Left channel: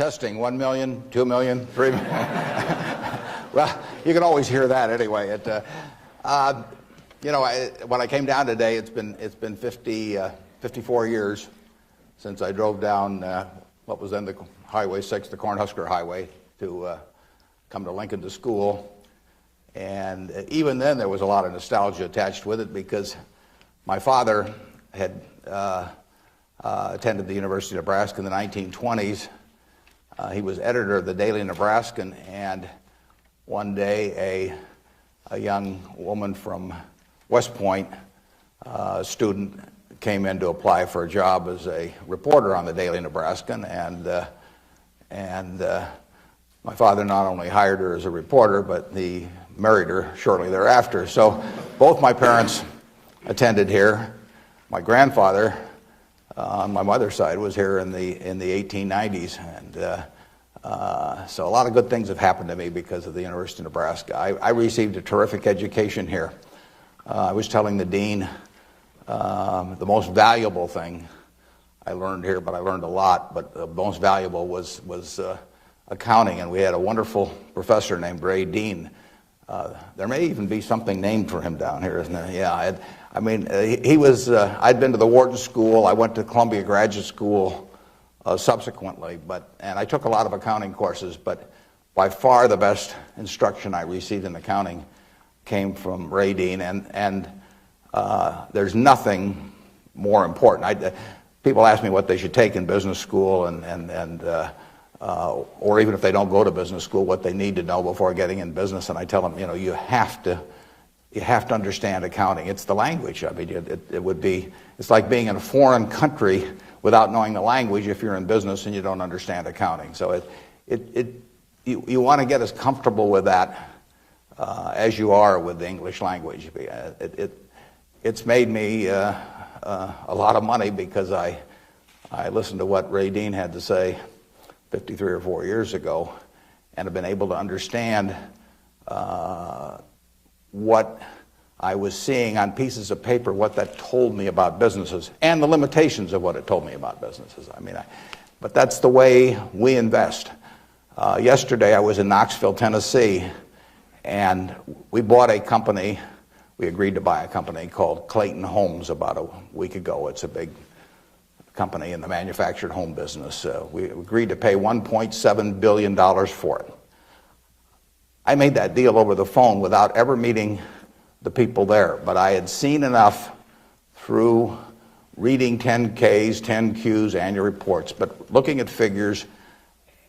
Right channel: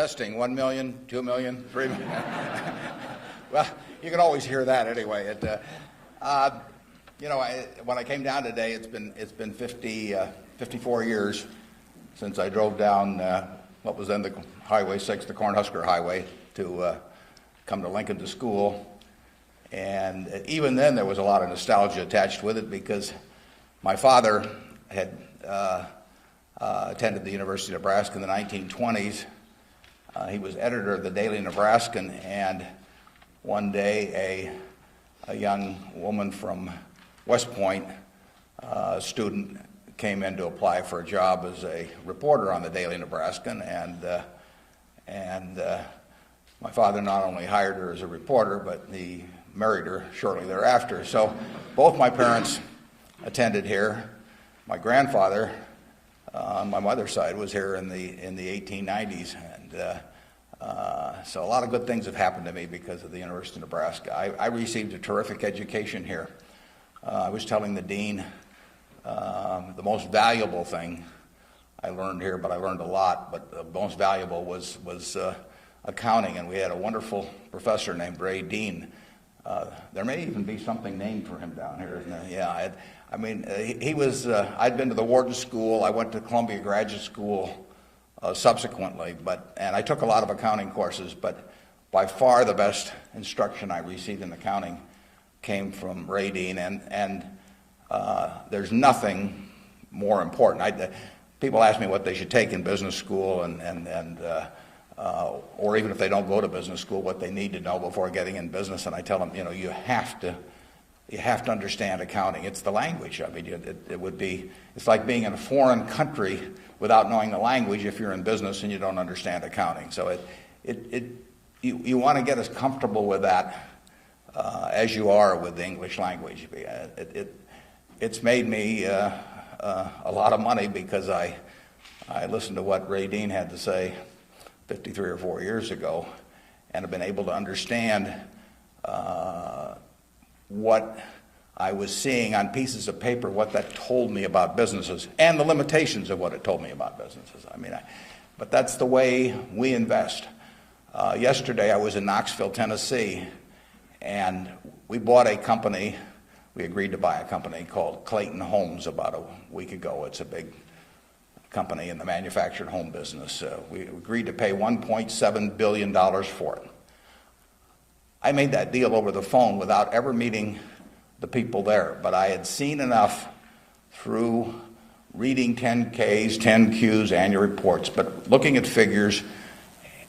Testing, 1 million, 2 million, 3 million. Well, you can always hear that anyway. When I came down today, it's been 54 years since I drove down what was then the Highway 6, the Cornhusker Highway, to come to Lincoln to school. And even then, there was a lot of nostalgia attached with it because my father had attended the University of Nebraska in the 1920s. He was editor of the Daily Nebraskan, and one day a young woman from West Point, a student, came in to apply for a job as a reporter on the Daily Nebraskan, and my father not only hired her as a reporter, but he married her shortly thereafter. So both my parents attended here. My grandfather on my mother's side was here in the 1890s, and so a lot of good things have happened to me because of the University of Nebraska. I received a terrific education here. I was telling the dean the most valuable thing I learned here, but I learned a lot, but the most valuable was accounting, and we had a wonderful professor named Ray Dean. There may even be something named for him down here, isn't there? Yeah, he was, I'd been to the Wharton School, I went to Columbia Graduate School subsequently, and I took a lot of accounting courses, but by far the best instruction I received in accounting came from Ray Dean, and there's nothing more important. People ask me what they should take in business school, or even if they don't go to business school, what they need to know before getting in business, and I tell them, you have to understand accounting. It's the language. I mean, it's like being in a foreign country without knowing the language if you're in business and you don't understand accounting. So you want to get as comfortable with that as you are with the English language. It's made me a lot of money because I listened to what Ray Dean had to say 53 or 4 years ago, and have been able to understand what I was seeing on pieces of paper, what that told me about businesses, and the limitations of what it told me about businesses. But that's the way we invest. Yesterday I was in Knoxville, Tennessee, and we bought a company. We agreed to buy a company called Clayton Homes about a week ago. It's a big company in the manufactured home business. We agreed to pay $1.7 billion for it. I made that deal over the phone without ever meeting the people there, but I had seen enough through reading 10Ks, 10Qs, annual reports, but looking at figures,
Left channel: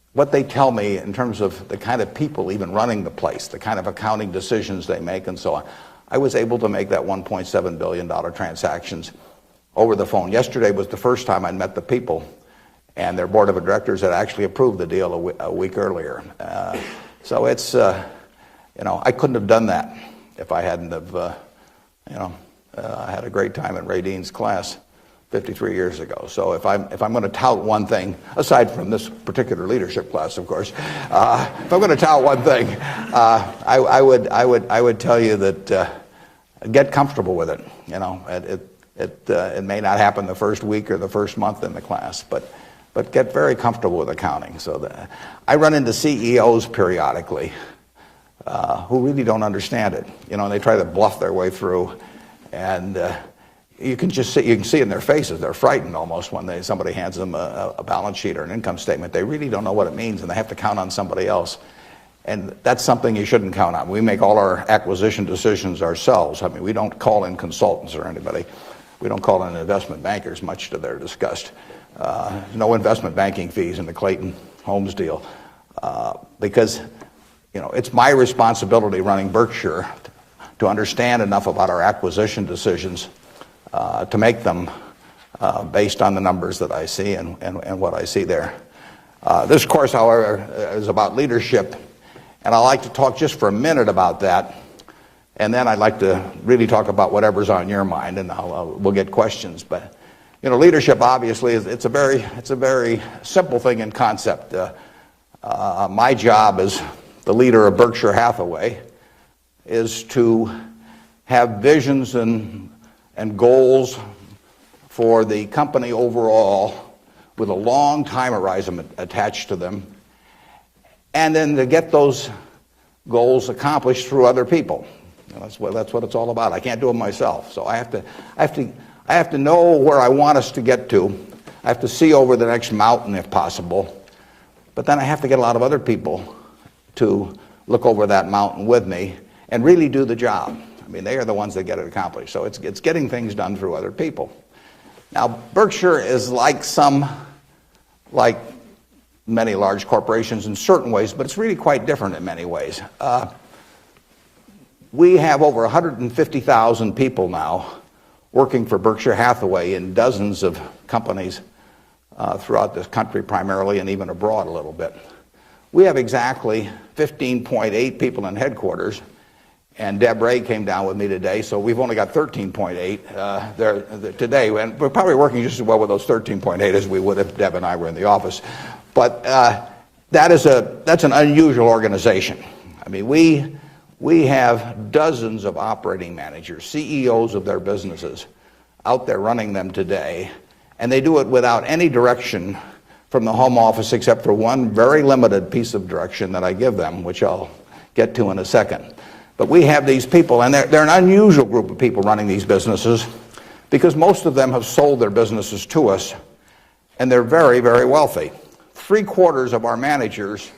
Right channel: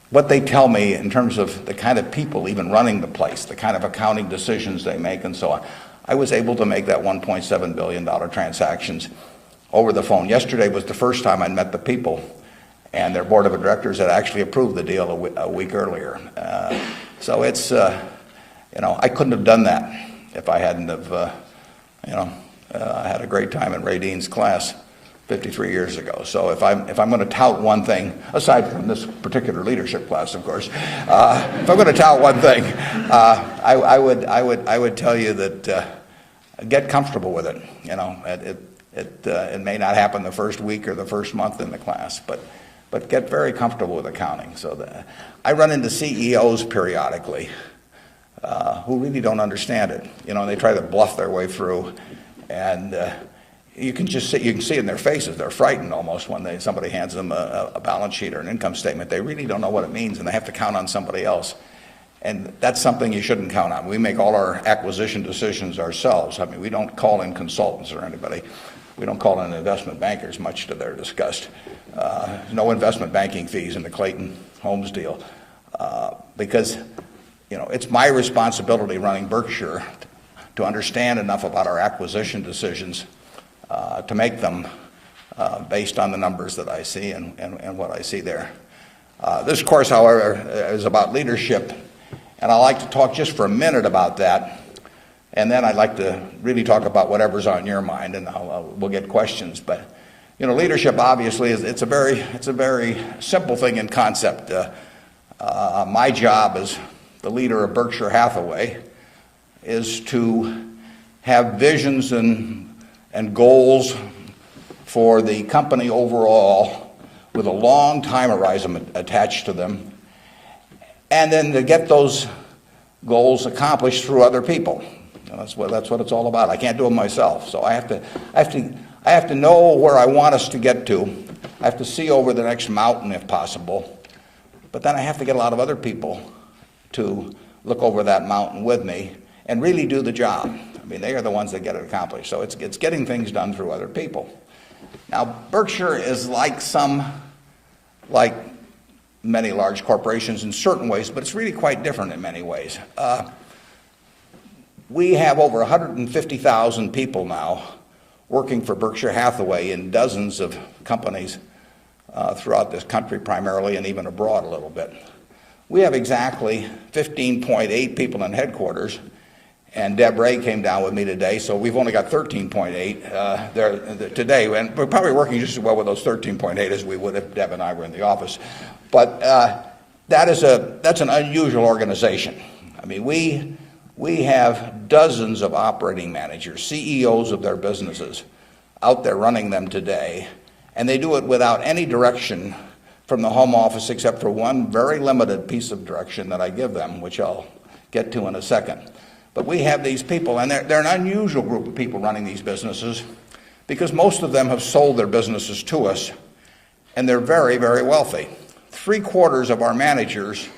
what they tell me in terms of the kind of people even running the place, the kind of accounting decisions they make and so on. I was able to make that $1.7 billion transactions over the phone. Yesterday was the first time I met the people, and their board of directors had actually approved the deal a week earlier. So it's, I couldn't have done that if I hadn't have, had a great time at Ray Dean's class 53 years ago. So if I'm going to tout one thing, aside from this particular leadership class, of course, if I'm going to tout one thing, I would tell you that get comfortable with it. It may not happen the first week or the first month in the class, but get very comfortable with accounting. So I run into CEOs periodically who really don't understand it. They try to bluff their way through, and you can see it in their faces. They're frightened almost when somebody hands them a balance sheet or an income statement. They really don't know what it means, and they have to count on somebody else. And that's something you shouldn't count on. We make all our acquisition decisions ourselves. We don't call in consultants or anybody. We don't call in investment bankers, much to their disgust. No investment banking fees in the Clayton Homes deal, because it's my responsibility running Berkshire to understand enough about our acquisition decisions to make them based on the numbers that I see and what I see there. This course, however, is about leadership, and I'd like to talk just for a minute about that, and then I'd like to really talk about whatever's on your mind, and we'll get questions. But leadership obviously it's a very simple thing in concept. My job as the leader of Berkshire Hathaway is to have visions and goals for the company overall, with a long time horizon attached to them, and then to get those goals accomplished through other people. That's what it's all about. I can't do it myself, so I have to know where I want us to get to. I have to see over the next mountain if possible, but then I have to get a lot of other people to look over that mountain with me and really do the job. I mean, they are the ones that get it accomplished. So it's getting things done through other people. Now, Berkshire is like many large corporations in certain ways, but it's really quite different in many ways. We have over 150,000 people now working for Berkshire Hathaway in dozens of companies throughout this country primarily, and even abroad a little bit. We have exactly 15.8 people in headquarters, and Deb Ray came down with me today, so we've only got 13.8 there today. And we're probably working just as well with those 13.8 as we would if Deb and I were in the office. But that's an unusual organization. I mean, we have dozens of operating managers, CEOs of their businesses, out there running them today, and they do it without any direction from the home office except for one very limited piece of direction that I give them, which I'll get to in a second. But we have these people, and they're an unusual group of people running these businesses because most of them have sold their businesses to us, and they're very, very wealthy. 3/4 of our managers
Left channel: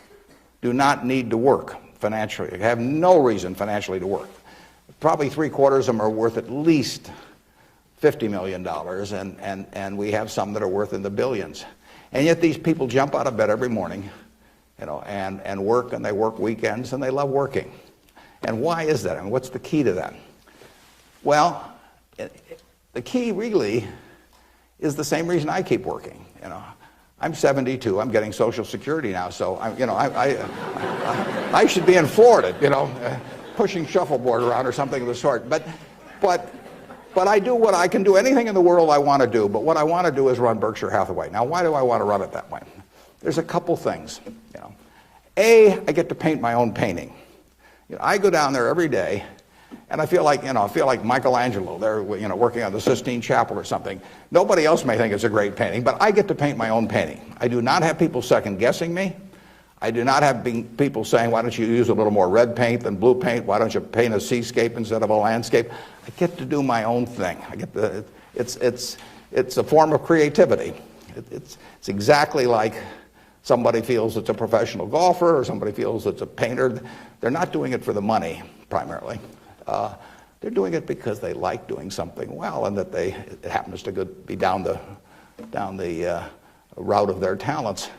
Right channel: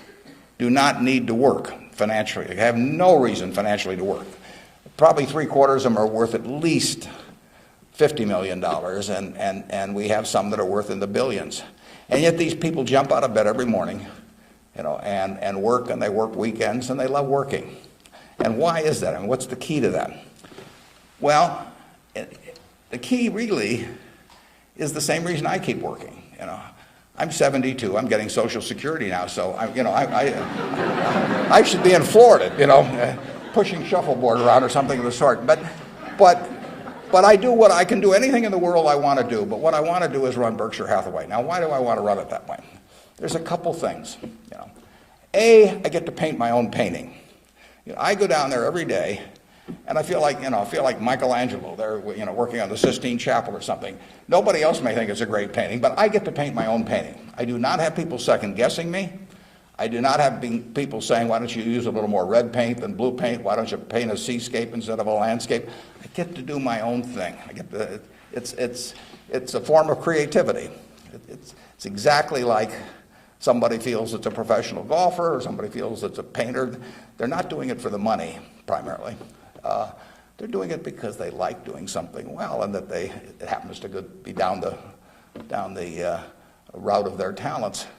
do not need to work financially. They have no reason financially to work. Probably 3/4 of them are worth at least $50 million, and we have some that are worth in the billions. And yet these people jump out of bed every morning, and work, and they work weekends, and they love working. And why is that? And what's the key to that? Well, the key really is the same reason I keep working. I'm 72. I'm getting Social Security now, so I should be in Florida, pushing shuffleboard around or something of the sort. But I do what I can do. Anything in the world I want to do. But what I want to do is run Berkshire Hathaway. Now, why do I want to run it that way? There's a couple things. A, I get to paint my own painting. I go down there every day, and I feel like Michelangelo. They're working on the Sistine Chapel or something. Nobody else may think it's a great painting, but I get to paint my own painting. I do not have people second guessing me. I do not have people saying, why don't you use a little more red paint than blue paint? Why don't you paint a seascape instead of a landscape? I get to do my own thing. It's a form of creativity. It's exactly like somebody feels it's a professional golfer or somebody feels it's a painter. They're not doing it for the money, primarily. They're doing it because they like doing something well, and that it happens to be down the route of their talents.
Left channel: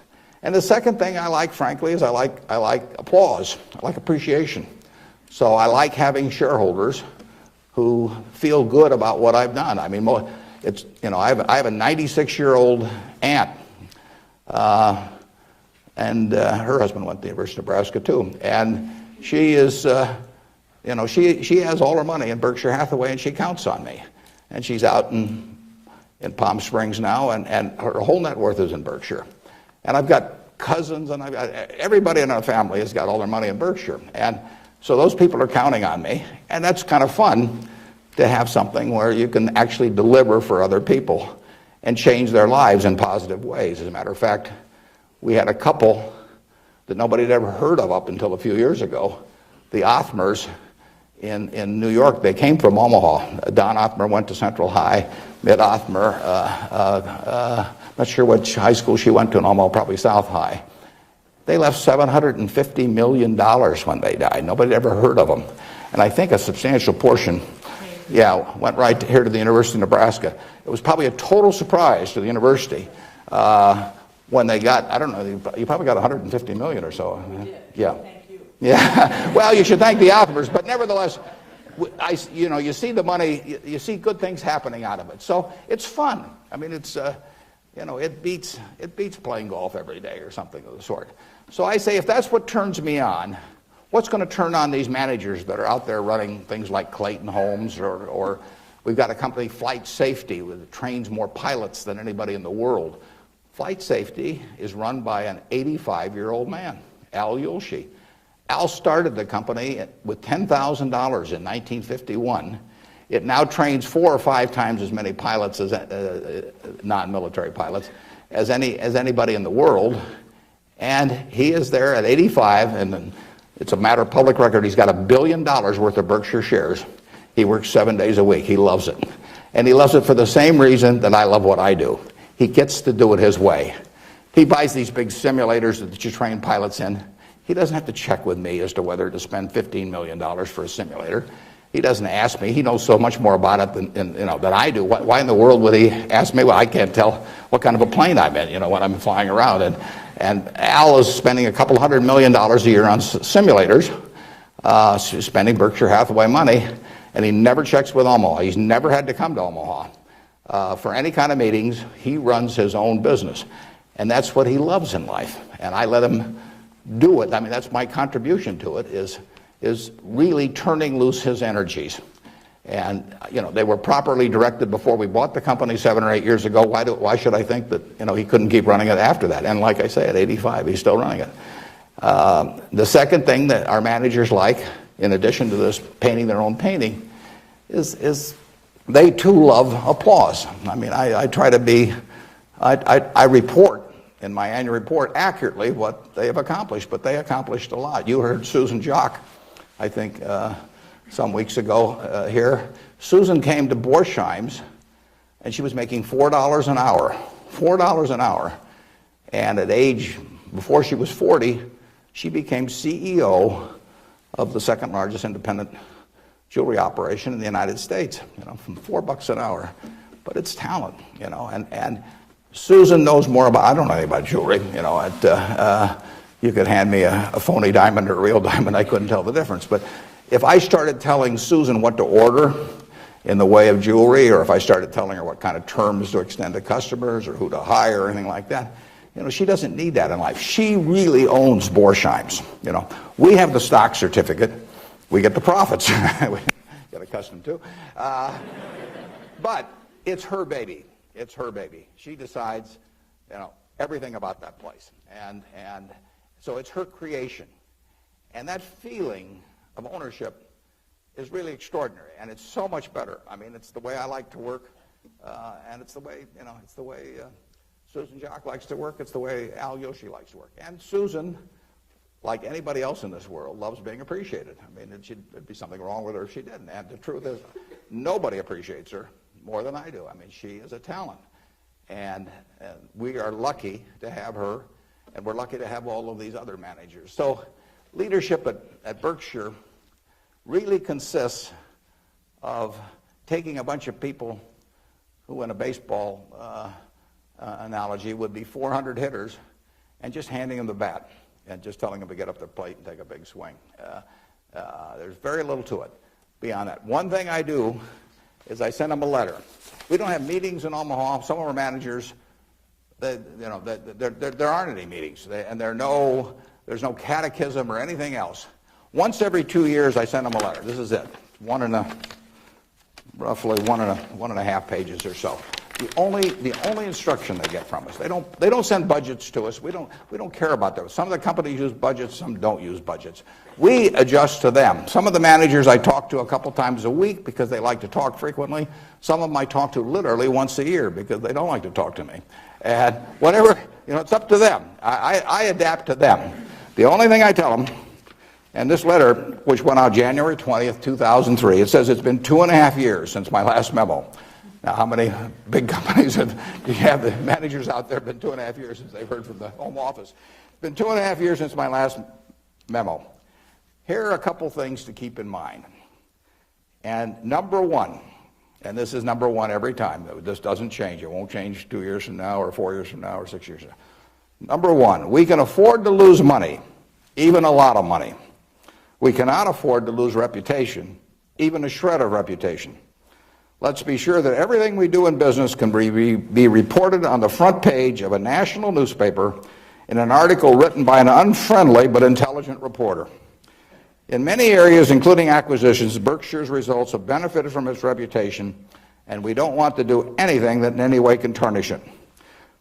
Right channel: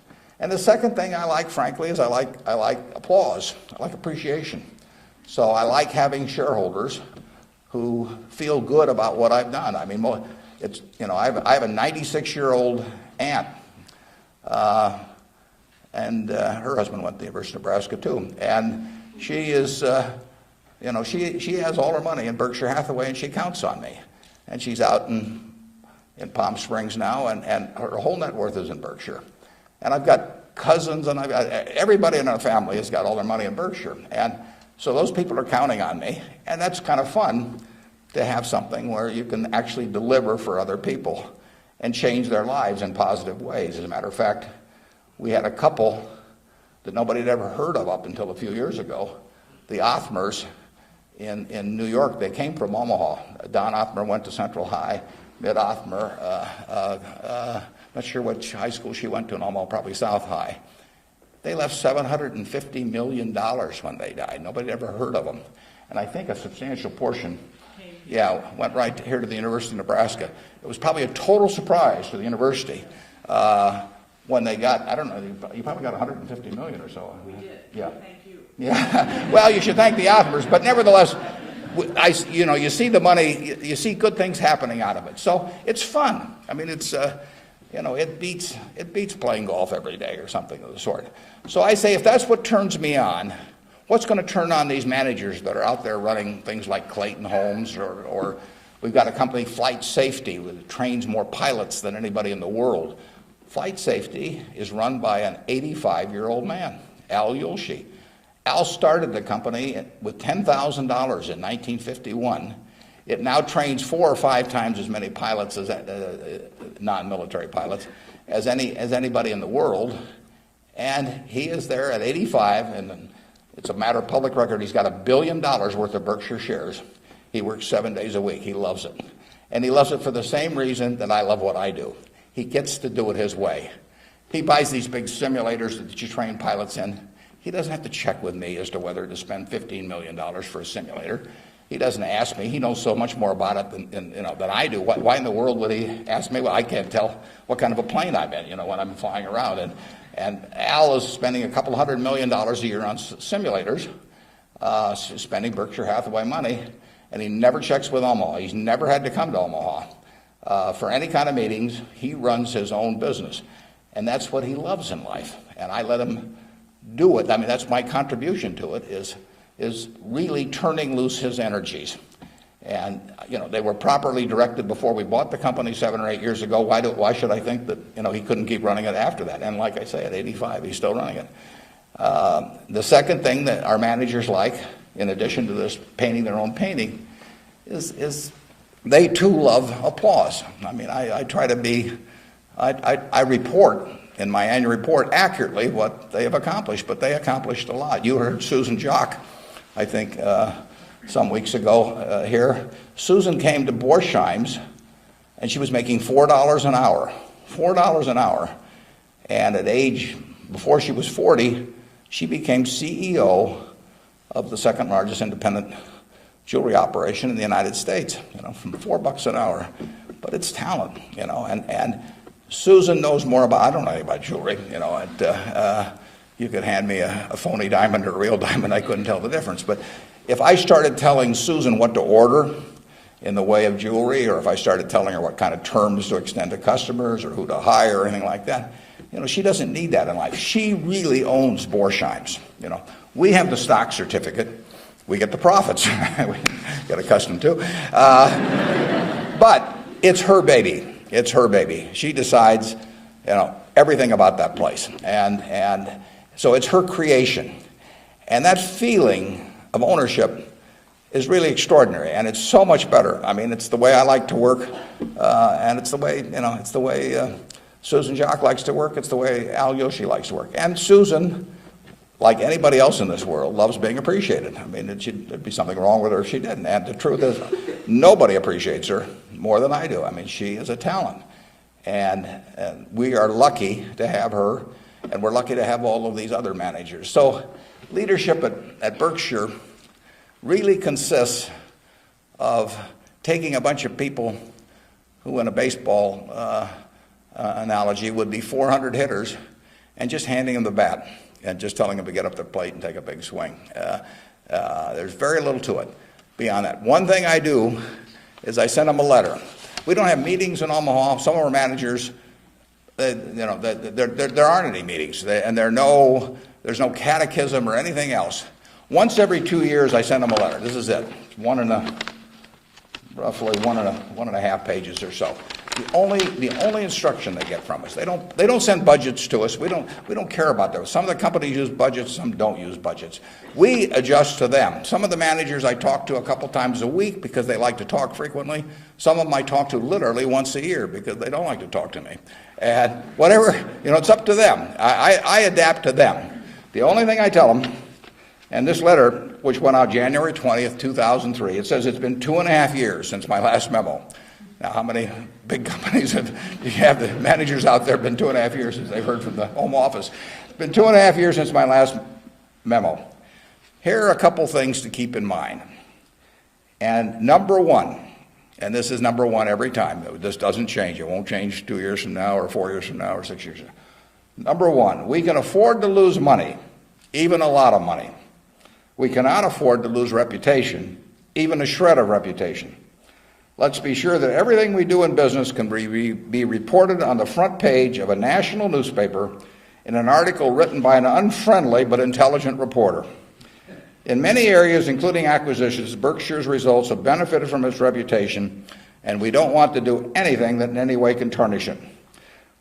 And the second thing I like, frankly, is I like applause. I like appreciation. So I like having shareholders who feel good about what I've done. I mean, I have a 96-year-old aunt, and her husband went to the University of Nebraska too, and she is, she has all her money in Berkshire Hathaway, and she counts on me. And she's out in Palm Springs now, and her whole net worth is in Berkshire. And I've got cousins, and I've got everybody in our family has got all their money in Berkshire. And so those people are counting on me, and that's kind of fun to have something where you can actually deliver for other people and change their lives in positive ways. As a matter of fact, we had a couple that nobody had ever heard of up until a few years ago, the Othmers in New York. They came from Omaha. Don Othmer went to Central High. Mitt Othmer, not sure which high school she went to in Omaha, probably South High. They left $750 million when they died. Nobody ever heard of them. And I think a substantial portion, went right here to the University of Nebraska. It was probably a total surprise to the university when they got, I don't know, you probably got $150 million or so. Yeah. Thank you. Yeah. Well, you should thank the Othmers, but nevertheless, you see the money, you see good things happening out of it. So it's fun. I mean, it's, it beats playing golf every day or something of the sort. So I say, if that's what turns me on, what's going to turn on these managers that are out there running things like Clayton Homes, or we've got a company, Flight Safety, that trains more pilots than anybody in the world. Flight Safety is run by an 85-year-old man, Al Yulshi. Al started the company with $10,000 in 1951. It now trains 4 or 5 times as many pilots as non-military pilots as anybody in the world. And he is there at 85, and it's a matter of public record. He's got $1 billion worth of Berkshire shares. He works 7 days a week. He loves it. And he loves it for the same reason that I love what I do. He gets to do it his way. He buys these big simulators that you train pilots in. He doesn't have to check with me as to whether to spend $15 million for a simulator. He doesn't ask me. He knows so much more about it than I do. Why in the world would he ask me? Well, I can't tell what kind of a plane I'm in, when I'm flying around. And Al is spending a couple $100 million a year on simulators, spending Berkshire Hathaway money, and he never checks with Omaha. He's never had to come to Omaha for any kind of meetings. He runs his own business, and that's what he loves in life. And I let him do it. I mean, that's my contribution to it, is really turning loose his energies. And, they were properly directed before we bought the company 7 or 8 years ago. Why should I think that, he couldn't keep running it after that? And like I say, at 85, he's still running it. The second thing that our managers like, in addition to this painting their own painting, is they too love applause. I mean, I try to be, I report in my annual report accurately what they have accomplished, but they accomplished a lot. You heard Susan Jock, I think, some weeks ago here. Susan came to Borsheim's, and she was making $4 an hour. $4 an hour. And at age, before she was 40, she became CEO of the second largest independent jewelry operation in the United States, from $4 an hour. But it's talent, and Susan knows more about, I don't know anything about jewelry, you could hand me a phony diamond or a real diamond, I couldn't tell the difference. But if I started telling Susan what to order in the way of jewelry, or if I started telling her what kind of terms to extend to customers or who to hire or anything like that, she doesn't need that in life. She really owns Borsheim's. We have the stock certificate. We get the profits. We get accustomed to. But it's her baby. It's her baby. She decides, everything about that place. And so it's her creation. And that feeling of ownership is really extraordinary, and it's so much better. I mean, it's the way I like to work, and it's the way, Susan Jock likes to work. It's the way Al Yoshi likes to work. And Susan, like anybody else in this world, loves being appreciated. I mean, there'd be something wrong with her if she didn't. And the truth is, nobody appreciates her more than I do. I mean, she is a talent. And we are lucky to have her, and we're lucky to have all of these other managers. So leadership at Berkshire really consists of taking a bunch of people who, in a baseball analogy, would be 400 hitters, and just handing them the bat and just telling them to get up their plate and take a big swing. There's very little to it beyond that. One thing I do is I send them a letter. We don't have meetings in Omaha. Some of our managers, there aren't any meetings, and there's no catechism or anything else. Once every 2 years, I send them a letter. This is it. Roughly one and a half pages or so. The only instruction they get from us. They don't send budgets to us. We don't care about those. Some of the companies use budgets, some don't use budgets. We adjust to them. Some of the managers I talk to a couple times a week because they like to talk frequently. Some of them I talk to literally once a year because they don't like to talk to me. And whatever, it's up to them. I adapt to them. The only thing I tell them, and this letter, which went out January 20th, 2003, it says it's been 2.5 years since my last memo. Now, how many big companies have you have the managers out there been 2.5 years since they've heard from the home office? It's been 2.5 years since my last memo. Here are a couple things to keep in mind. And number one, and this is number one every time, this doesn't change. It won't change 2 years from now or 4 years from now or 6 years from now. Number one, we can afford to lose money, even a lot of money. We cannot afford to lose reputation, even a shred of reputation. Let's be sure that everything we do in business can be reported on the front page of a national newspaper in an article written by an unfriendly but intelligent reporter. In many areas, including acquisitions, Berkshire's results have benefited from its reputation, and we don't want to do anything that in any way can tarnish it.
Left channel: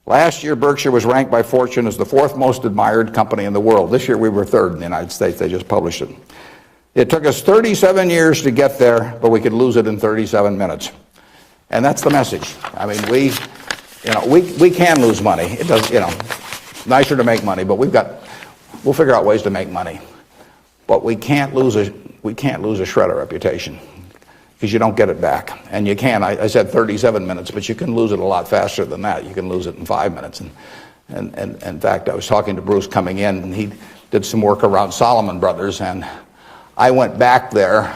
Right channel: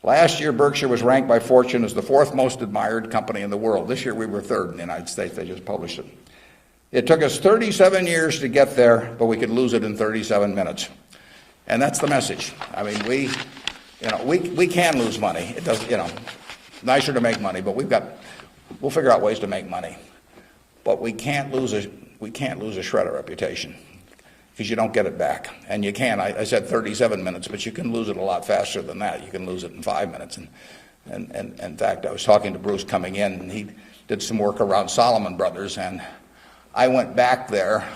Last year, Berkshire was ranked by Fortune as the 4th most admired company in the world. This year, we were 3rd in the United States. They just published it. It took us 37 years to get there, but we could lose it in 37 minutes. And that's the message. I mean, we can lose money. It does, nicer to make money, but we'll figure out ways to make money. But we can't lose a shred of reputation, because you don't get it back. And you can. I said 37 minutes, but you can lose it a lot faster than that. You can lose it in 5 minutes. And in fact, I was talking to Bruce coming in, and he did some work around Salomon Brothers, and I went back there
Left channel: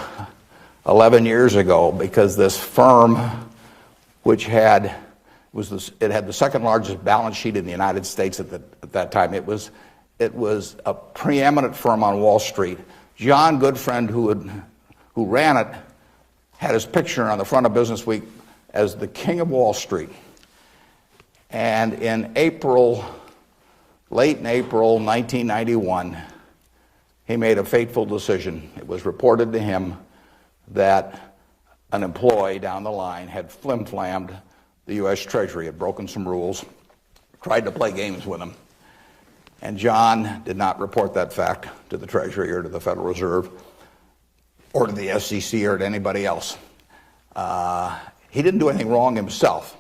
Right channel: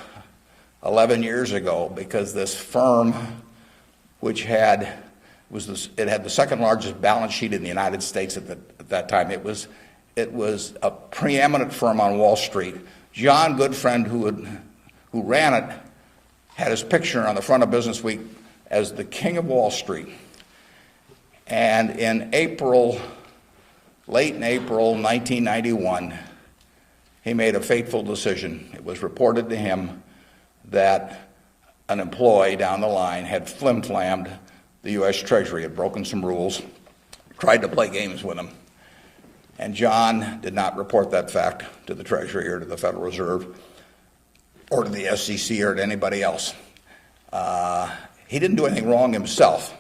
11 years ago because this firm, which had the second largest balance sheet in the United States at that time. It was a preeminent firm on Wall Street. John Goodfriend, who ran it, had his picture on the front of Business Week as the king of Wall Street. And in late in April 1991, he made a fateful decision. It was reported to him that an employee down the line had flim-flammed the U.S. Treasury, had broken some rules, tried to play games with him. And John did not report that fact to the Treasury or to the Federal Reserve or to the SEC or to anybody else. He didn't do anything wrong himself,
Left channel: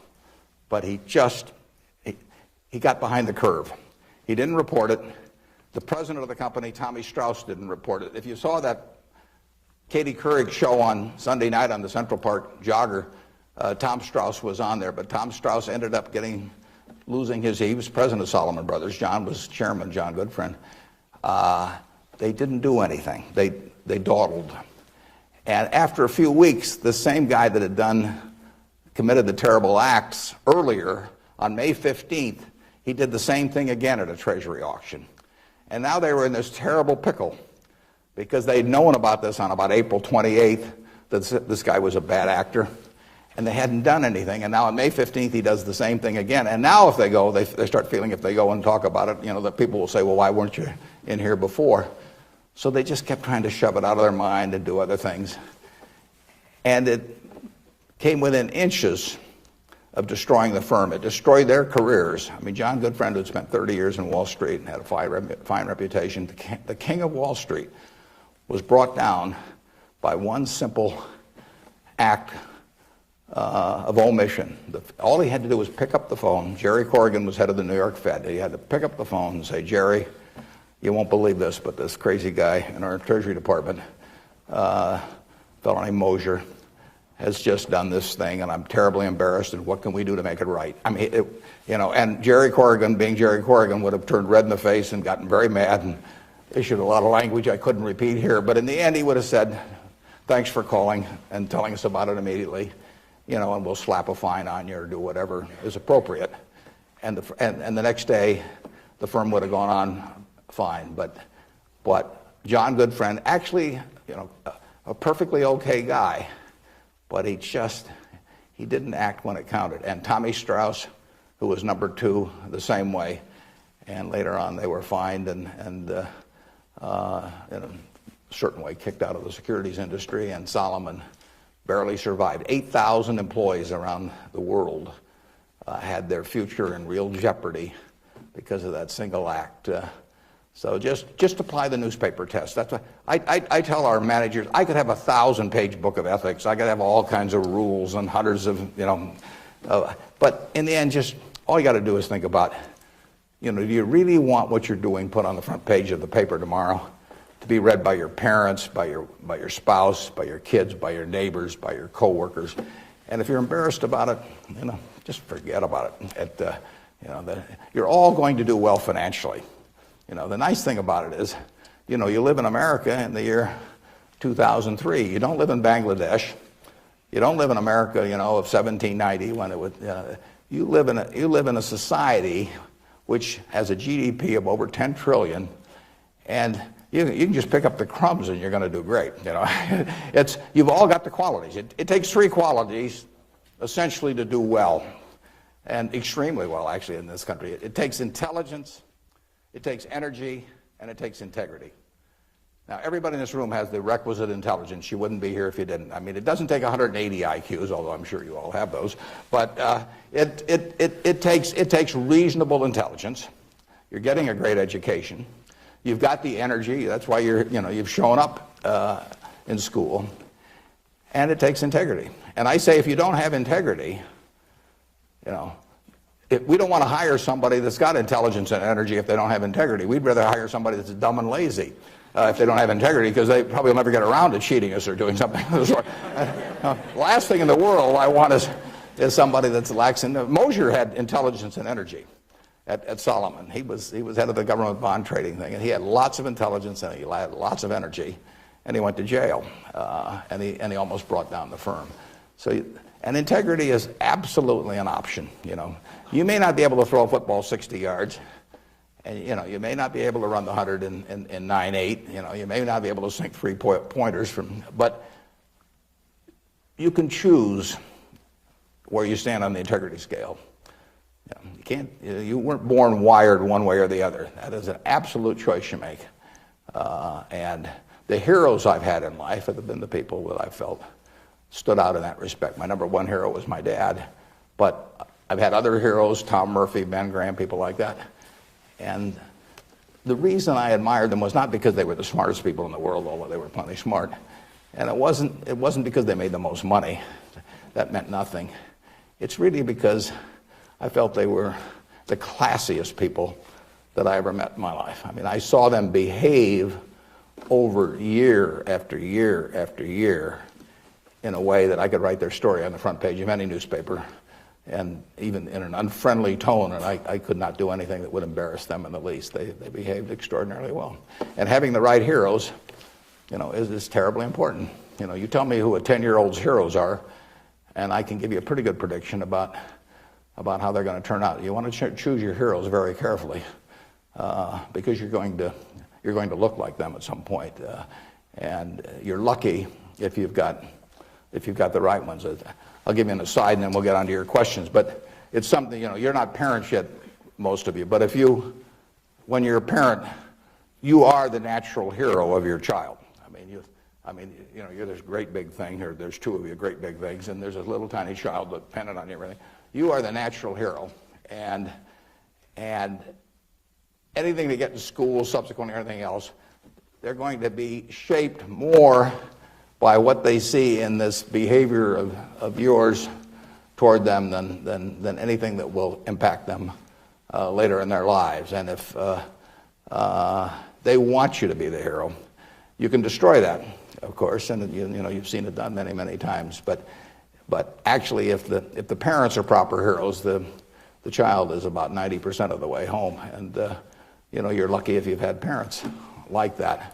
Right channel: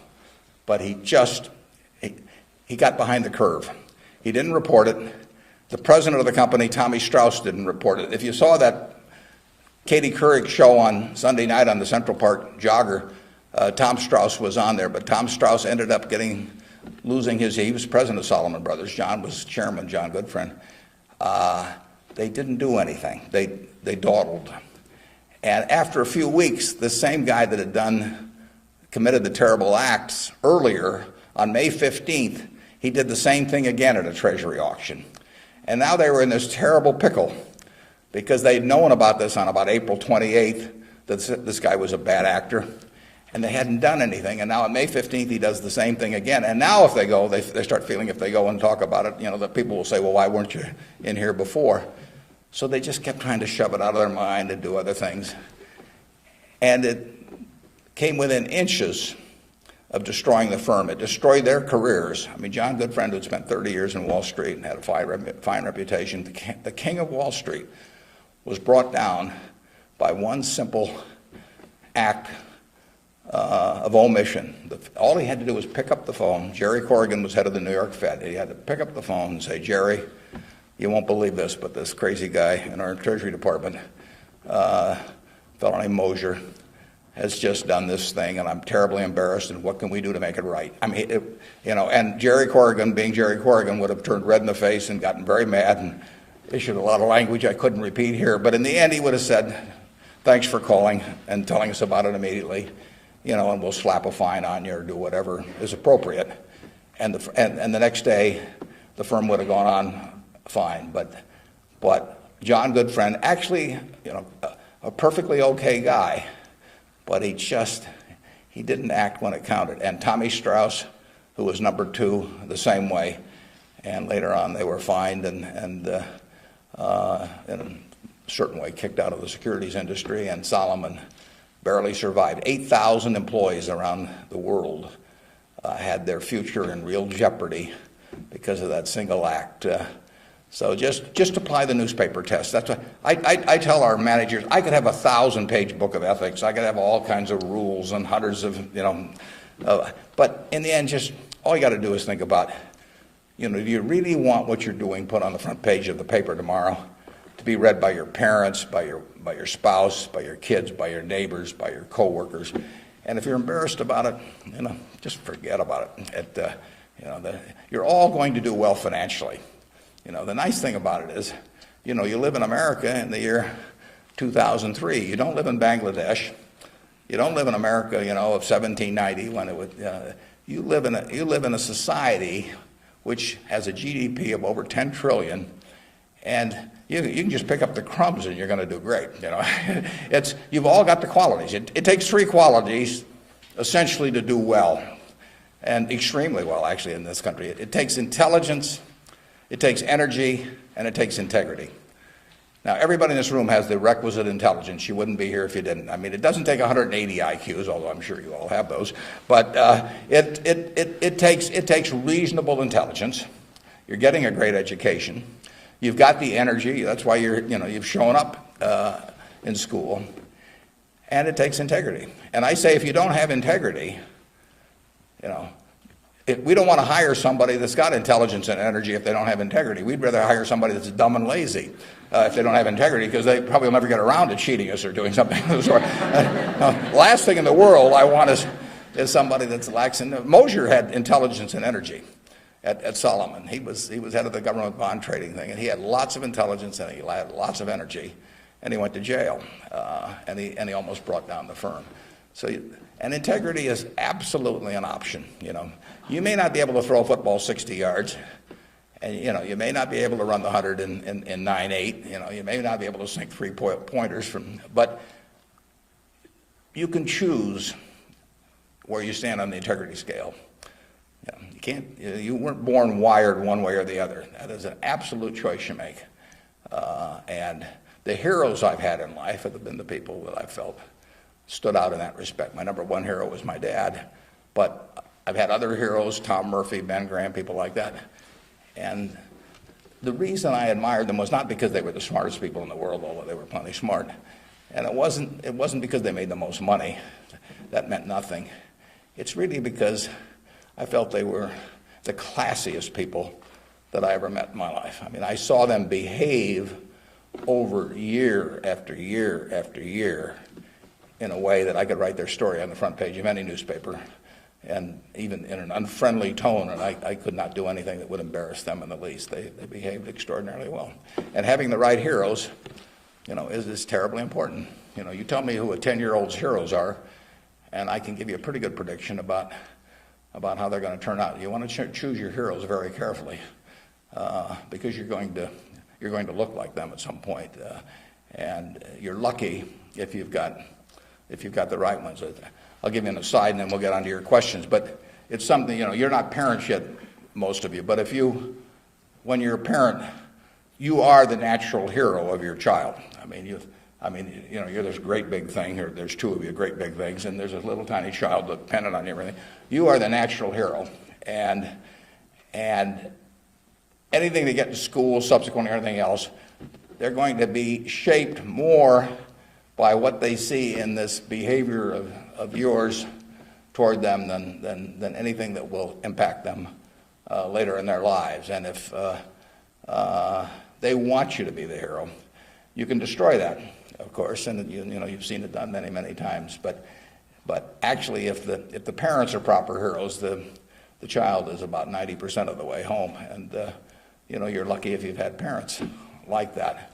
but he got behind the curve. He didn't report it. The president of the company, Tommy Strauss, didn't report it. If you saw that Katie Couric show on Sunday night on the Central Park Jogger, Tom Strauss was on there, but Tom Strauss ended up losing he was president of Salomon Brothers. John was chairman, John Goodfriend. They didn't do anything. They dawdled. And after a few weeks, the same guy that had committed the terrible acts earlier, on May 15th, he did the same thing again at a Treasury auction. And now they were in this terrible pickle because they had known about this on about April 28th, that this guy was a bad actor, and they hadn't done anything. And now on May 15th, he does the same thing again. And now if they go, they start feeling if they go and talk about it, that people will say, well, why weren't you in here before? So they just kept trying to shove it out of their mind and do other things. And it came within inches of destroying the firm. It destroyed their careers. I mean, John Goodfriend had spent 30 years in Wall Street and had a fine reputation. The king of Wall Street was brought down by one simple act of omission. All he had to do was pick up the phone. Jerry Corrigan was head of the New York Fed. He had to pick up the phone and say, Jerry, you won't believe this, but this crazy guy in our Treasury Department, a fellow named Mosier, has just done this thing, and I'm terribly embarrassed, and what can we do to make it right? I mean, and Jerry Corrigan, being Jerry Corrigan, would have turned red in the face and gotten very mad and issued a lot of language I couldn't repeat here, but in the end he would have said, thanks for calling and telling us about it immediately, and we'll slap a fine on you or do whatever is appropriate. And the next day, the firm would have gone on fine, but John Goodfriend, actually, a perfectly okay guy, but he didn't act when it counted. And Tommy Strauss, who was number two, the same way. And later on, they were fined and in a certain way kicked out of the securities industry. And Salomon barely survived. 8,000 employees around the world had their future in real jeopardy because of that single act. So just apply the newspaper test. That's what I tell our managers. I could have a 1,000-page book of ethics. I could have all kinds of rules and hundreds of, but in the end, just all you got to do is think about, do you really want what you're doing put on the front page of the paper tomorrow to be read by your parents, by your spouse, by your kids, by your neighbors, by your coworkers? And if you're embarrassed about it, just forget about it. You're all going to do well financially. The nice thing about it is, you live in America in the year 2003. You don't live in Bangladesh. You don't live in America, of 1790 when it would. You live in a society which has a GDP of over 10 trillion, and you can just pick up the crumbs and you're going to do great. You've all got the qualities. It takes three qualities essentially to do well, and extremely well actually in this country. It takes intelligence. It takes energy, and it takes integrity. Now, everybody in this room has the requisite intelligence. You wouldn't be here if you didn't. I mean, it doesn't take 180 IQs, although I'm sure you all have those. But it takes reasonable intelligence. You're getting a great education. You've got the energy. That's why you've shown up in school. And it takes integrity. And I say, if you don't have integrity, we don't want to hire somebody that's got intelligence and energy if they don't have integrity. We'd rather hire somebody that's dumb and lazy if they don't have integrity, because they probably will never get around to cheating us or doing something. Last thing in the world I want is somebody that's lacks in. Mosher had intelligence and energy at Solomon. He was head of the government bond trading thing, and he had lots of intelligence and he had lots of energy, and he went to jail, and he almost brought down the firm. So, and integrity is absolutely an option. You may not be able to throw a football 60 yards, and you may not be able to run the 100 in 9.8. You may not be able to sink 3-pointers but you can choose where you stand on the integrity scale. You can't. You weren't born wired one way or the other. That is an absolute choice you make. And the heroes I've had in life have been the people that I felt stood out in that respect. My number one hero was my dad, but I've had other heroes, Tom Murphy, Ben Graham, people like that. And the reason I admired them was not because they were the smartest people in the world, although they were plenty smart. And it wasn't because they made the most money. That meant nothing. It's really because I felt they were the classiest people that I ever met in my life. I mean, I saw them behave over year after year after year in a way that I could write their story on the front page of any newspaper, and even in an unfriendly tone, and I could not do anything that would embarrass them in the least. They behaved extraordinarily well. And having the right heroes, is terribly important. You tell me who a 10-year-old's heroes are, and I can give you a pretty good prediction about how they're going to turn out. You want to choose your heroes very carefully, because you're going to look like them at some point, and you're lucky if you've got the right ones. I'll give you an aside, and then we'll get on to your questions. But it's something, you're not parents yet, most of you. But when you're a parent, you are the natural hero of your child. You're this great big thing, or there's two of you great big things, and there's a little tiny child dependent on you and everything. You are the natural hero, and anything they get to school, subsequently, or anything else, they're going to be shaped more by what they see in this behavior of yours toward them than anything that will impact them later in their lives. And if they want you to be the hero, you can destroy that, of course, and you've seen it done many, many times. But actually, if the parents are proper heroes, the child is about 90% of the way home, and you're lucky if you've had parents like that.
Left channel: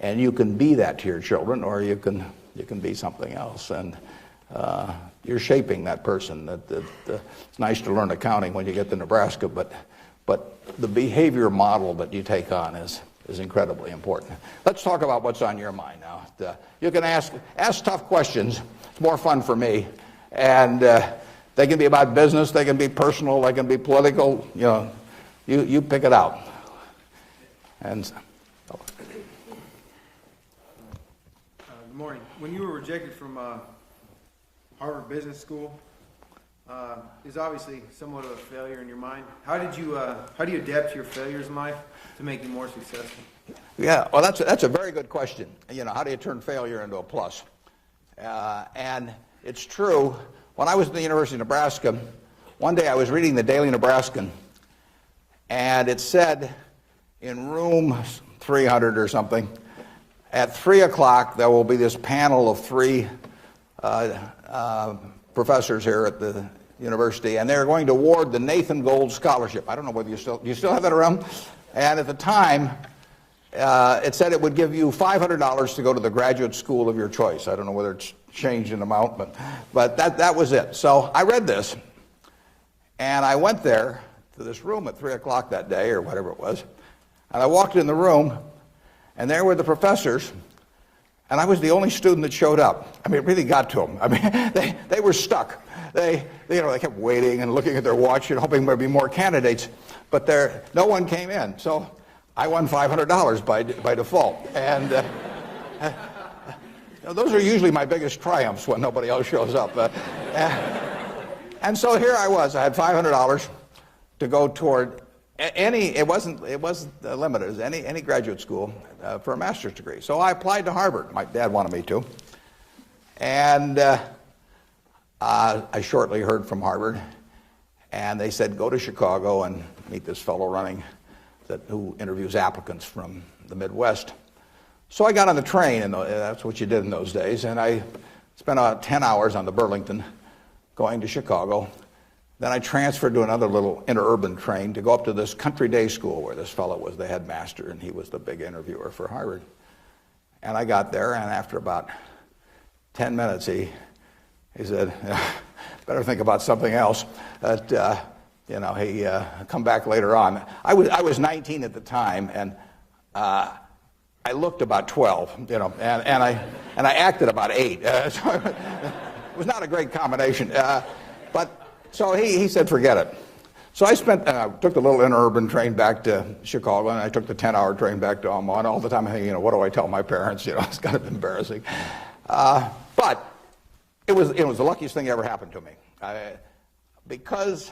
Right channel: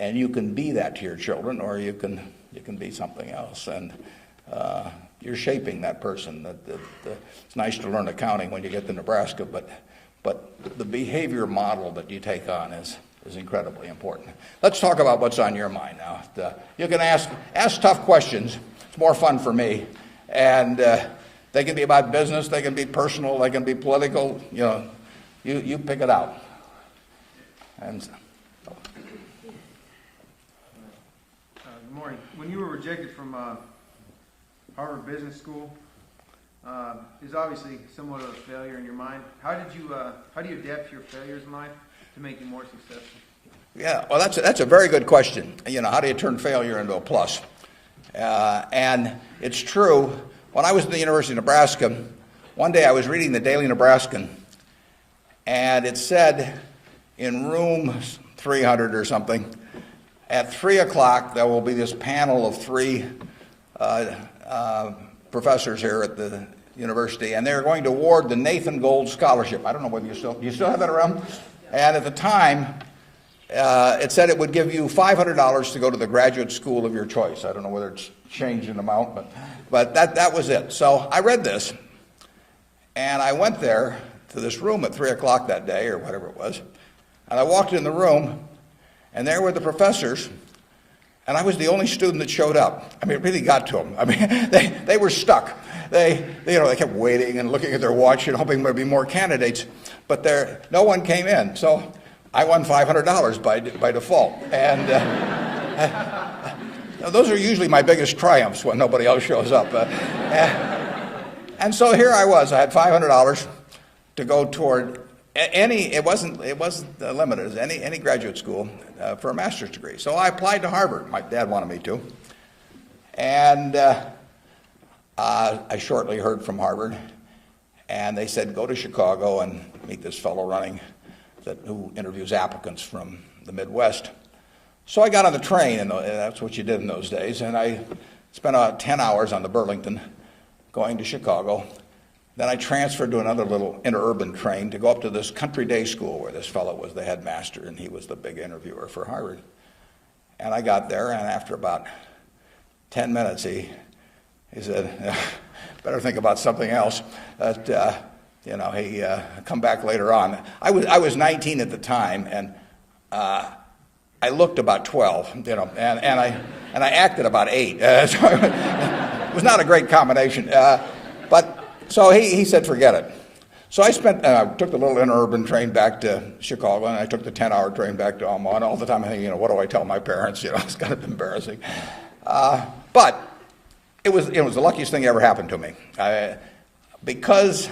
And you can be that to your children, or you can be something else, and you're shaping that person. It's nice to learn accounting when you get to Nebraska, but the behavior model that you take on is incredibly important. Let's talk about what's on your mind now. You can ask tough questions. It's more fun for me, and they can be about business, they can be personal, they can be political. You pick it out. And. Good morning. When you were rejected from Harvard Business School, is obviously somewhat of a failure in your mind. How do you adapt to your failures in life to make you more successful? Yeah, well, that's a very good question. How do you turn failure into a plus? And it's true. When I was at the University of Nebraska, one day I was reading the Daily Nebraskan, and it said in room 300 or something, at 3 o'clock, there will be this panel of 3 professors here at the university, and they're going to award the Nathan Gold Scholarship. I don't know whether you still have that around. And at the time, it said it would give you $500 to go to the graduate school of your choice. I don't know whether it's changed in amount, but that was it. So I read this, and I went there to this room at 3 o'clock that day, or whatever it was, and I walked in the room, and there were the professors, and I was the only student that showed up. I mean, it really got to them. I mean, they were stuck. They kept waiting and looking at their watch and hoping there would be more candidates, but no one came in. So I won $500 by default. And those are usually my biggest triumphs when nobody else shows up. And so here I was. I had $500 to go toward it wasn't limited, any graduate school for a master's degree. So I applied to Harvard. My dad wanted me to. And I shortly heard from Harvard. And they said, go to Chicago and meet this fellow who interviews applicants from the Midwest. So I got on the train, and that's what you did in those days, and I spent about 10 hours on the Burlington going to Chicago. Then I transferred to another little interurban train to go up to this country day school where this fellow was the headmaster, and he was the big interviewer for Harvard. And I got there, and after about 10 minutes, he said, better think about something else. But, he come back later on. I was 19 at the time, and I looked about 12, and I acted about 8. So it was not a great combination. So he said, forget it. So I took the little interurban train back to Chicago, and I took the 10-hour train back to Omaha. And all the time I'm thinking, what do I tell my parents? It's kind of embarrassing. But it was the luckiest thing that ever happened to me. Because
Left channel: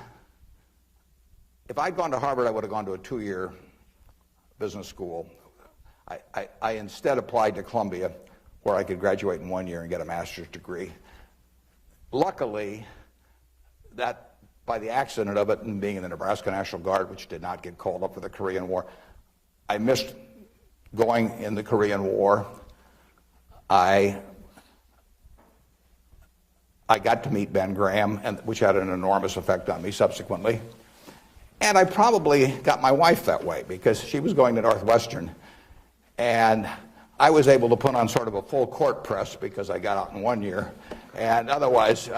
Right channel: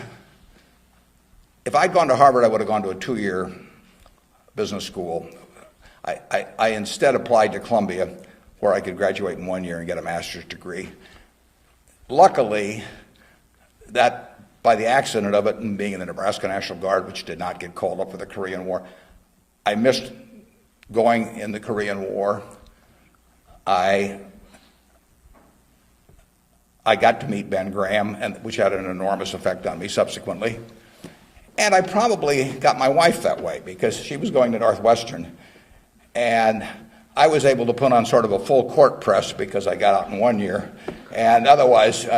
if I'd gone to Harvard, I would have gone to a 2-year business school. I instead applied to Columbia, where I could graduate in 1 year and get a master's degree. Luckily, that by the accident of it and being in the Nebraska National Guard, which did not get called up for the Korean War, I missed going in the Korean War. I got to meet Ben Graham, which had an enormous effect on me subsequently. And I probably got my wife that way because she was going to Northwestern. And I was able to put on sort of a full court press because I got out in 1 year. And otherwise,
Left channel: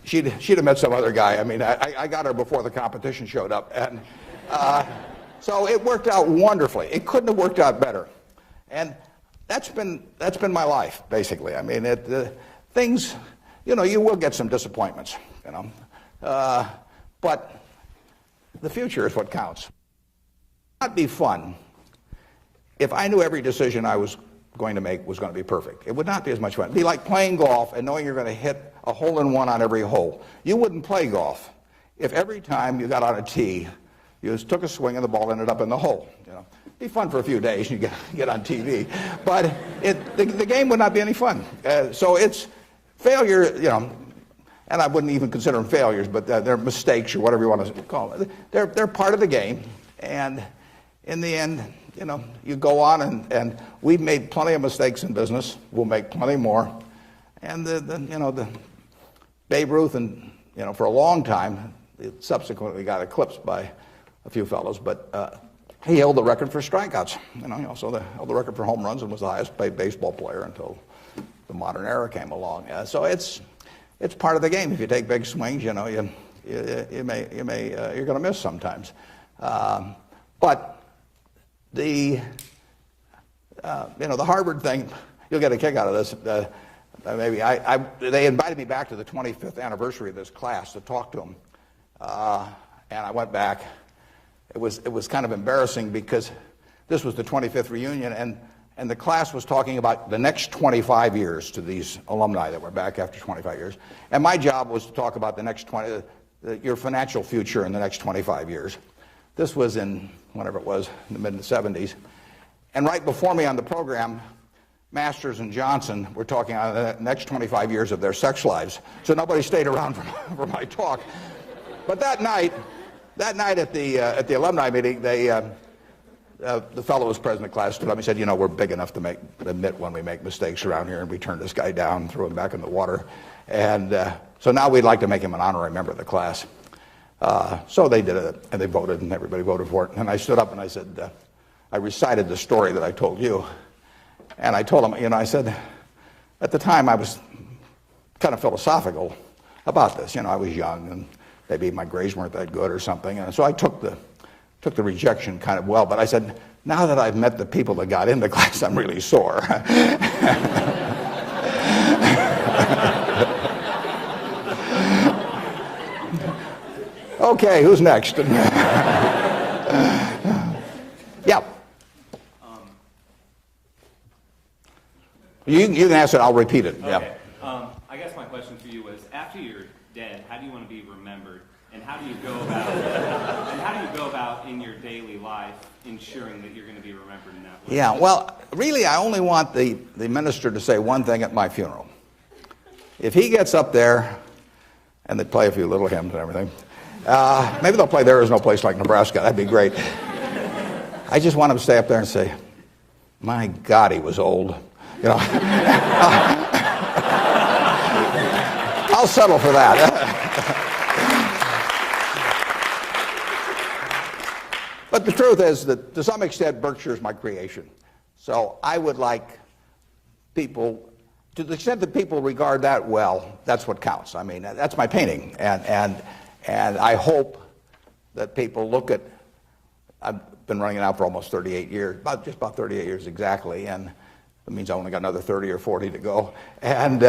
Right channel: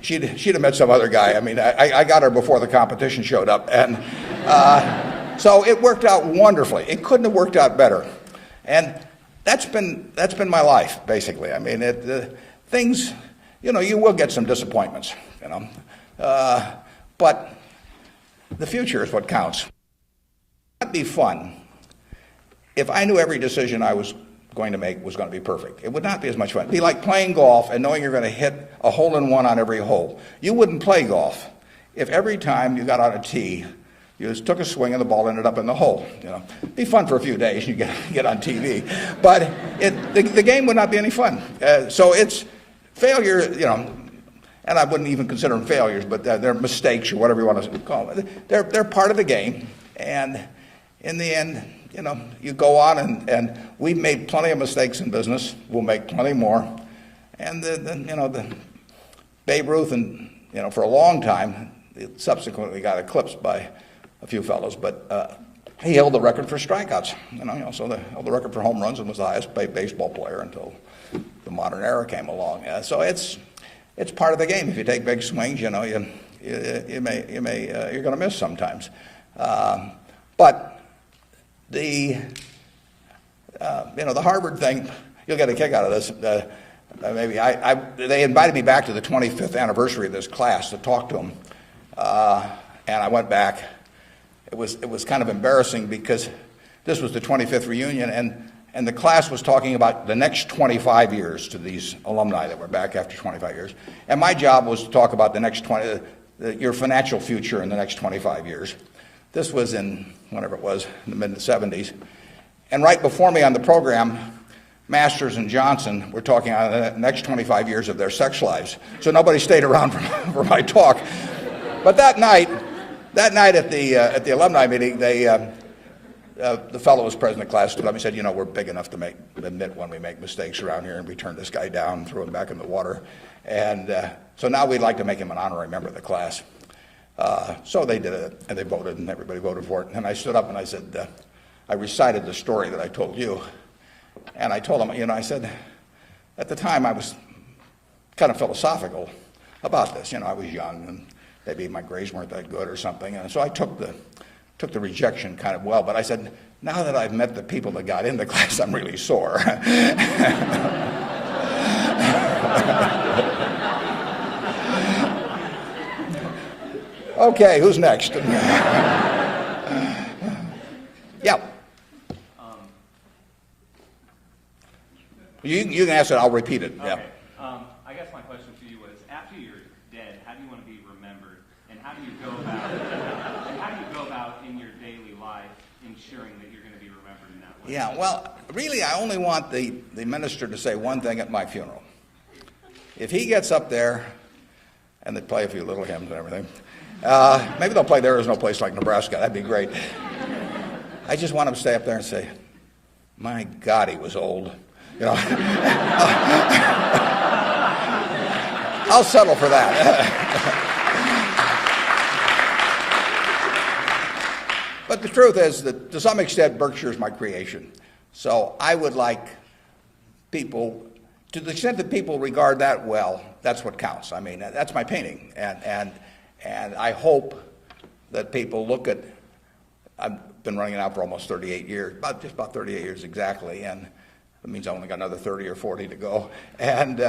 she'd have met some other guy. I mean, I got her before the competition showed up. And so it worked out wonderfully. It couldn't have worked out better. And that's been my life, basically. I mean, things, you will get some disappointments, but the future is what counts. It'd be fun if I knew every decision I was going to make was going to be perfect. It would not be as much fun. It'd be like playing golf and knowing you're going to hit a hole-in-one on every hole. You wouldn't play golf if every time you got on a tee, you just took a swing and the ball ended up in the hole. It'd be fun for a few days. You get on TV, but the game would not be any fun. So it's failure, and I wouldn't even consider them failures, but they're mistakes or whatever you want to call them. They're part of the game, and in the end, you go on, and we've made plenty of mistakes in business. We'll make plenty more, and the Babe Ruth, and for a long time, it subsequently got eclipsed by a few fellows, but he held the record for strikeouts. He also held the record for home runs and was the highest paid baseball player until the modern era came along. So it's part of the game. If you take big swings, you're going to miss sometimes. But the Harvard thing, you'll get a kick out of this. They invited me back to the 25th anniversary of this class to talk to them, and I went back. It was kind of embarrassing because this was the 25th reunion, and the class was talking about the next 25 years to these alumni that were back after 25 years. And my job was to talk about the next your financial future in the next 25 years. This was in, whenever it was, in the mid-70s. And right before me on the program, Masters and Johnson were talking about the next 25 years of their sex lives. So nobody stayed around for my talk. But that night at the alumni meeting, the fellow who was president of the class stood up and said, we're big enough to admit when we make mistakes around here, and we turn this guy down and throw him back in the water. And so now we'd like to make him an honorary member of the class. So they did it, and they voted, and everybody voted for it. And I stood up and I said, I recited the story that I told you. And I told him, I said, at the time I was kind of philosophical about this. I was young, and maybe my grades weren't that good or something. And so I took the rejection kind of well. But I said, now that I've met the people that got in the class, I'm really sore. Okay, who's next? Yeah. You can ask it, I'll repeat it. Okay. Yeah. I guess my question to you is, after you're dead, how do you want to be remembered, and how do you go about in your daily life ensuring that you're going to be remembered in that way? Yeah, well, really, I only want the minister to say one thing at my funeral. If he gets up there, and they play a few little hymns and everything, Maybe they'll play there is no place like Nebraska. That'd be great. I just want them to stay up there and say, my God, he was old. You know? I'll settle for that. But the truth is that to some extent Berkshire is my creation. So I would like people, to the extent that people regard that well, that's what counts. I mean, that's my painting. And I hope that people look at, I've been running it out for almost 38 years, just about 38 years exactly, and it means I only got another 30 or 40 to go. And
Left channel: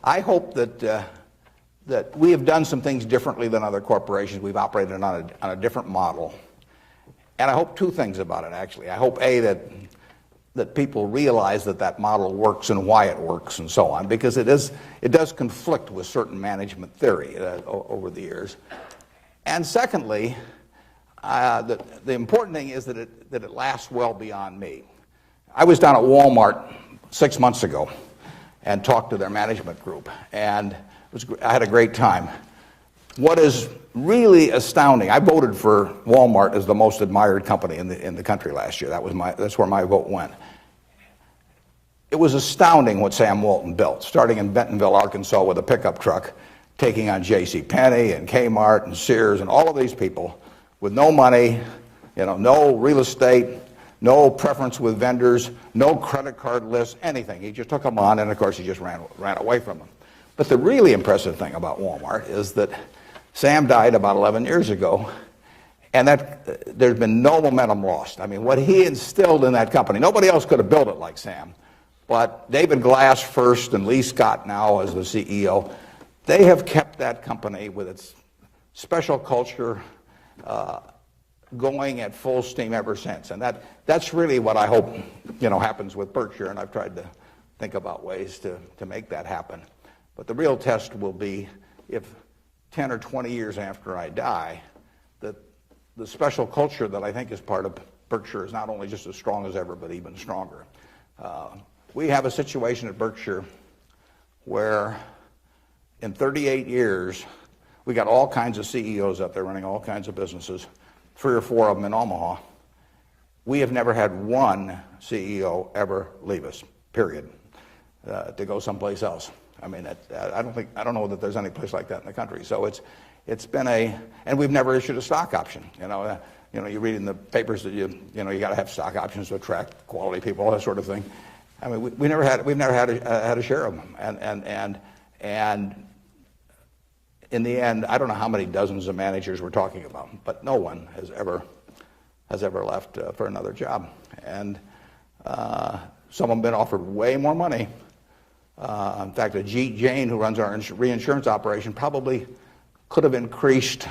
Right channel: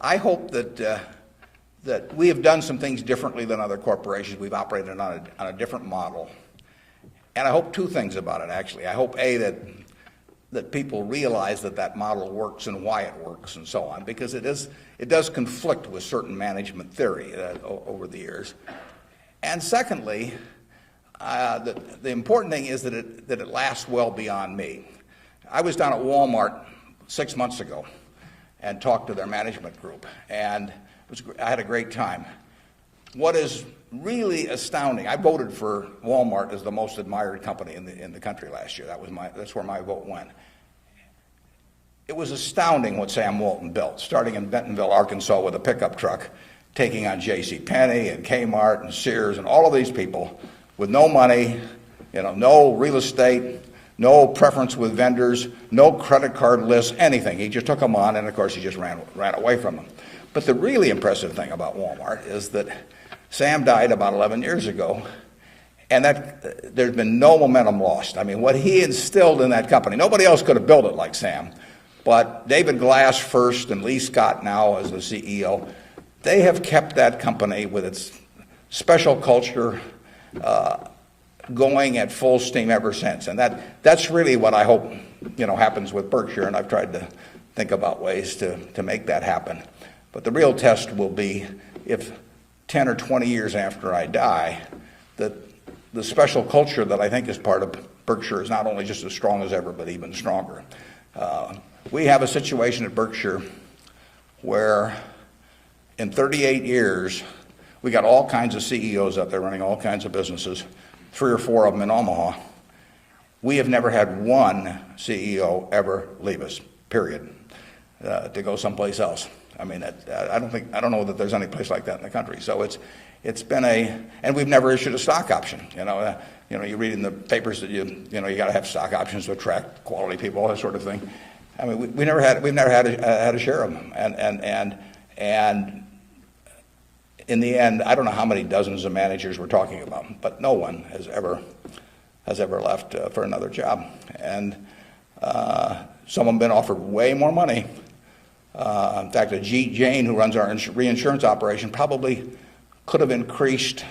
I hope that we have done some things differently than other corporations. We've operated on a different model. And I hope two things about it, actually. I hope, A, that people realize that model works and why it works and so on, because it does conflict with certain management theory over the years. And secondly, the important thing is that it lasts well beyond me. I was down at Walmart 6 months ago and talked to their management group, and I had a great time. What is really astounding, I voted for Walmart as the most admired company in the country last year. That's where my vote went. It was astounding what Sam Walton built, starting in Bentonville, Arkansas with a pickup truck, taking on JCPenney and Kmart and Sears and all of these people with no money, no real estate, no preference with vendors, no credit card list, anything. He just took them on, and of course he just ran away from them. But the really impressive thing about Walmart is that Sam died about 11 years ago, and there had been no momentum lost. I mean, what he instilled in that company, nobody else could have built it like Sam, but David Glass first and Lee Scott now as the CEO, they have kept that company with its special culture going at full steam ever since. And that's really what I hope happens with Berkshire, and I've tried to think about ways to make that happen. But the real test will be if 10 or 20 years after I die, that the special culture that I think is part of Berkshire is not only just as strong as ever, but even stronger. We have a situation at Berkshire where in 38 years, we got all kinds of CEOs out there running all kinds of businesses, 3 or 4 of them in Omaha. We have never had one CEO ever leave us, period, to go someplace else. I mean, I don't know that there's any place like that in the country. So it's been and we've never issued a stock option. You read in the papers that you got to have stock options to attract quality people, all that sort of thing. I mean, we've never had a share of them, and in the end, I don't know how many dozens of managers we're talking about, but no one has ever left for another job, and some have been offered way more money. In fact, Ajit Jain, who runs our reinsurance operation, probably could have increased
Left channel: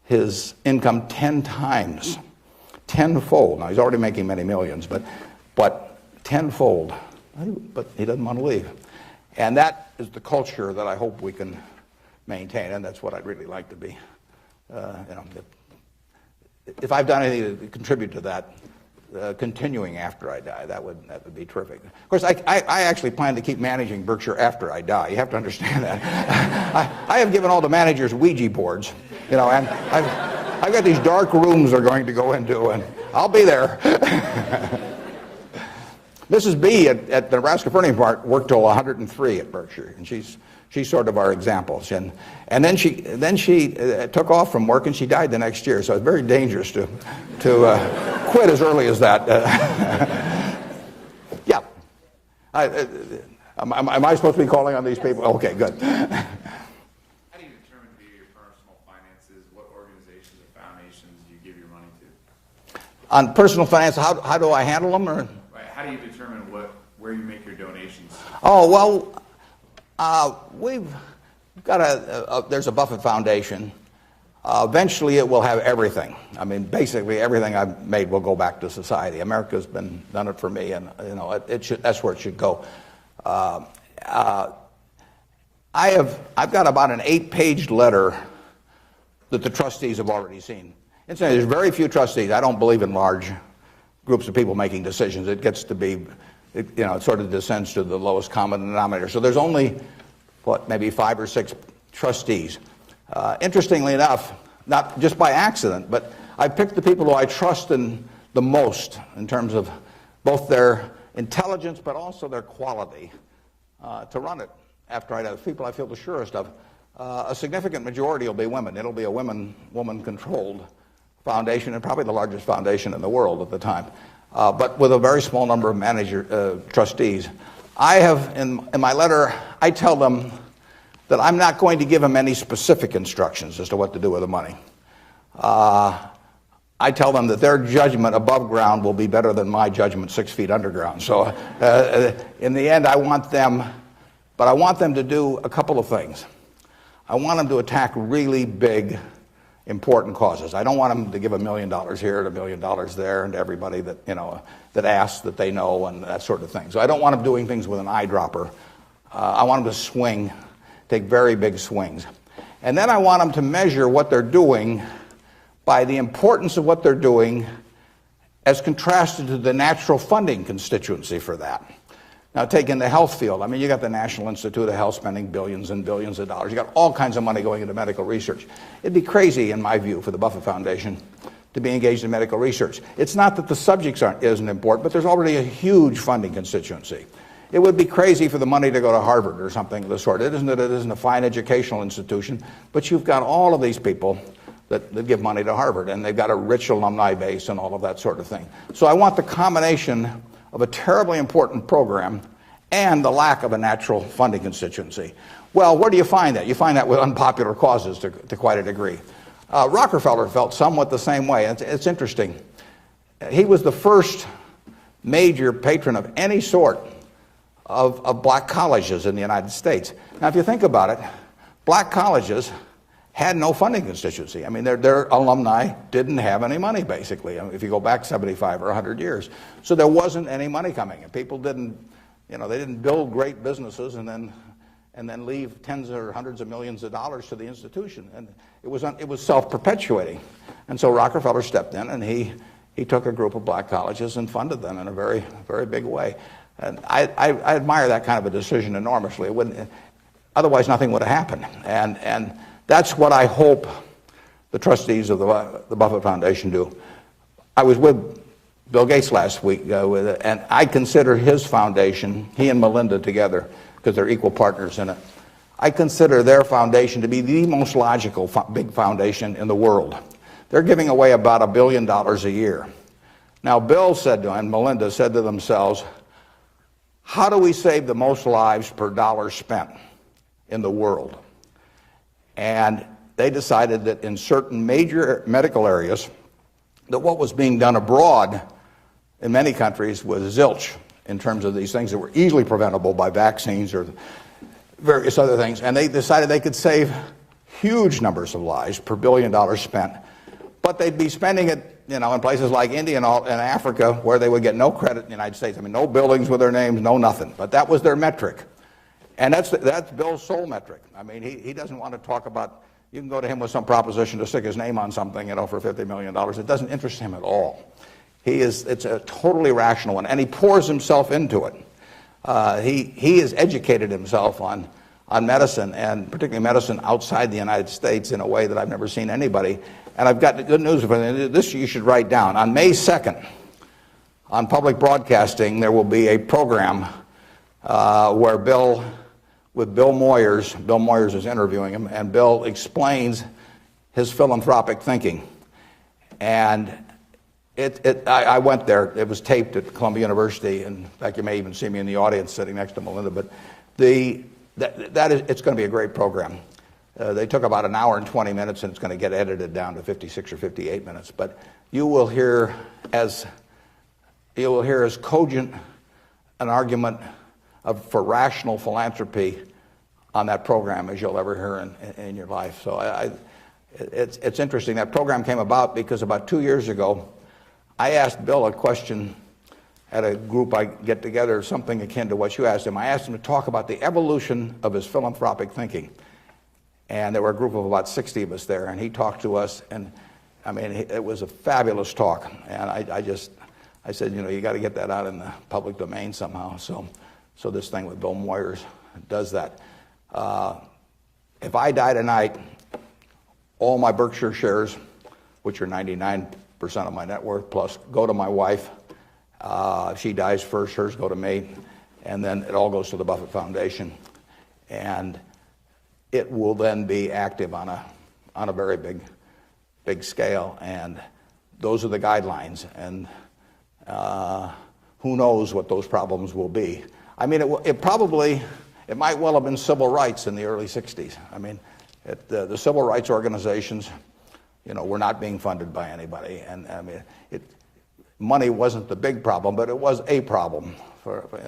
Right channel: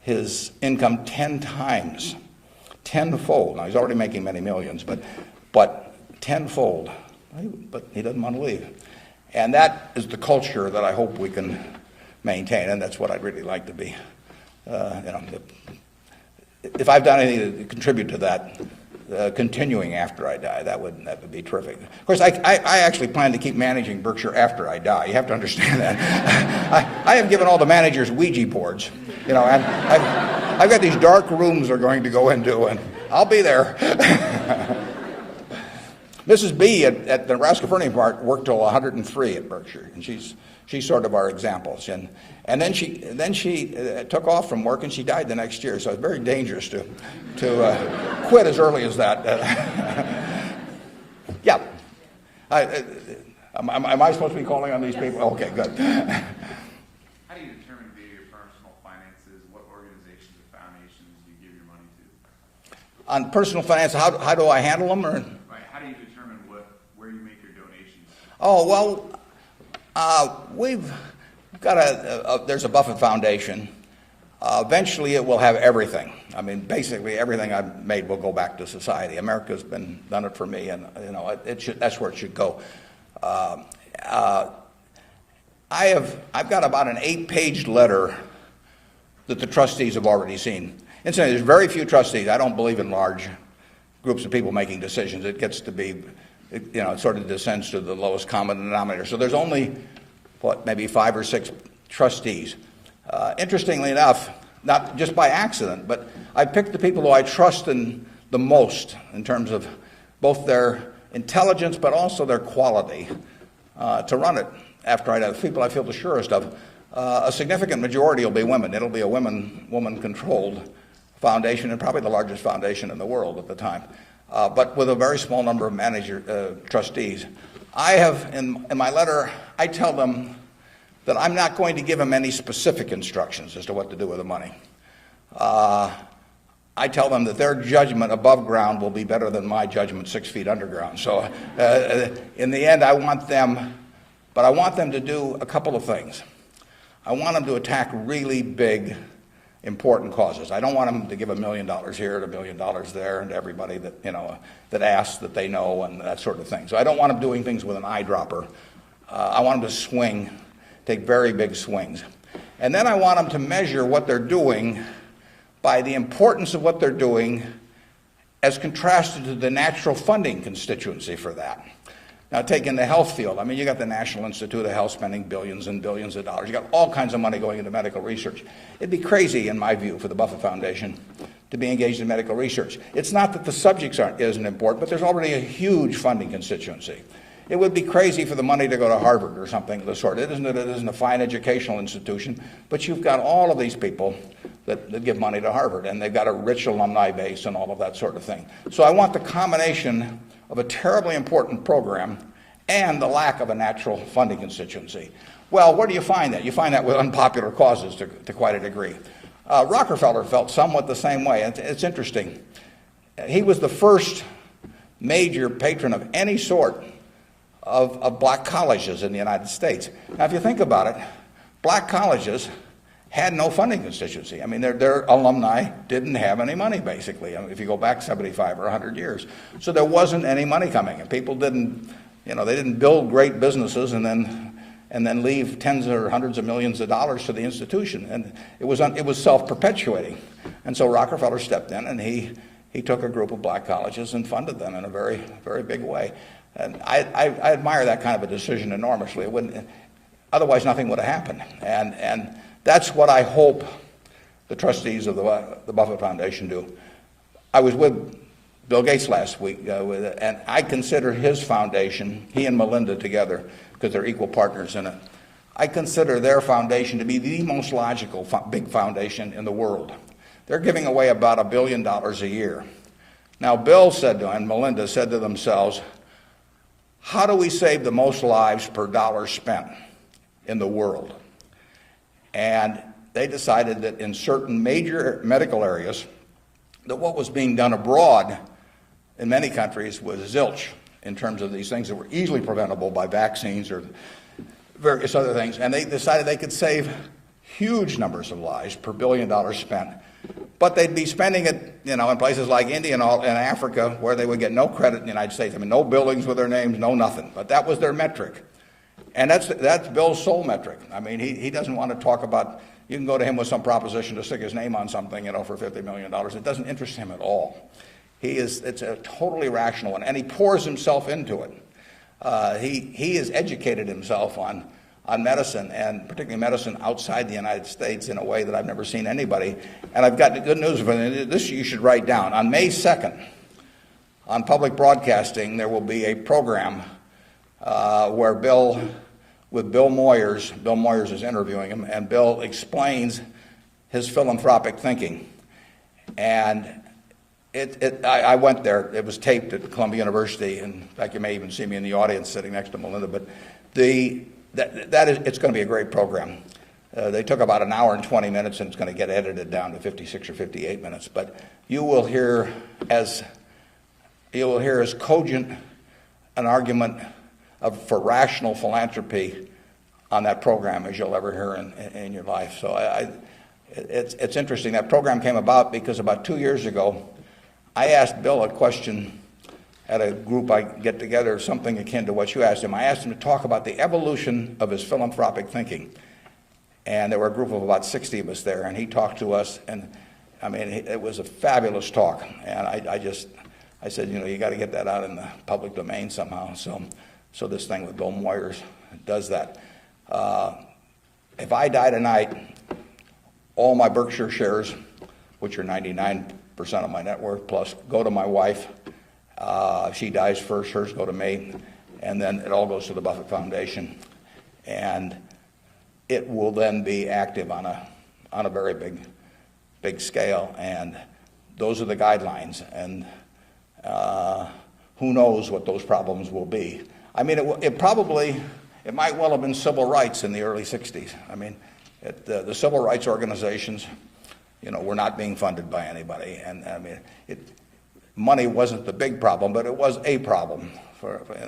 his income 10 times, tenfold. Now, he's already making many millions, but tenfold. But he doesn't want to leave. And that is the culture that I hope we can maintain, and that's what I'd really like to be. If I've done anything to contribute to that, continuing after I die, that would be terrific. Of course, I actually plan to keep managing Berkshire after I die. You have to understand that. I have given all the managers Ouija boards. I've got these dark rooms they're going to go into, and I'll be there. Mrs. B at the Nebraska Furniture Park worked till 103 at Berkshire, and she's sort of our examples. And then she took off from work, and she died the next year. So it's very dangerous to quit as early as that. Yeah. Am I supposed to be calling on these people? Okay, good. How do you determine via your personal finances what organizations or foundations you give your money to? On personal finance, how do I handle them? Or? How do you determine where you make your donations? Oh, well, we've got there's a Buffett Foundation. Eventually it will have everything. I mean, basically everything I've made will go back to society. America's done it for me, and that's where it should go. I've got about an 8-page letter that the trustees have already seen. Incidentally, there's very few trustees. I don't believe in large groups of people making decisions. It gets to be, it sort of descends to the lowest common denominator. So there's only, maybe 5 or 6 trustees. Interestingly enough, not just by accident, but I picked the people who I trust in the most in terms of both their intelligence but also their quality to run it. After I have people I feel the surest of, a significant majority will be women. It'll be a woman-controlled foundation, and probably the largest foundation in the world at the time, but with a very small number of trustees. I have, in my letter, I tell them that I'm not going to give them any specific instructions as to what to do with the money. I tell them that their judgment above ground will be better than my judgment 6 feet underground. So in the end, I want them to do a couple of things. I want them to attack really big, important causes. I don't want them to give $1 million here and $1 million there and everybody that, that asks that they know and that sort of thing. So I don't want them doing things with an eyedropper. I want them to take very big swings. And then I want them to measure what they're doing by the importance of what they're doing as contrasted to the natural funding constituency for that. Now, taking the health field, you got the National Institute of Health spending billions and billions of dollars. You got all kinds of money going into medical research. It'd be crazy, in my view, for the Buffett Foundation to be engaged in medical research. It's not that the subjects isn't important, but there's already a huge funding constituency. It would be crazy for the money to go to Harvard or something of the sort. It isn't a fine educational institution, but you've got all of these people that give money to Harvard, and they've got a rich alumni base and all of that sort of thing. So I want the combination of a terribly important program and the lack of a natural funding constituency. Well, where do you find that? You find that with unpopular causes to quite a degree. Rockefeller felt somewhat the same way. It's interesting. He was the first major patron of any sort of black colleges in the United States. Now, if you think about it, black colleges had no funding constituency. Their alumni didn't have any money, basically, if you go back 75 or 100 years. So there wasn't any money coming in. People didn't, they didn't build great businesses and then leave tens or hundreds of millions of dollars to the institution. And it was self-perpetuating. And so Rockefeller stepped in, and he took a group of black colleges and funded them in a very, very big way. And I admire that kind of a decision enormously. Otherwise, nothing would have happened. And that's what I hope the trustees of the Buffett Foundation do. I was with Bill Gates last week, and I consider his foundation, he and Melinda together, because they're equal partners in it, I consider their foundation to be the most logical big foundation in the world. They're giving away about $1 billion a year. Now, Bill said to, and Melinda said to themselves, how do we save the most lives per dollar spent in the world? And they decided that in certain major medical areas, that what was being done abroad in many countries was zilch in terms of these things that were easily preventable by vaccines or various other things. And they decided they could save huge numbers of lives per $1 billion spent. But they'd be spending it, in places like India and Africa, where they would get no credit in the United States. No buildings with their name, no nothing. But that was their metric. And that's Bill's sole metric. He doesn't want to talk about, you can go to him with some proposition to stick his name on something, for $50 million. It doesn't interest him at all. It's a totally rational one, and he pours himself into it. He has educated himself on medicine, and particularly medicine outside the United States, in a way that I've never seen anybody. And I've got good news for you. This you should write down. On May 2nd, on public broadcasting, there will be a program where Bill Moyers is interviewing him, and Bill explains his philanthropic thinking. And I went there. It was taped at Columbia University, and in fact, you may even see me in the audience sitting next to Melinda. But it's going to be a great program. They took about an hour and 20 minutes, and it's going to get edited down to 56 or 58 minutes. But you will hear as cogent an argument for rational philanthropy on that program as you'll ever hear in your life. So it's interesting. That program came about because about 2 years ago, I asked Bill a question at a group I get together, something akin to what you asked him. I asked him to talk about the evolution of his philanthropic thinking. And there were a group of about 60 of us there, and he talked to us, and it was a fabulous talk. And I said, you got to get that out in the public domain somehow. So this thing with Bill Moyers does that. If I die tonight, all my Berkshire shares, which are 99% of my net worth, plus go to my wife. She dies first, hers go to me, and then it all goes to the Buffett Foundation. And it will then be active on a very big scale. And those are the guidelines. And who knows what those problems will be. I mean, it might well have been civil rights in the early 60s. I mean, the civil rights organizations, were not being funded by anybody. And I mean, money wasn't the big problem, but it was a problem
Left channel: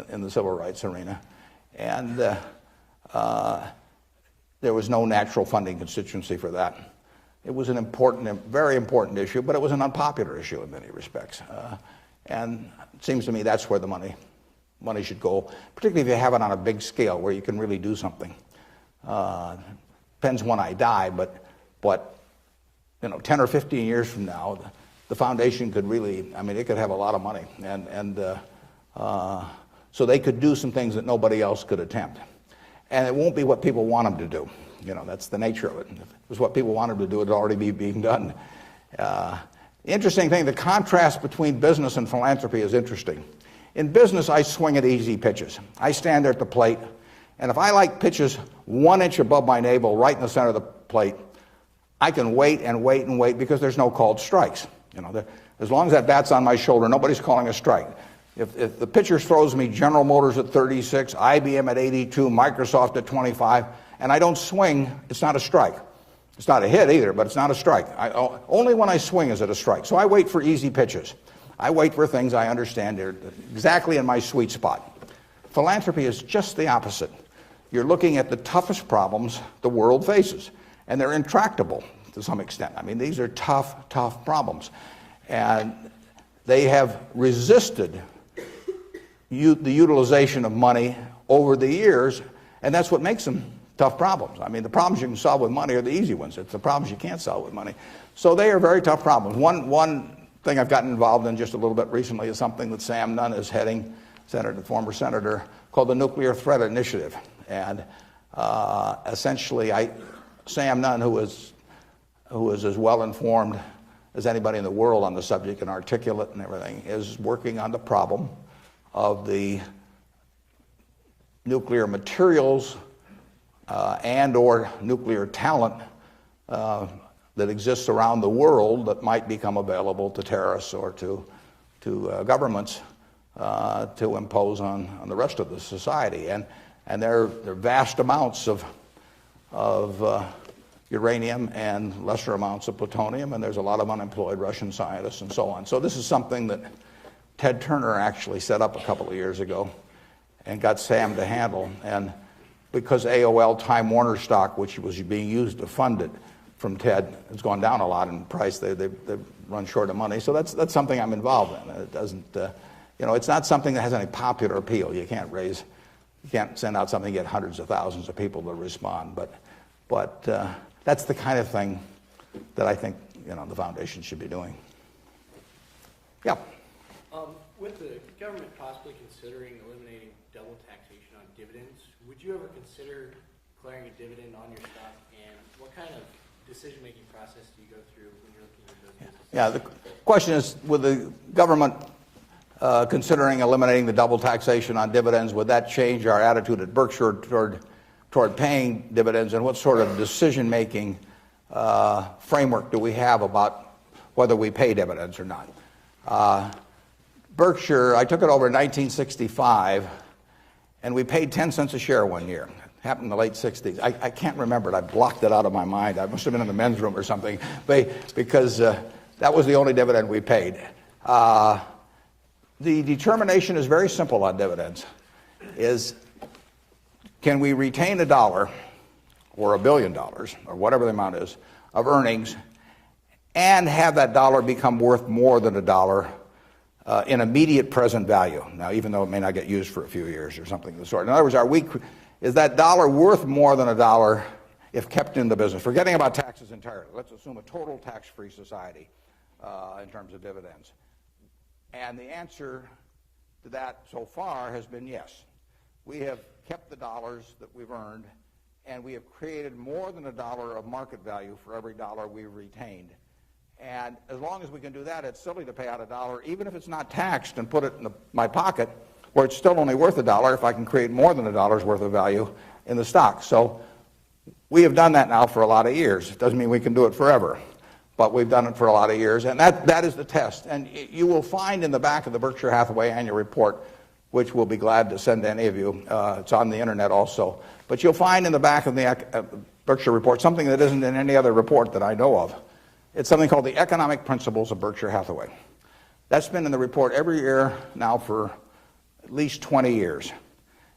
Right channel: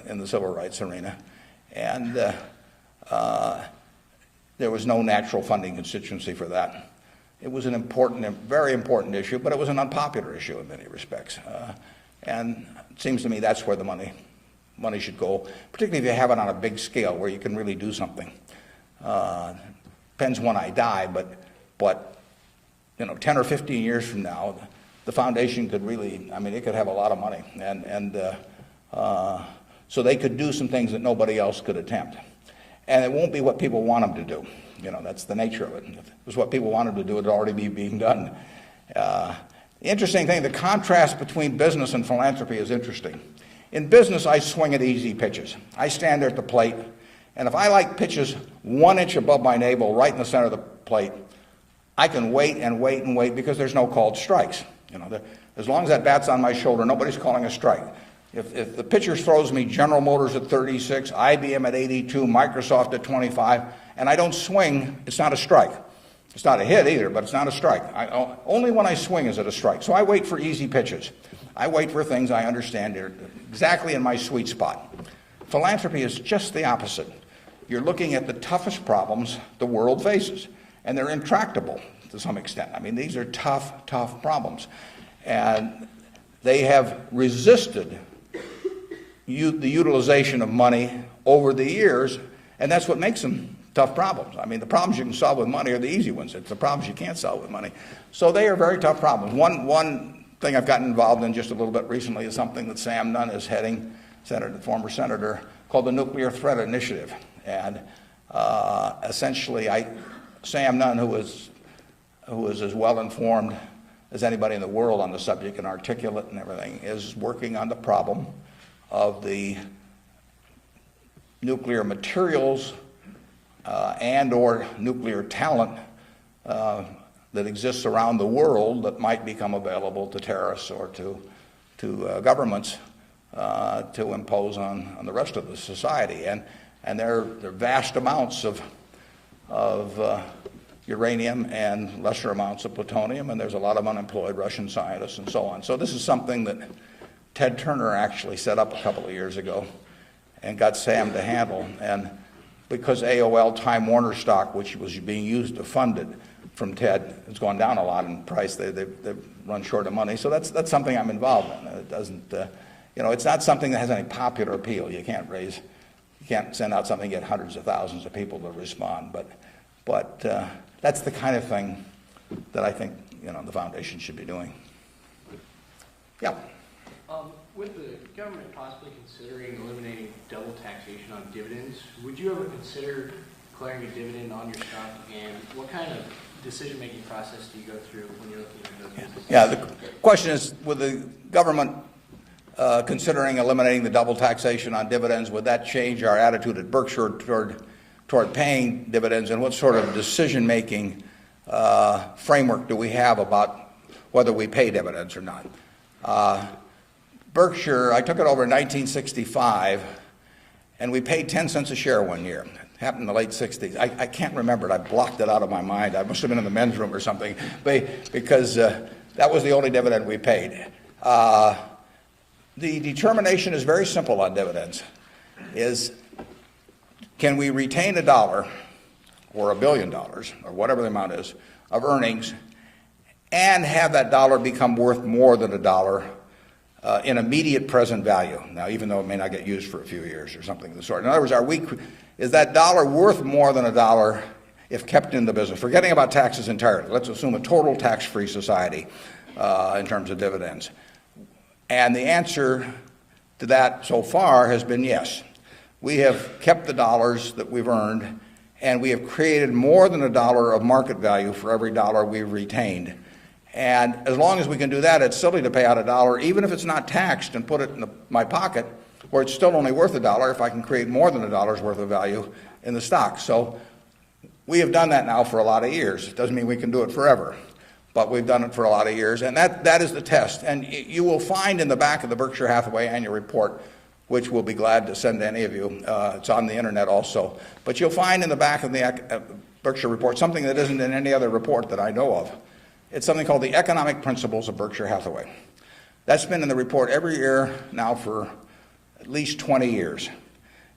in the civil rights arena. And there was no natural funding constituency for that. It was a very important issue, but it was an unpopular issue in many respects. And it seems to me that's where the money should go, particularly if you have it on a big scale where you can really do something. Depends when I die, but 10 or 15 years from now, the foundation could really, it could have a lot of money. And so they could do some things that nobody else could attempt. And it won't be what people want them to do. That's the nature of it. If it was what people wanted to do, it would already be being done. The interesting thing, the contrast between business and philanthropy is interesting. In business, I swing at easy pitches. I stand there at the plate, and if I like pitches 1 inch above my navel, right in the center of the plate, I can wait and wait and wait because there's no called strikes. As long as that bat's on my shoulder, nobody's calling a strike. If the pitcher throws me General Motors at 36, IBM at 82, Microsoft at 25, and I don't swing, it's not a strike. It's not a hit either, but it's not a strike. Only when I swing is it a strike. So I wait for easy pitches. I wait for things I understand are exactly in my sweet spot. Philanthropy is just the opposite. You're looking at the toughest problems the world faces, and they're intractable to some extent. These are tough problems. And they have resisted the utilization of money over the years, and that's what makes them tough problems. The problems you can solve with money are the easy ones. It's the problems you can't solve with money. So they are very tough problems. One thing I've gotten involved in just a little bit recently is something that Sam Nunn is heading, the former senator, called the Nuclear Threat Initiative. And essentially, Sam Nunn, who is as well informed as anybody in the world on the subject and articulate and everything, is working on the problem of the nuclear materials and or nuclear talent that exists around the world that might become available to terrorists or to governments to impose on the rest of the society. And there are vast amounts of uranium and lesser amounts of plutonium, and there's a lot of unemployed Russian scientists and so on. So this is something that Ted Turner actually set up a couple of years ago and got Sam to handle. And because AOL Time Warner stock, which was being used to fund it from Ted, has gone down a lot in price, they've run short of money. So that's something I'm involved in. It doesn't, it's not something that has any popular appeal. You can't send out something and get hundreds of thousands of people to respond. But that's the kind of thing that I think the foundation should be doing. Yeah. With the government possibly considering eliminating double taxation on dividends, would you ever consider declaring a dividend on your stock? And what kind of decision-making process do you go through when you're looking at those businesses? Yeah, the question is, with the government considering eliminating the double taxation on dividends, would that change our attitude at Berkshire toward paying dividends, and what sort of decision-making framework do we have about whether we pay dividends or not? Berkshire, I took it over in 1965, and we paid 10 cents a share one year. It happened in the late 60s. I can't remember it. I blocked it out of my mind. I must have been in the men's room or something, because that was the only dividend we paid. The determination is very simple on dividends. Can we retain $1 or $1 billion, or whatever the amount is, of earnings, and have that dollar become worth more than $1 in immediate present value? Now, even though it may not get used for a few years or something of the sort. In other words, is that dollar worth more than $1 if kept in the business? Forgetting about taxes entirely. Let's assume a total tax-free society in terms of dividends. And the answer to that so far has been yes. We have kept the dollars that we've earned and we have created more than $1 of market value for every dollar we've retained. And as long as we can do that, it's silly to pay out $1, even if it's not taxed, and put it in my pocket, where it's still only worth $1 if I can create more than $1 worth of value in the stock. So we have done that now for a lot of years. It doesn't mean we can do it forever, but we've done it for a lot of years, and that is the test. And you will find in the back of the Berkshire Hathaway annual report, which we'll be glad to send to any of you. It's on the internet also. But you'll find in the back of the Berkshire report something that isn't in any other report that I know of. It's something called the Economic Principles of Berkshire Hathaway. That's been in the report every year now for at least 20 years.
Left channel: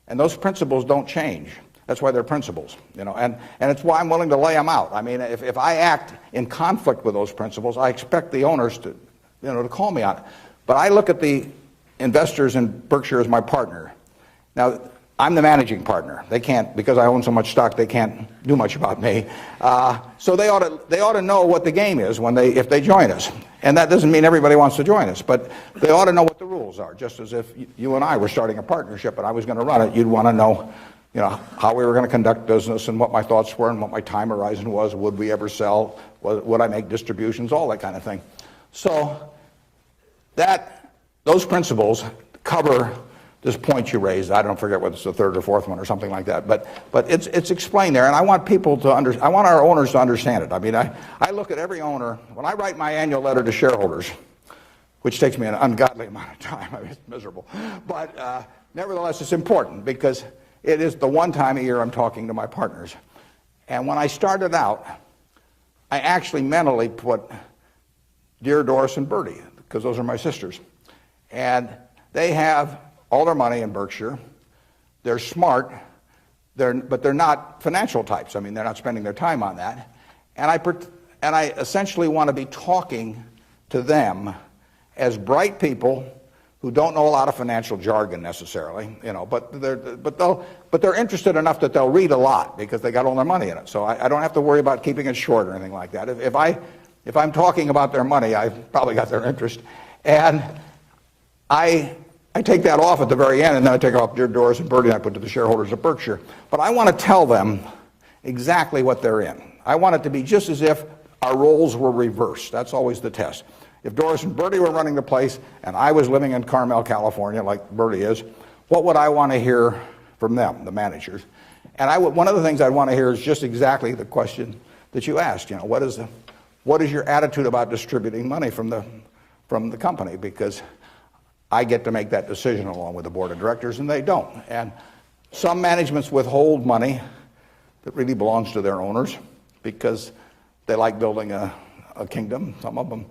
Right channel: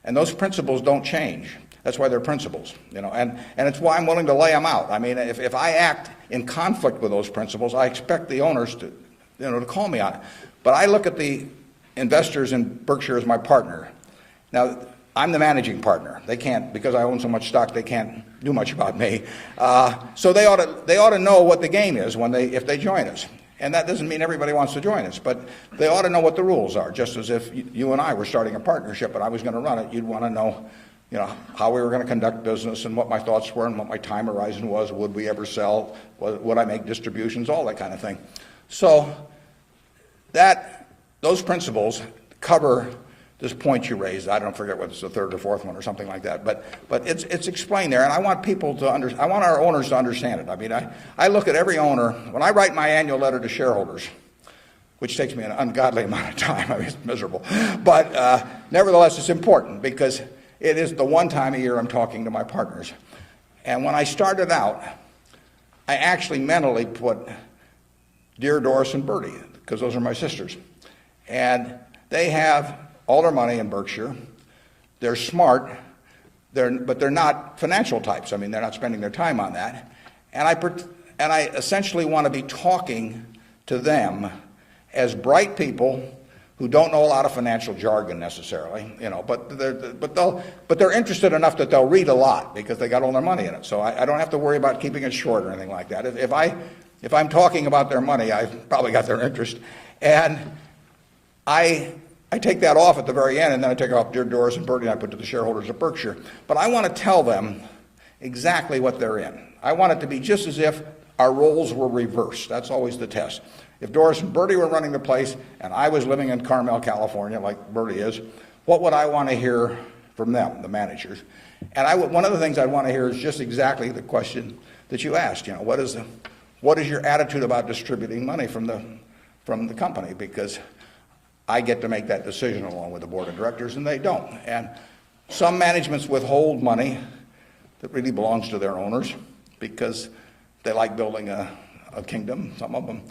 And those principles don't change. That's why they're principles, and it's why I'm willing to lay them out. I mean, if I act in conflict with those principles, I expect the owners to, to call me on it. But I look at the investors in Berkshire as my partner. Now, I'm the managing partner. They can't, because I own so much stock, they can't do much about me. So they ought to know what the game is if they join us. And that doesn't mean everybody wants to join us, but they ought to know what the rules are. Just as if you and I were starting a partnership and I was going to run it, you'd want to know, how we were going to conduct business and what my thoughts were and what my time horizon was. Would we ever sell? Would I make distributions? All that kind of thing. So those principles cover this point you raised. I don't forget what's the third or fourth one or something like that, but it's explained there, and I want people to I want our owners to understand it. I mean, I look at every owner when I write my annual letter to shareholders, which takes me an ungodly amount of time. I mean, it's miserable, but nevertheless, it's important because it is the one time a year I'm talking to my partners. And when I started out, I actually mentally put Dear Doris and Bertie, because those are my sisters, and they have all their money in Berkshire. They're smart, but they're not financial types. I mean, they're not spending their time on that. And I essentially want to be talking to them as bright people who don't know a lot of financial jargon necessarily, but they're interested enough that they'll read a lot because they got all their money in it. So I don't have to worry about keeping it short or anything like that. If I'm talking about their money, I've probably got their interest, and I take that off at the very end, and then I take off Dear Doris and Bertie, and I put to the shareholders of Berkshire. But I want to tell them exactly what they're in. I want it to be just as if our roles were reversed. That's always the test. If Doris and Bertie were running the place, and I was living in Carmel, California, like Bertie is, what would I want to hear from them, the managers? And one of the things I want to hear is just exactly the question that you asked. What is your attitude about distributing money from the company? Because I get to make that decision along with the board of directors, and they don't. And some managements withhold money that really belongs to their owners because they like building a kingdom. Some of them,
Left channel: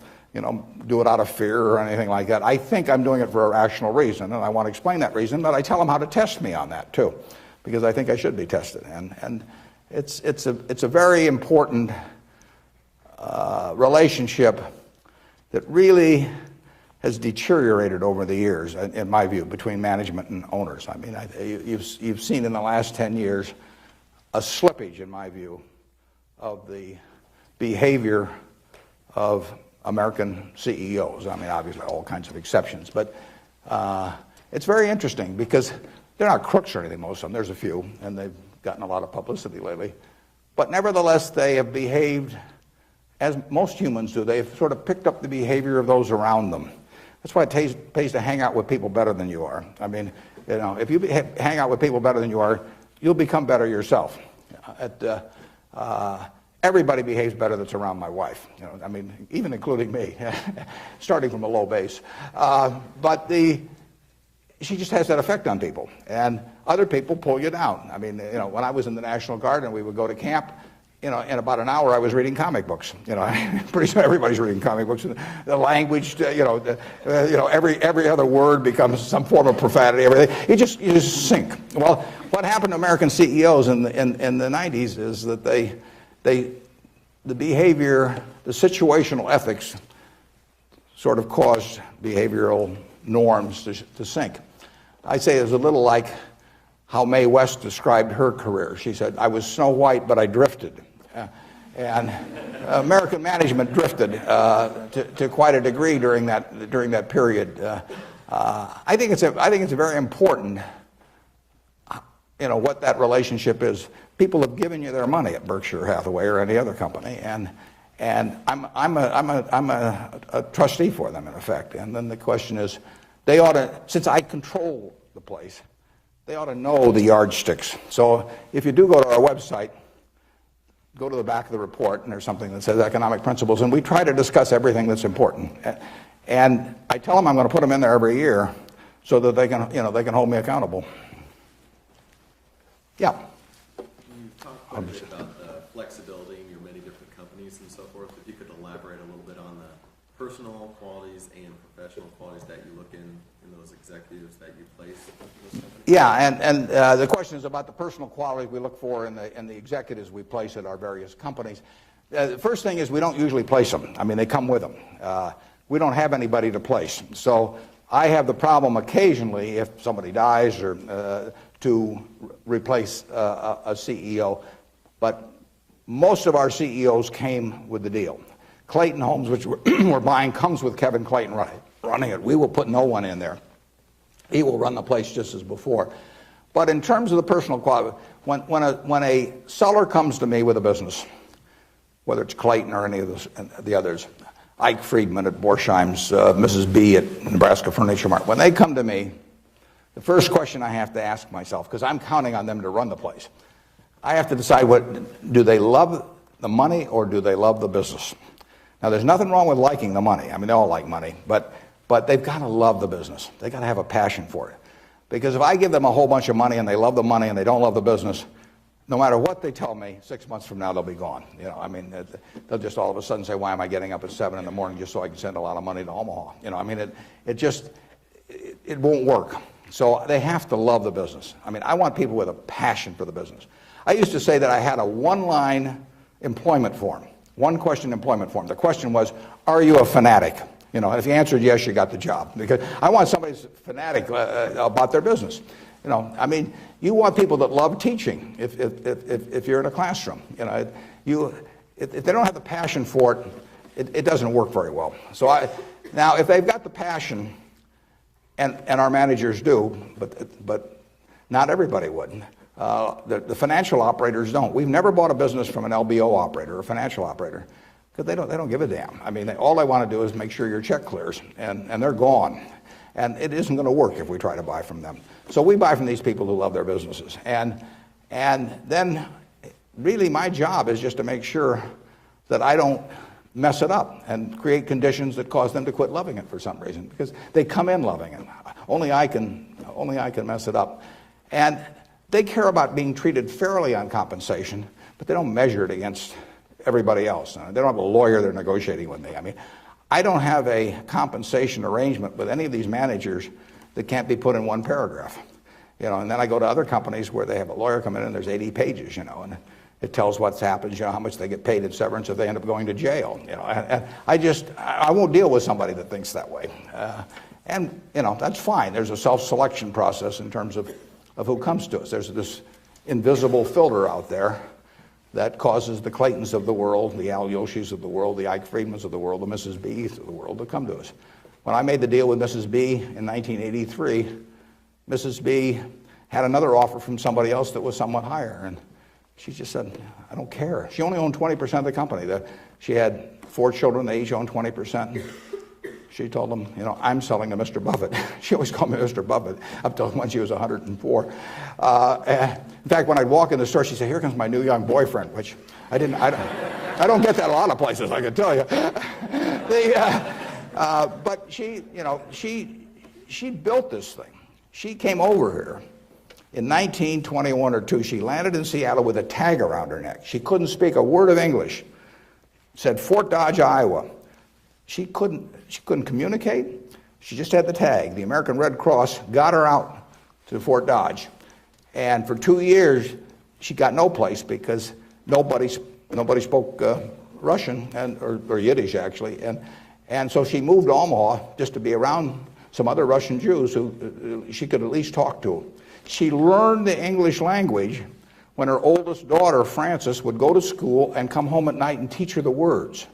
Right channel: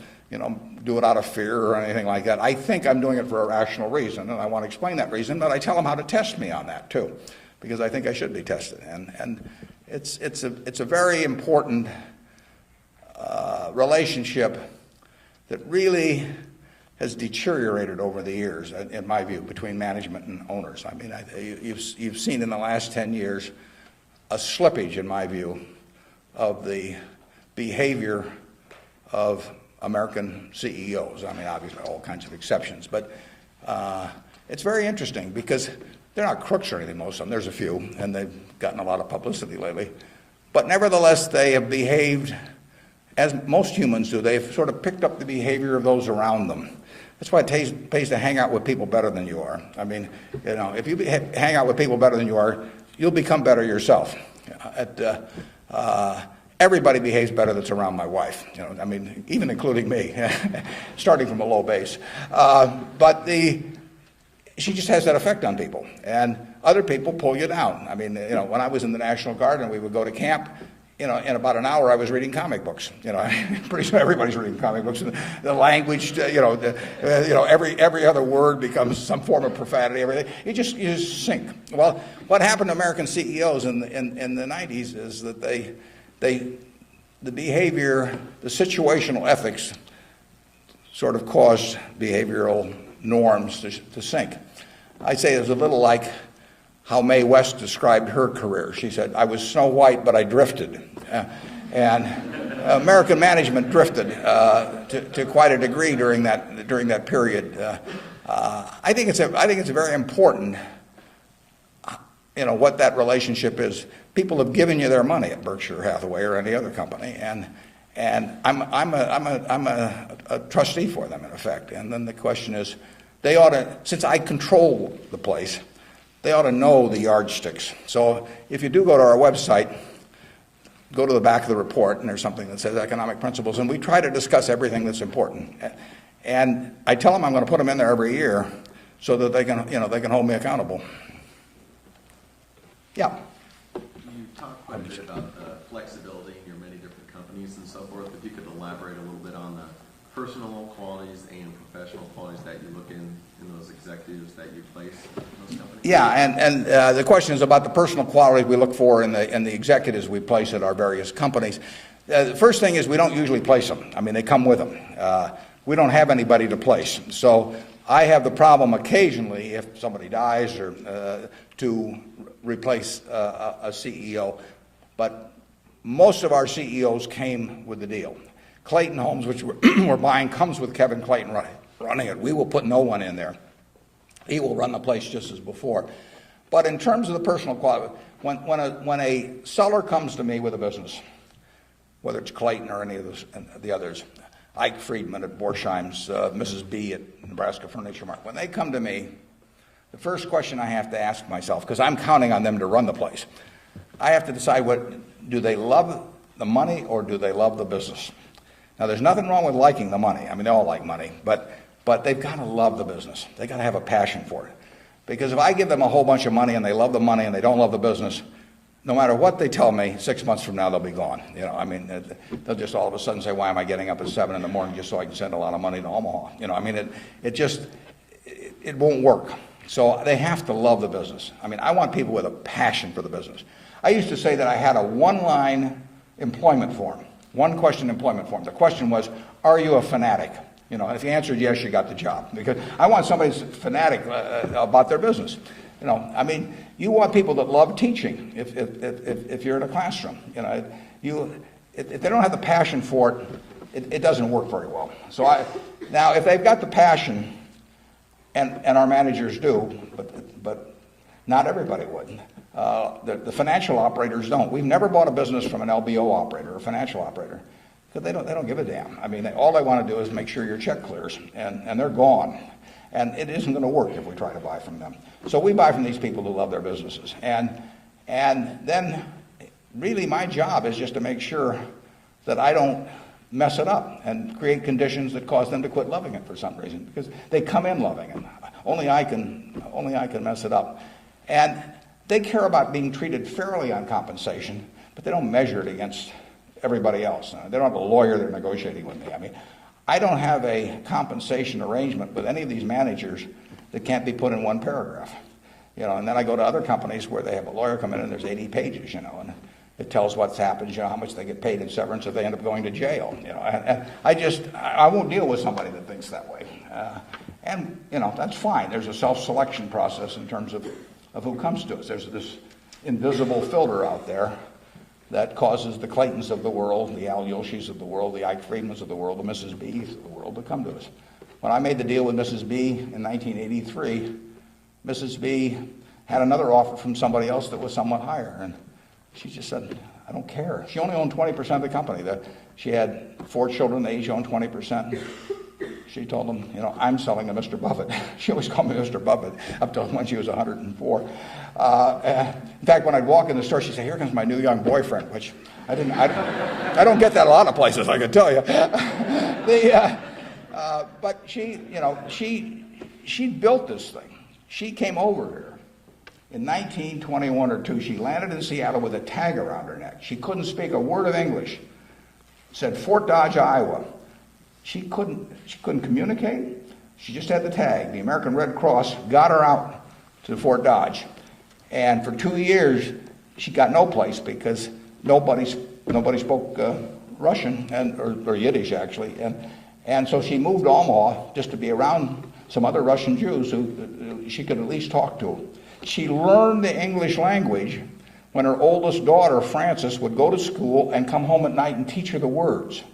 do it out of fear or anything like that. I think I'm doing it for a rational reason, and I want to explain that reason, but I tell them how to test me on that too, because I think I should be tested. And it's a very important relationship that really has deteriorated over the years, in my view, between management and owners. I mean, you've seen in the last 10 years a slippage, in my view, of the behavior of American CEOs. I mean, obviously, all kinds of exceptions, but it's very interesting because they're not crooks or anything, most of them. There's a few, and they've gotten a lot of publicity lately. But nevertheless, they have behaved as most humans do. They've sort of picked up the behavior of those around them. That's why it pays to hang out with people better than you are. I mean, if you hang out with people better than you are, you'll become better yourself. Everybody behaves better that's around my wife. I mean, even including me, starting from a low base. But she just has that effect on people, and other people pull you down. I mean, when I was in the National Guard and we would go to camp, in about an hour I was reading comic books. Pretty soon everybody's reading comic books. The language, every other word becomes some form of profanity. Everything. You just sink. Well, what happened to American CEOs in the 90s is that the behavior, the situational ethics, sort of caused behavioral norms to sink. I say it's a little like how Mae West described her career. She said, "I was Snow White, but I drifted." And American management drifted to quite a degree during that period. I think it's very important what that relationship is. People have given you their money at Berkshire Hathaway or any other company, and I'm a trustee for them in effect. And then the question is, they ought to, since I control the place, they ought to know the yardsticks. So if you do go to our website, go to the back of the report, and there's something that says economic principles, and we try to discuss everything that's important. And I tell them I'm going to put them in there every year so that they can, they can hold me accountable. Yeah. You talked quite a bit about flexibility in your many different companies and so forth. If you could elaborate a little bit on the personal qualities and professional qualities that you look in those executives that you place in those companies. Yeah, and the question is about the personal qualities we look for in the executives we place at our various companies. The first thing is we don't usually place them. I mean, they come with them. We don't have anybody to place. So I have the problem occasionally, if somebody dies, or to replace a CEO. But most of our CEOs came with the deal. Clayton Homes, which we're buying, comes with Kevin Clayton running it. We will put no one in there. He will run the place just as before. But in terms of the personal quality, when a seller comes to me with a business, whether it's Clayton or any of the others, Ike Friedman at Borsheim's, Mrs. B at Nebraska Furniture Mart, when they come to me, the first question I have to ask myself, because I'm counting on them to run the place, I have to decide, do they love the money or do they love the business? Now, there's nothing wrong with liking the money. I mean, they all like money, but they've got to love the business. They've got to have a passion for it. Because if I give them a whole bunch of money and they love the money and they don't love the business, no matter what they tell me, 6 months from now they'll be gone. I mean, they'll just all of a sudden say, why am I getting up at 7 in the morning just so I can send a lot of money to Omaha? I mean, it won't work. So they have to love the business. I mean, I want people with a passion for the business. I used to say that I had a one-line employment form, one-question employment form. The question was, are you a fanatic? If you answered yes, you got the job. Because I want somebody who's fanatic about their business. I mean, you want people that love teaching if you're in a classroom. If they don't have the passion for it, it doesn't work very well. So now, if they've got the passion, and our managers do, but not everybody would. The financial operators don't. We've never bought a business from an LBO operator or a financial operator. Because they don't give a damn. I mean, all they want to do is make sure your check clears, and they're gone. And it isn't going to work if we try to buy from them. So we buy from these people who love their businesses. And then really my job is just to make sure that I don't mess it up and create conditions that cause them to quit loving it for some reason. Because they come in loving it. Only I can mess it up. And they care about being treated fairly on compensation, but they don't measure it against everybody else. They don't have a lawyer they're negotiating with me. I mean, I don't have a compensation arrangement with any of these managers that can't be put in one paragraph. And then I go to other companies where they have a lawyer come in and there's 80 pages, and it tells what's happened, how much they get paid at severance if they end up going to jail. I won't deal with somebody that thinks that way. And that's fine. There's a self-selection process in terms of who comes to us. There's this invisible filter out there that causes the Claytons of the world, the Al Yoshis of the world, the Ike Friedmans of the world, the Mrs. B's of the world to come to us. When I made the deal with Mrs. B in 1983, Mrs. B had another offer from somebody else that was somewhat higher, and she just said, I don't care. She only owned 20% of the company. She had 4 children, they each owned 20%. She told them, I'm selling to Mr. Buffett. She always called me Mr. Buffett up till when she was 104. In fact, when I'd walk in the store, she'd say, here comes my new young boyfriend, which I don't get that a lot of places, I can tell you. But she built this thing. She came over here in 1921 or 2. She landed in Seattle with a tag around her neck. She couldn't speak a word of English. Said Fort Dodge, Iowa. She couldn't communicate. She just had the tag. The American Red Cross got her out to Fort Dodge. And for 2 years, she got no place because nobody spoke Russian or Yiddish, actually. And so she moved to Omaha just to be around some other Russian Jews who she could at least talk to. She learned the English language when her oldest daughter, Frances, would go to school and come home at night and teach her the words.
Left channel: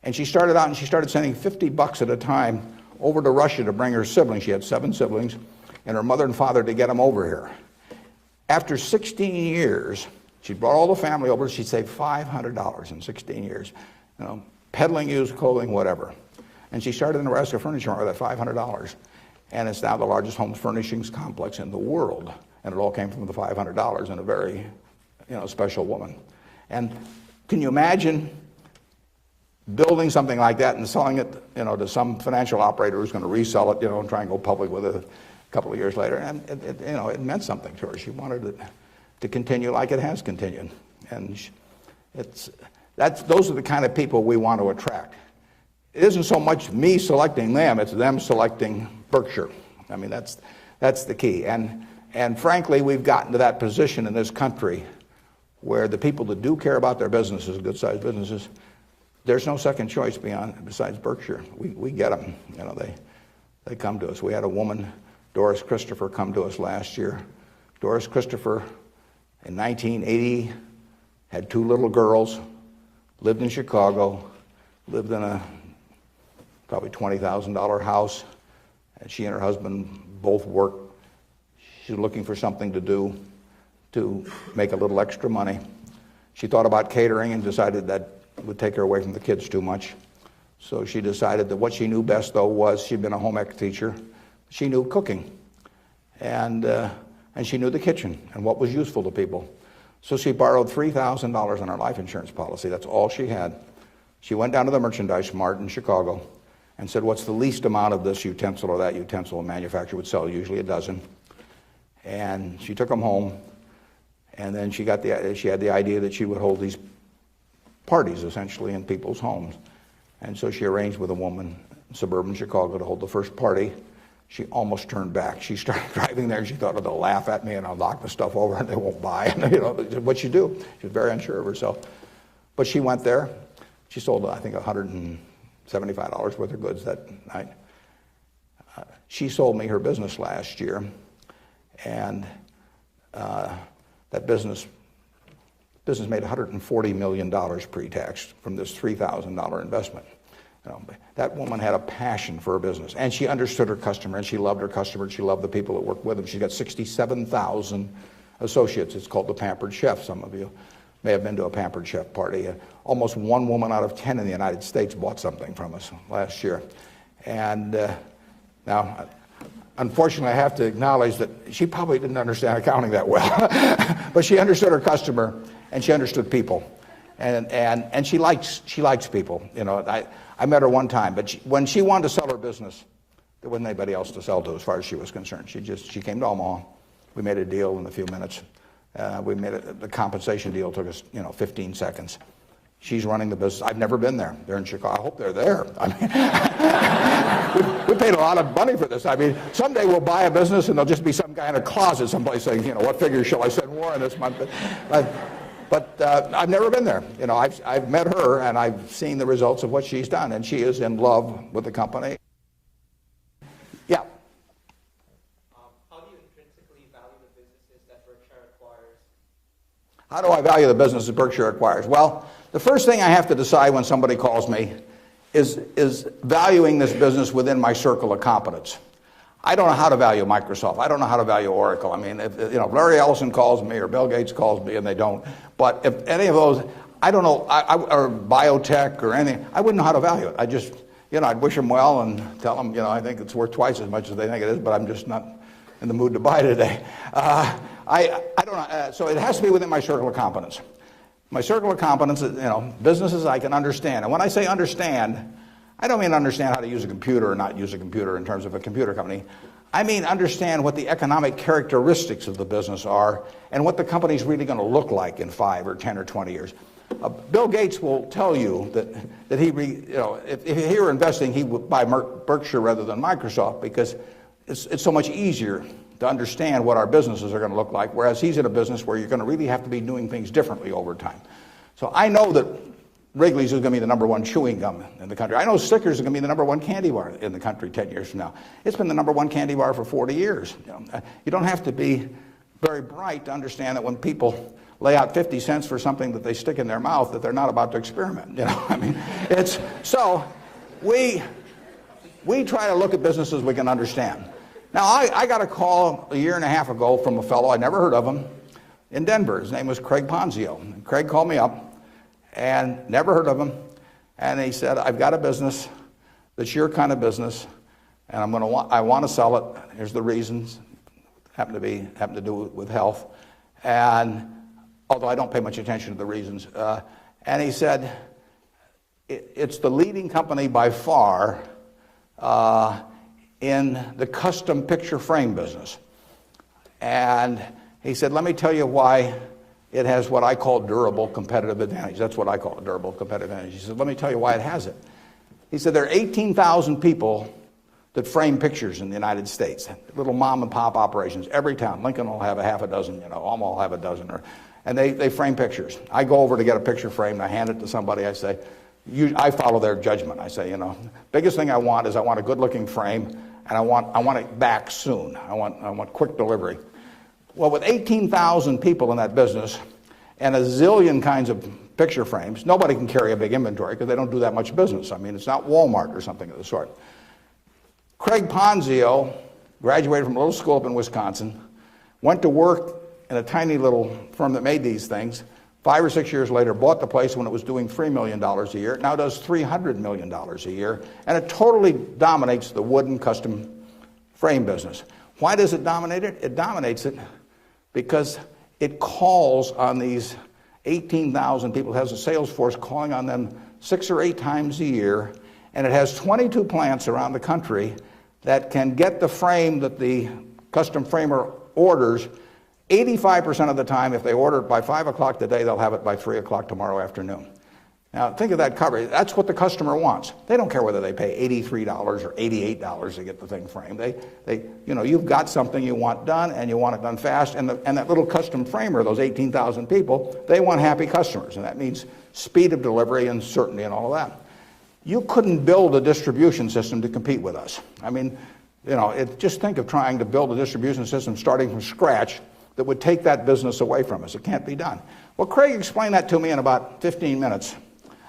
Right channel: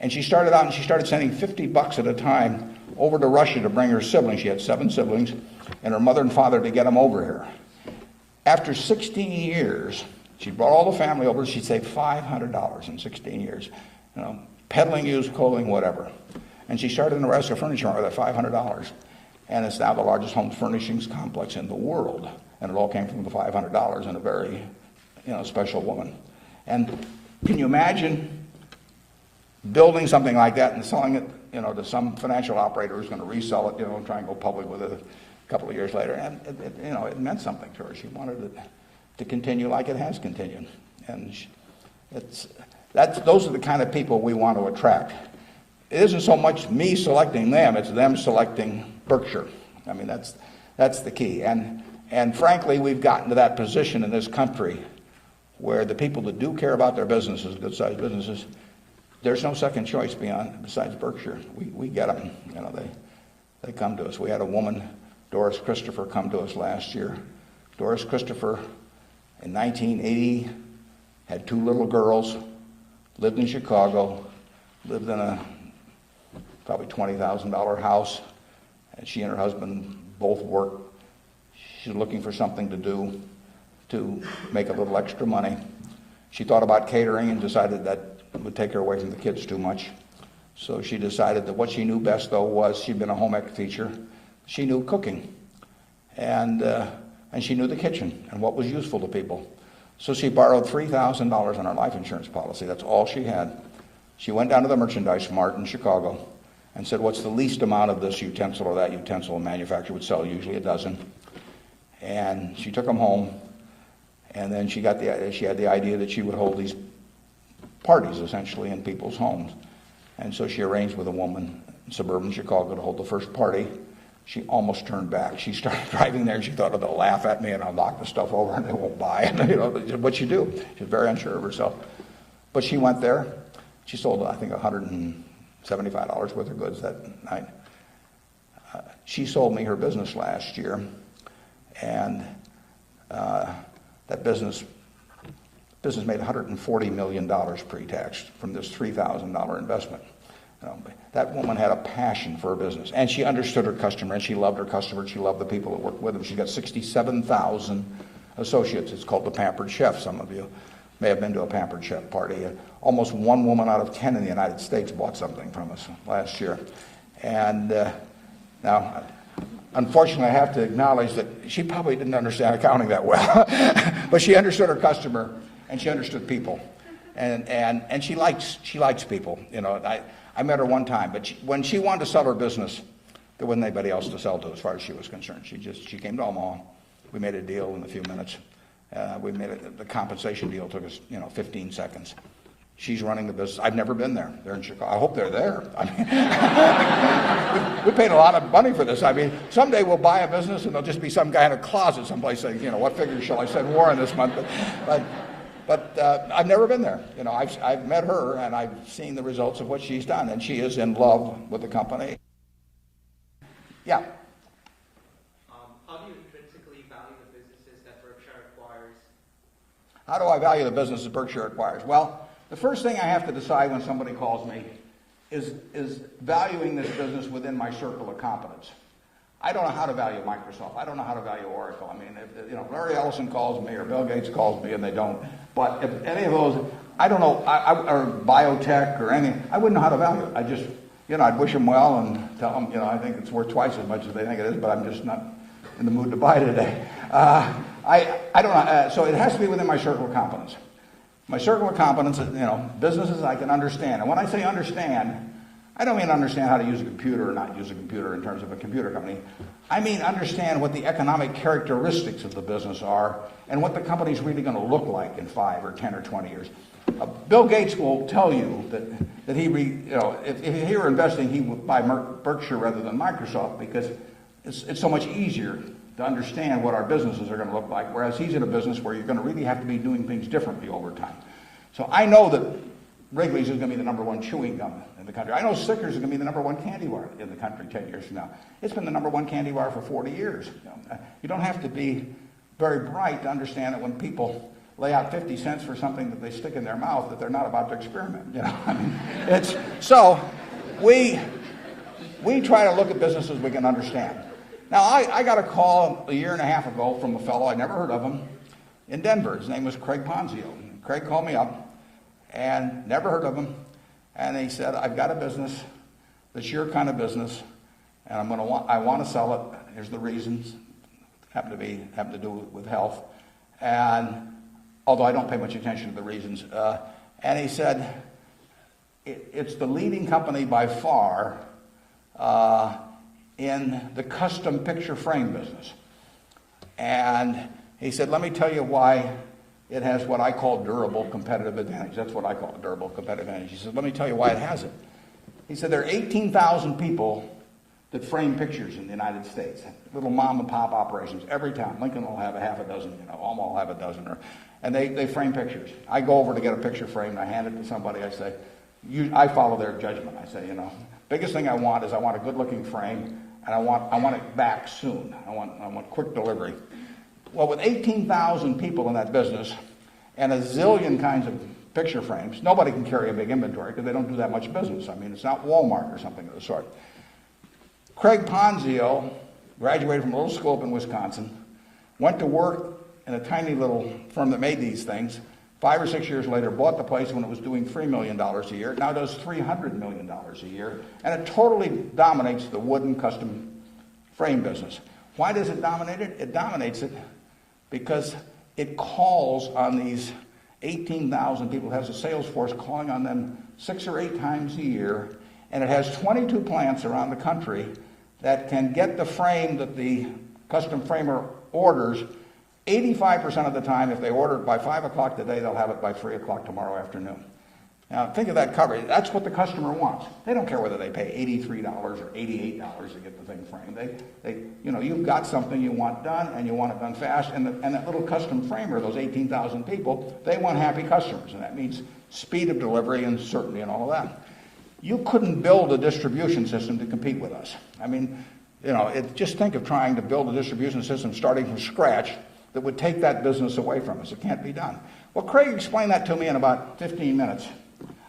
And she started out and she started sending $50 at a time over to Russia to bring her siblings. She had 7 siblings, and her mother and father to get them over here. After 16 years, she brought all the family over. She saved $500 in 16 years, peddling used clothing, whatever. And she started in the rest of the furniture with that $500. And it's now the largest home furnishings complex in the world. And it all came from the $500 and a very, special woman. And can you imagine building something like that and selling it, to some financial operator who's going to resell it, and try and go public with it a couple of years later? And it meant something to her. She wanted it to continue like it has continued. And those are the kind of people we want to attract. It isn't so much me selecting them, it's them selecting Berkshire. I mean, that's the key. And frankly, we've gotten to that position in this country where the people that do care about their businesses, good-sized businesses, there's no second choice besides Berkshire. We get them. They come to us. We had a woman, Doris Christopher, come to us last year. Doris Christopher, in 1980, had 2 little girls, lived in Chicago, lived in a probably $20,000 house. And she and her husband both worked. She's looking for something to do to make a little extra money. She thought about catering and decided that it would take her away from the kids too much. So she decided that what she knew best, though, was she'd been a home ec teacher. She knew cooking. And she knew the kitchen and what was useful to people. So she borrowed $3,000 on her life insurance policy. That's all she had. She went down to the merchandise mart in Chicago and said, what's the least amount of this utensil or that utensil a manufacturer would sell? Usually a dozen. And she took them home. And then she had the idea that she would hold these parties, essentially, in people's homes. And so she arranged with a woman in suburban Chicago to hold the first party. She almost turned back. She started driving there. She thought, oh, they'll laugh at me and I'll knock the stuff over and they won't buy it. But she do. She's very unsure of herself. But she went there. She sold, I think, $175 worth of goods that night. She sold me her business last year. And that business made $140 million pre-tax from this $3,000 investment. That woman had a passion for her business, and she understood her customer, and she loved her customers. She loved the people that worked with them. She got 67,000 associates. It's called the Pampered Chef. Some of you may have been to a Pampered Chef party. And almost 1 woman out of 10 in the United States bought something from us last year. And now, unfortunately, I have to acknowledge that she probably didn't understand accounting that well, but she understood her customer and she understood people, and she likes people. I met her one time, but when she wanted to sell her business, there wasn't anybody else to sell to as far as she was concerned. She came to Omaha. We made a deal in a few minutes. The compensation deal took us 15 seconds. She's running the business. I've never been there. They're in Chicago. I hope they're there. I mean, we paid a lot of money for this. I mean, someday we'll buy a business and there'll just be some guy in a closet someplace saying, what figure shall I send Warren this month? But I've never been there. I've met her and I've seen the results of what she's done, and she is in love with the company. Yeah. How do you intrinsically value the businesses that Berkshire acquires? How do I value the business that Berkshire acquires? Well, the first thing I have to decide when somebody calls me is valuing this business within my circle of competence. I don't know how to value Microsoft. I don't know how to value Oracle. I mean, if Larry Ellison calls me or Bill Gates calls me, and they don't. But if any of those, I don't know, or biotech or anything, I wouldn't know how to value it. I just, I'd wish them well and tell them, I think it's worth twice as much as they think it is, but I'm just not in the mood to buy today. I don't know. So it has to be within my circle of competence. My circle of competence is, businesses I can understand. And when I say understand, I don't mean understand how to use a computer or not use a computer in terms of a computer company. I mean understand what the economic characteristics of the business are and what the company's really going to look like in 5 or 10 or 20 years. Bill Gates will tell you that if he were investing, he would buy Berkshire rather than Microsoft because it's so much easier to understand what our businesses are going to look like, whereas he's in a business where you're going to really have to be doing things differently over time. So I know that Wrigley's is going to be the #1 chewing gum in the country. I know Snickers is going to be the #1 candy bar in the country 10 years from now. It's been the #1 candy bar for 40 years. You don't have to be very bright to understand that when people lay out 50 cents for something that they stick in their mouth, that they're not about to experiment. I mean, we try to look at businesses we can understand. Now, I got a call a year and a half ago from a fellow, I never heard of him, in Denver. His name was Craig Ponzio. Craig called me up, and never heard of him. And he said, I've got a business, that's your kind of business, and I want to sell it. Here's the reasons. Happen to do with health. And although I don't pay much attention to the reasons. And he said, it's the leading company by far in the custom picture frame business. And he said, let me tell you why it has what I call durable competitive advantage. That's what I call a durable competitive advantage. He said, let me tell you why it has it. He said, there are 18,000 people that frame pictures in the United States, little mom and pop operations. Every town, Lincoln will have a half a dozen, Alma will have a dozen, and they frame pictures. I go over to get a picture frame, I hand it to somebody, I say, I follow their judgment. I say, biggest thing I want is I want a good-looking frame, and I want it back soon. I want quick delivery. Well, with 18,000 people in that business and a zillion kinds of picture frames, nobody can carry a big inventory because they don't do that much business. I mean, it's not Walmart or something of the sort. Craig Ponzio graduated from a little school up in Wisconsin, went to work in a tiny little firm that made these things. 5 or 6 years later, bought the place when it was doing $3 million a year. Now does $300 million a year, and it totally dominates the wooden custom frame business. Why does it dominate it? It dominates it because it calls on these 18,000 people. It has a sales force calling on them 6 or 8 times a year, and it has 22 plants around the country that can get the frame that the custom framer orders 85% of the time. If they order it by 5 o'clock today, they'll have it by 3 o'clock tomorrow afternoon. Now, think of that coverage. That's what the customer wants. They don't care whether they pay $83 or $88 to get the thing framed. You've got something you want done, and you want it done fast. And that little custom framer, those 18,000 people, they want happy customers. And that means speed of delivery and certainty and all that. You couldn't build a distribution system to compete with us. I mean, just think of trying to build a distribution system starting from scratch that would take that business away from us. It can't be done. Well, Craig explained that to me in about 15 minutes.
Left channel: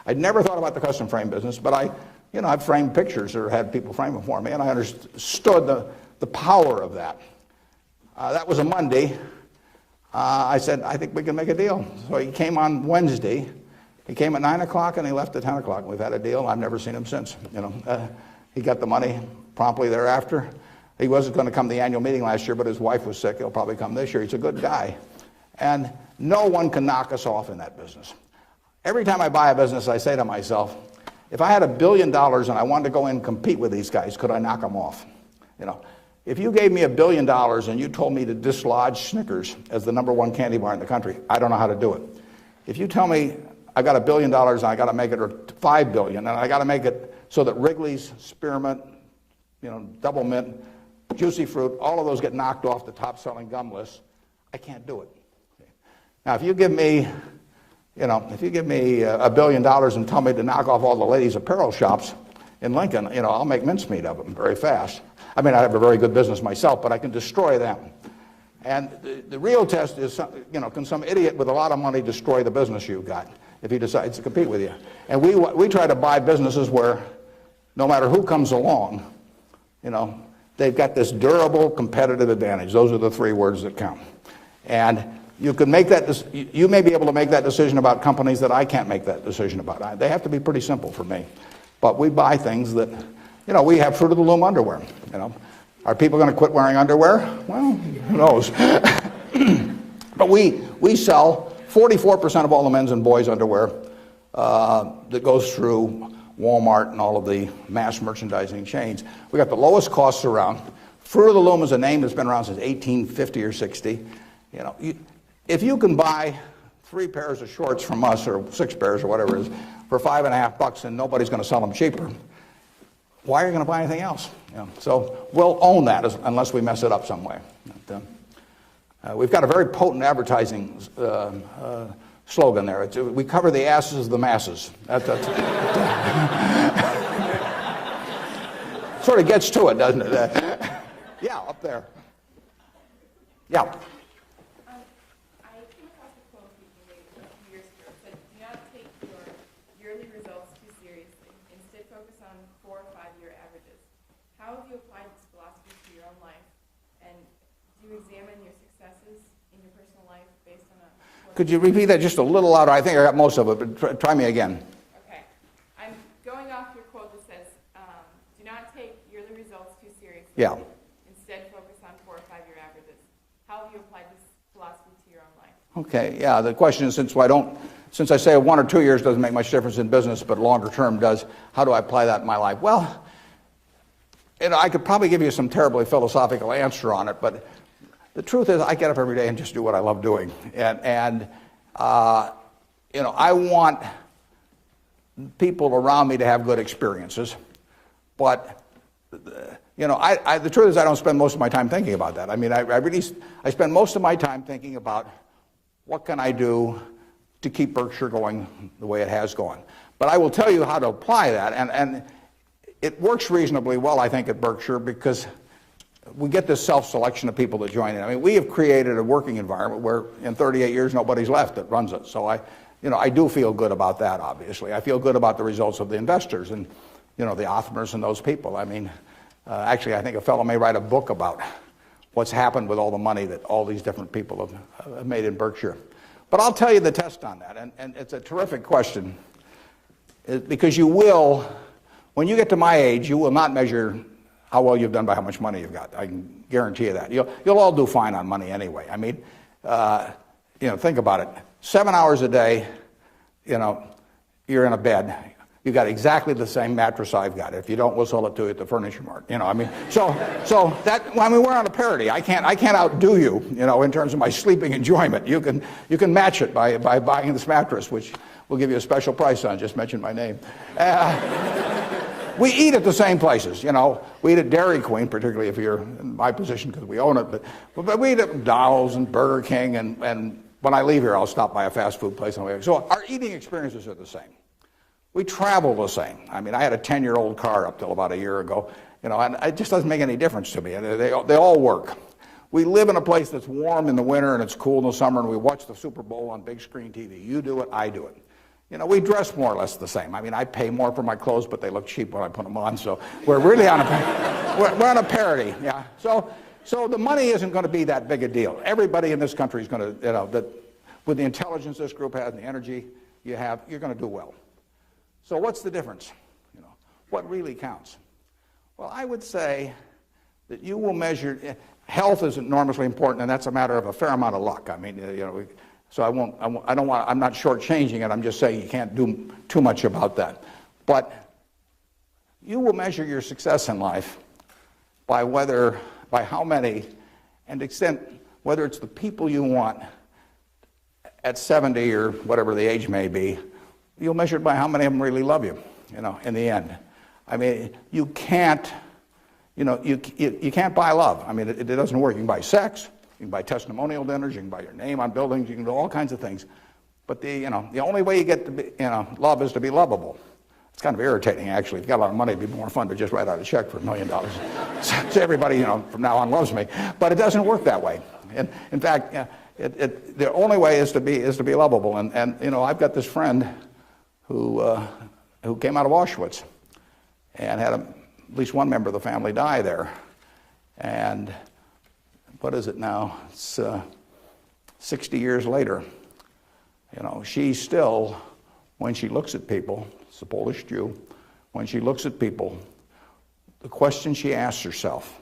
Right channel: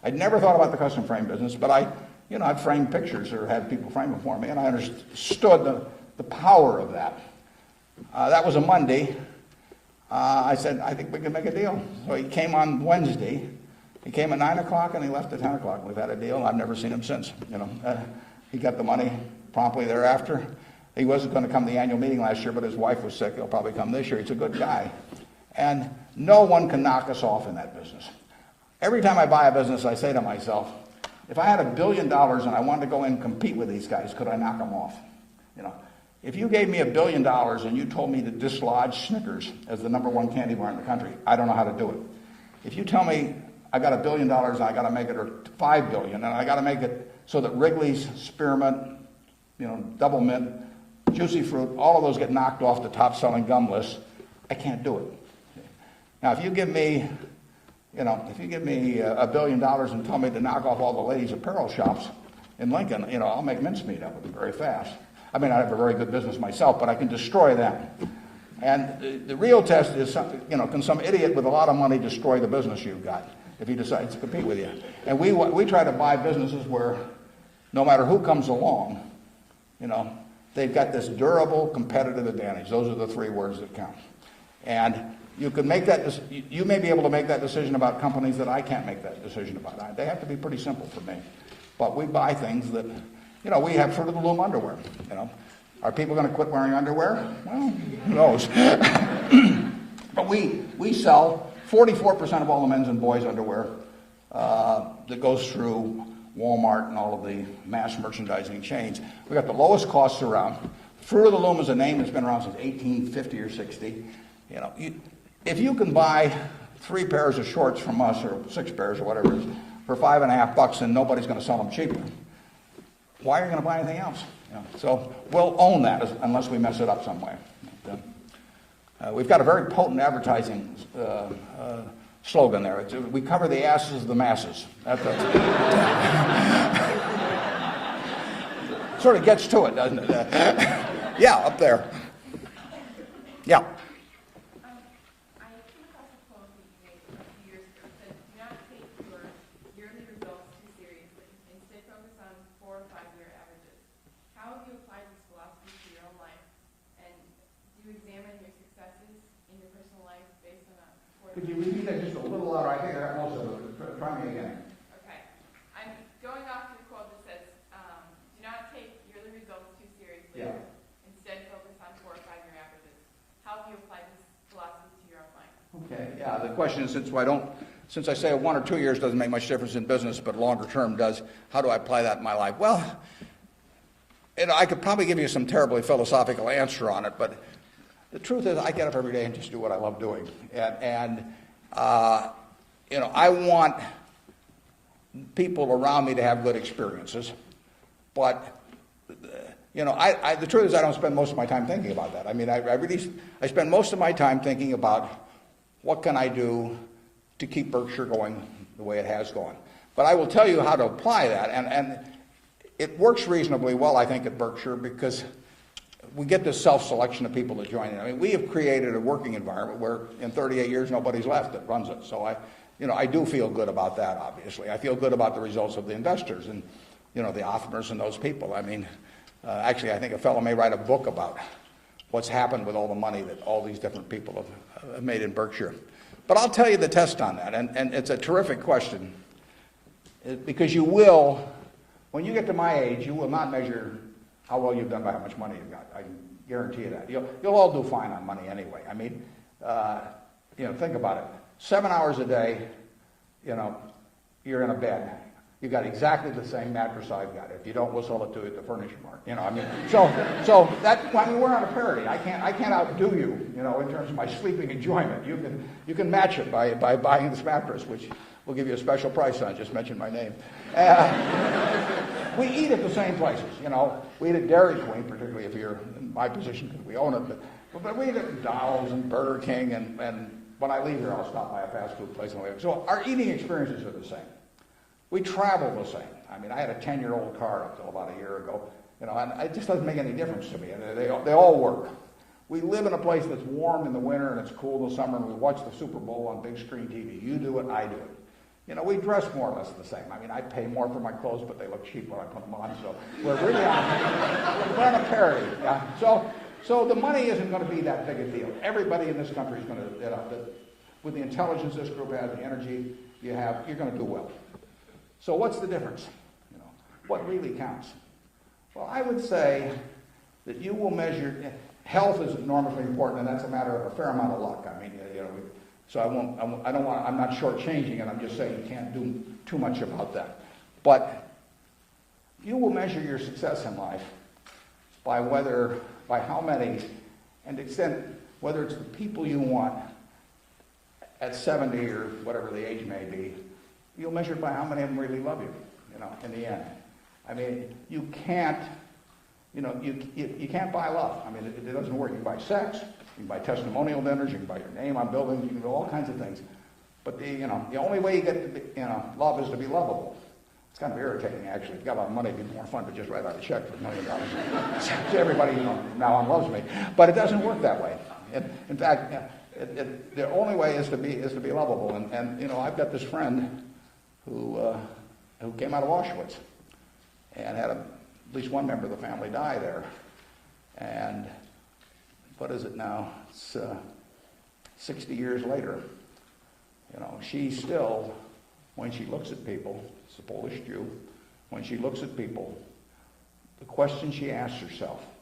I'd never thought about the custom frame business, but I've framed pictures or had people frame them for me, and I understood the power of that. That was a Monday. I said, I think we can make a deal. So he came on Wednesday. He came at 9 o'clock and he left at 10 o'clock. We've had a deal. I've never seen him since. He got the money promptly thereafter. He wasn't going to come to the annual meeting last year, but his wife was sick. He'll probably come this year. He's a good guy. And no one can knock us off in that business. Every time I buy a business, I say to myself, if I had $1 billion and I wanted to go in and compete with these guys, could I knock them off? If you gave me $1 billion and you told me to dislodge Snickers as the #1 candy bar in the country, I don't know how to do it. If you tell me I got $1 billion and I got to make it, or $5 billion, and I got to make it so that Wrigley's, Spearmint, Double Mint, Juicy Fruit, all of those get knocked off the top-selling gum list, I can't do it. Now, if you give me $1 billion and tell me to knock off all the ladies' apparel shops in Lincoln, I'll make mincemeat of them very fast. I mean, I have a very good business myself, but I can destroy that. And the real test is, can some idiot with a lot of money destroy the business you've got if he decides to compete with you? And we try to buy businesses where no matter who comes along, they've got this durable competitive advantage. Those are the 3 words that count. And you can make that. You may be able to make that decision about companies that I can't make that decision about. They have to be pretty simple for me. But we buy things that, we have Fruit of the Loom underwear. Are people going to quit wearing underwear? Well, who knows? But we sell 44% of all the men's and boys' underwear that goes through Walmart and all of the mass merchandising chains. We've got the lowest costs around. Fruit of the Loom is a name that's been around since 1850 or 60. If you can buy 3 pairs of shorts from us, or 6 pairs or whatever it is, for $5.50 and nobody's going to sell them cheaper, why are you going to buy anything else? So we'll own that unless we mess it up some way. We've got a very potent advertising slogan there. We cover the asses of the masses. Sort of gets to it, doesn't it? Yeah, up there. Yeah. Examine your successes in your personal life based could you repeat that just a little louder? I think I got most of it, but try me again. Okay. I'm going off your quote that says, do not take yearly results too seriously. Yeah. Instead, focus on 4 or 5 year averages. How have you applied this philosophy to your own life? Okay, yeah, the question is, since I say 1 or 2 years doesn't make much difference in business, but longer term does, how do I apply that in my life? Well, I could probably give you some terribly philosophical answer on it, but the truth is I get up every day and just do what I love doing. And I want people around me to have good experiences, but the truth is I don't spend most of my time thinking about that. I mean, I spend most of my time thinking about what can I do to keep Berkshire going the way it has gone. But I will tell you how to apply that, and it works reasonably well, I think, at Berkshire, because we get this self-selection of people to join in. I mean, we have created a working environment where in 38 years nobody's left that runs it. So I do feel good about that, obviously. I feel good about the results of the investors and, the Hoffners and those people. I mean, actually, I think a fellow may write a book about what's happened with all the money that all these different people have made in Berkshire. But I'll tell you the test on that, and it's a terrific question, because you will, when you get to my age, you will not measure how well you've done by how much money you've got. I can guarantee you that. You'll all do fine on money anyway. I mean, think about it. 7 hours a day, you're in a bed. You got exactly the same mattress I've got. If you don't, we'll sell it to you at the furniture mart. So we're on a parity. I can't outdo you, in terms of my sleeping enjoyment. You can match it by buying this mattress, which we'll give you a special price on. Just mention my name. We eat at the same places, We eat at Dairy Queen, particularly if you're in my position because we own it. But we eat at McDonald's and Burger King, and when I leave here, I'll stop by a fast food place. So our eating experiences are the same. We travel the same. I mean, I had a 10-year-old car up till about a year ago, and it just doesn't make any difference to me. They all work. We live in a place that's warm in the winter and it's cool in the summer, and we watch the Super Bowl on big screen TV. You do it, I do it. We dress more or less the same. I mean, I pay more for my clothes, but they look cheap when I put them on. So we're really on a parity. Yeah. So the money isn't going to be that big a deal. Everybody in this country is going to, with the intelligence this group has, the energy you have, you're going to do well. So what's the difference? What really counts? Well, I would say that you will measure. Health is enormously important, and that's a matter of a fair amount of luck. I mean, so I'm not shortchanging it. I'm just saying you can't do too much about that. But you will measure your success in life by how many, and extent, whether it's the people you want at 70 or whatever the age may be, you'll measure it by how many of them really love you, in the end. I mean, you can't buy love. I mean, it doesn't work. You can buy sex. You can buy testimonial dinners, you can buy your name on buildings, you can do all kinds of things. But the only way you get to be, love is to be lovable. It's kind of irritating, actually. If you got a lot of money, it'd be more fun to just write out a check for $1 million. So everybody, from now on loves me. But it doesn't work that way. And in fact, the only way is to be lovable. And I've got this friend who came out of Auschwitz and had at least one member of the family die there. And what is it now? It's 60 years later. She still, when she looks at people, it's a Polish Jew, when she looks at people, the question she asks herself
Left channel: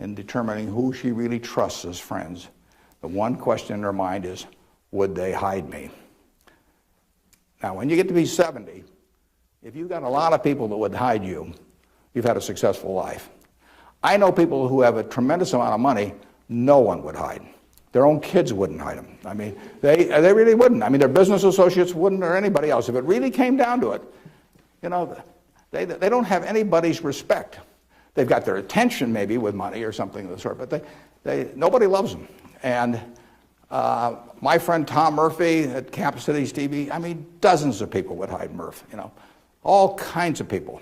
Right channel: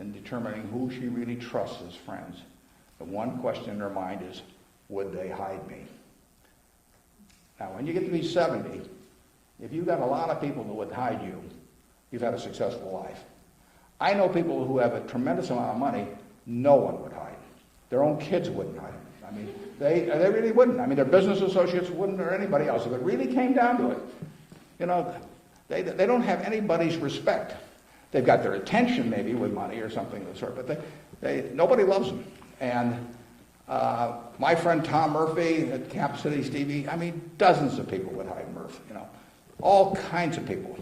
in determining who she really trusts as friends, the one question in her mind is, would they hide me? Now, when you get to be 70, if you've got a lot of people that would hide you, you've had a successful life. I know people who have a tremendous amount of money, no one would hide. Their own kids wouldn't hide them. I mean, they really wouldn't. I mean, their business associates wouldn't, or anybody else. If it really came down to it, they don't have anybody's respect. They've got their attention maybe with money or something of the sort, but nobody loves them. And my friend Tom Murphy at Cap Cities TV, I mean, dozens of people would hide Murph. All kinds of people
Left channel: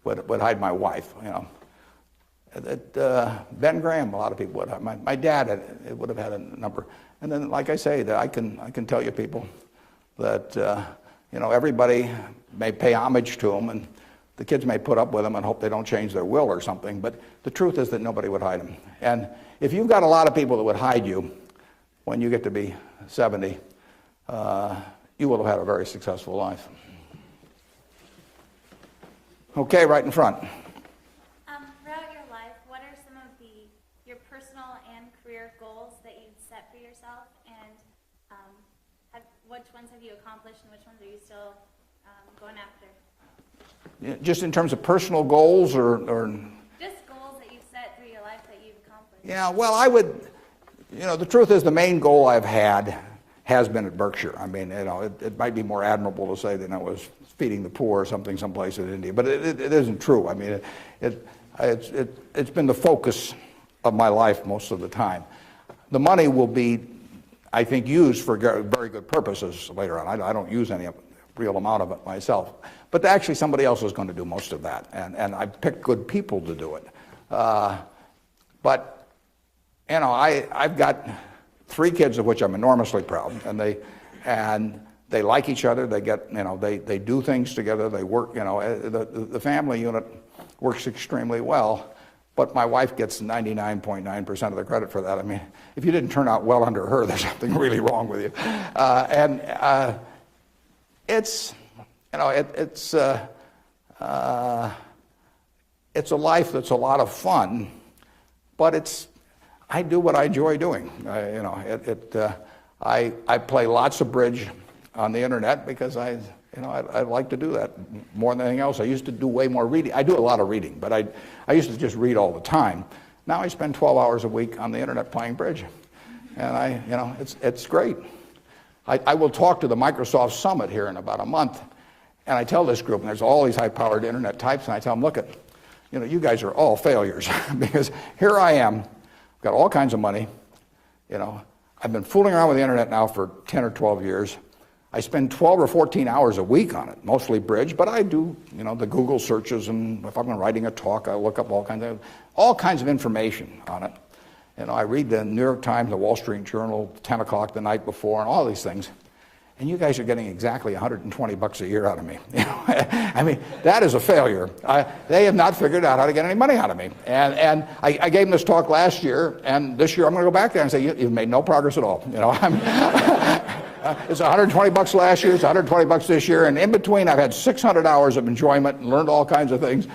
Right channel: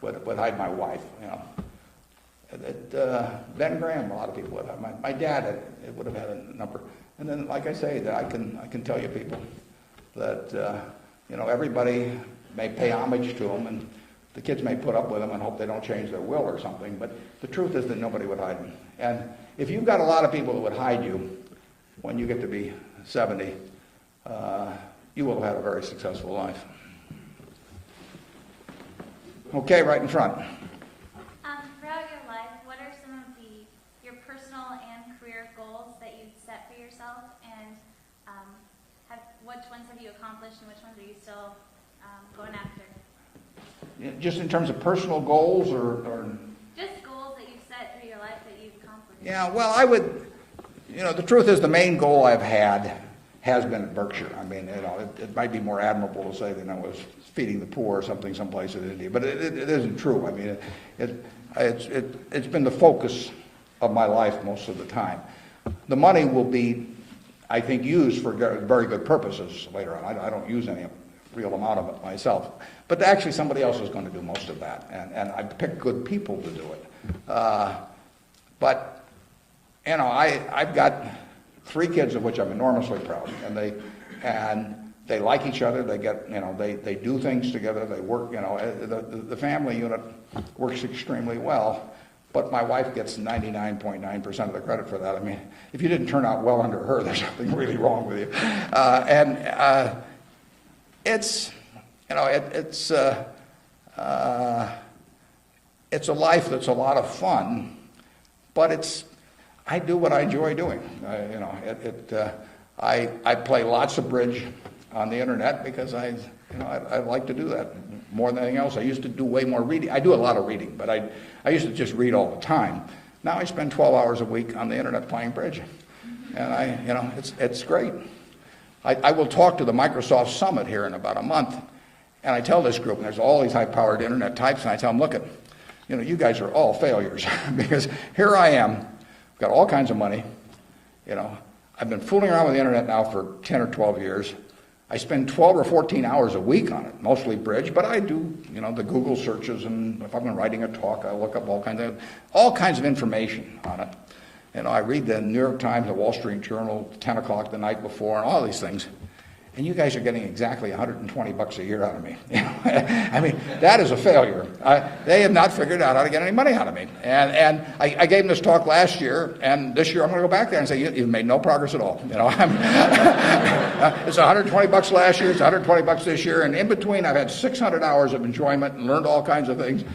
would hide my wife. Ben Graham, a lot of people would have. My dad would have had a number. And then, like I say, that I can tell you people that everybody may pay homage to them, and the kids may put up with them and hope they don't change their will or something. But the truth is that nobody would hide them. And if you've got a lot of people that would hide you when you get to be 70, you will have a very successful life. Okay, right in front. Throughout your life, what are some of your personal and career goals that you've set for yourself, and which ones have you accomplished, and which ones are you still going after? Yeah, just in terms of personal goals, or just goals that you've set for your life that you've accomplished. Yeah, well, I would. The truth is, the main goal I've had has been at Berkshire. I mean, it might be more admirable to say that I was feeding the poor or something someplace in India, but it isn't true. I mean, it's been the focus of my life most of the time. The money will be, I think, used for very good purposes later on. I don't use any real amount of it myself, but actually somebody else was going to do most of that, and I picked good people to do it. But I've got 3 kids of which I'm enormously proud, and they like each other. They get, they do things together. They work, the family unit works extremely well. But my wife gets 99.9% of the credit for that. I mean, if you didn't turn out well under her, there's something really wrong with you. It's a life that's a lot of fun, but I do what I enjoy doing. I play lots of bridge on the internet because I like to do that more than anything else. I used to do way more reading. I do a lot of reading, but I used to just read all the time. Now I spend 12 hours a week on the internet playing bridge, and it's great. I will talk to the Microsoft Summit here in about a month, and I tell this group, and there's all these high-powered internet types, and I tell them, look, you guys are all failures because here I am, got all kinds of money. I've been fooling around with the internet now for 10 or 12 years. I spend 12 or 14 hours a week on it, mostly bridge, but I do, the Google searches, and if I'm writing a talk, I look up all kinds of information on it. I read the New York Times, the Wall Street Journal, 10 o'clock the night before, and all these things. And you guys are getting exactly $120 a year out of me. I mean, that is a failure. They have not figured out how to get any money out of me. And I gave them this talk last year, and this year I'm going to go back there and say, you've made no progress at all. It's $120 last year, it's $120 this year, and in between I've had 600 hours of enjoyment and learned all kinds of things.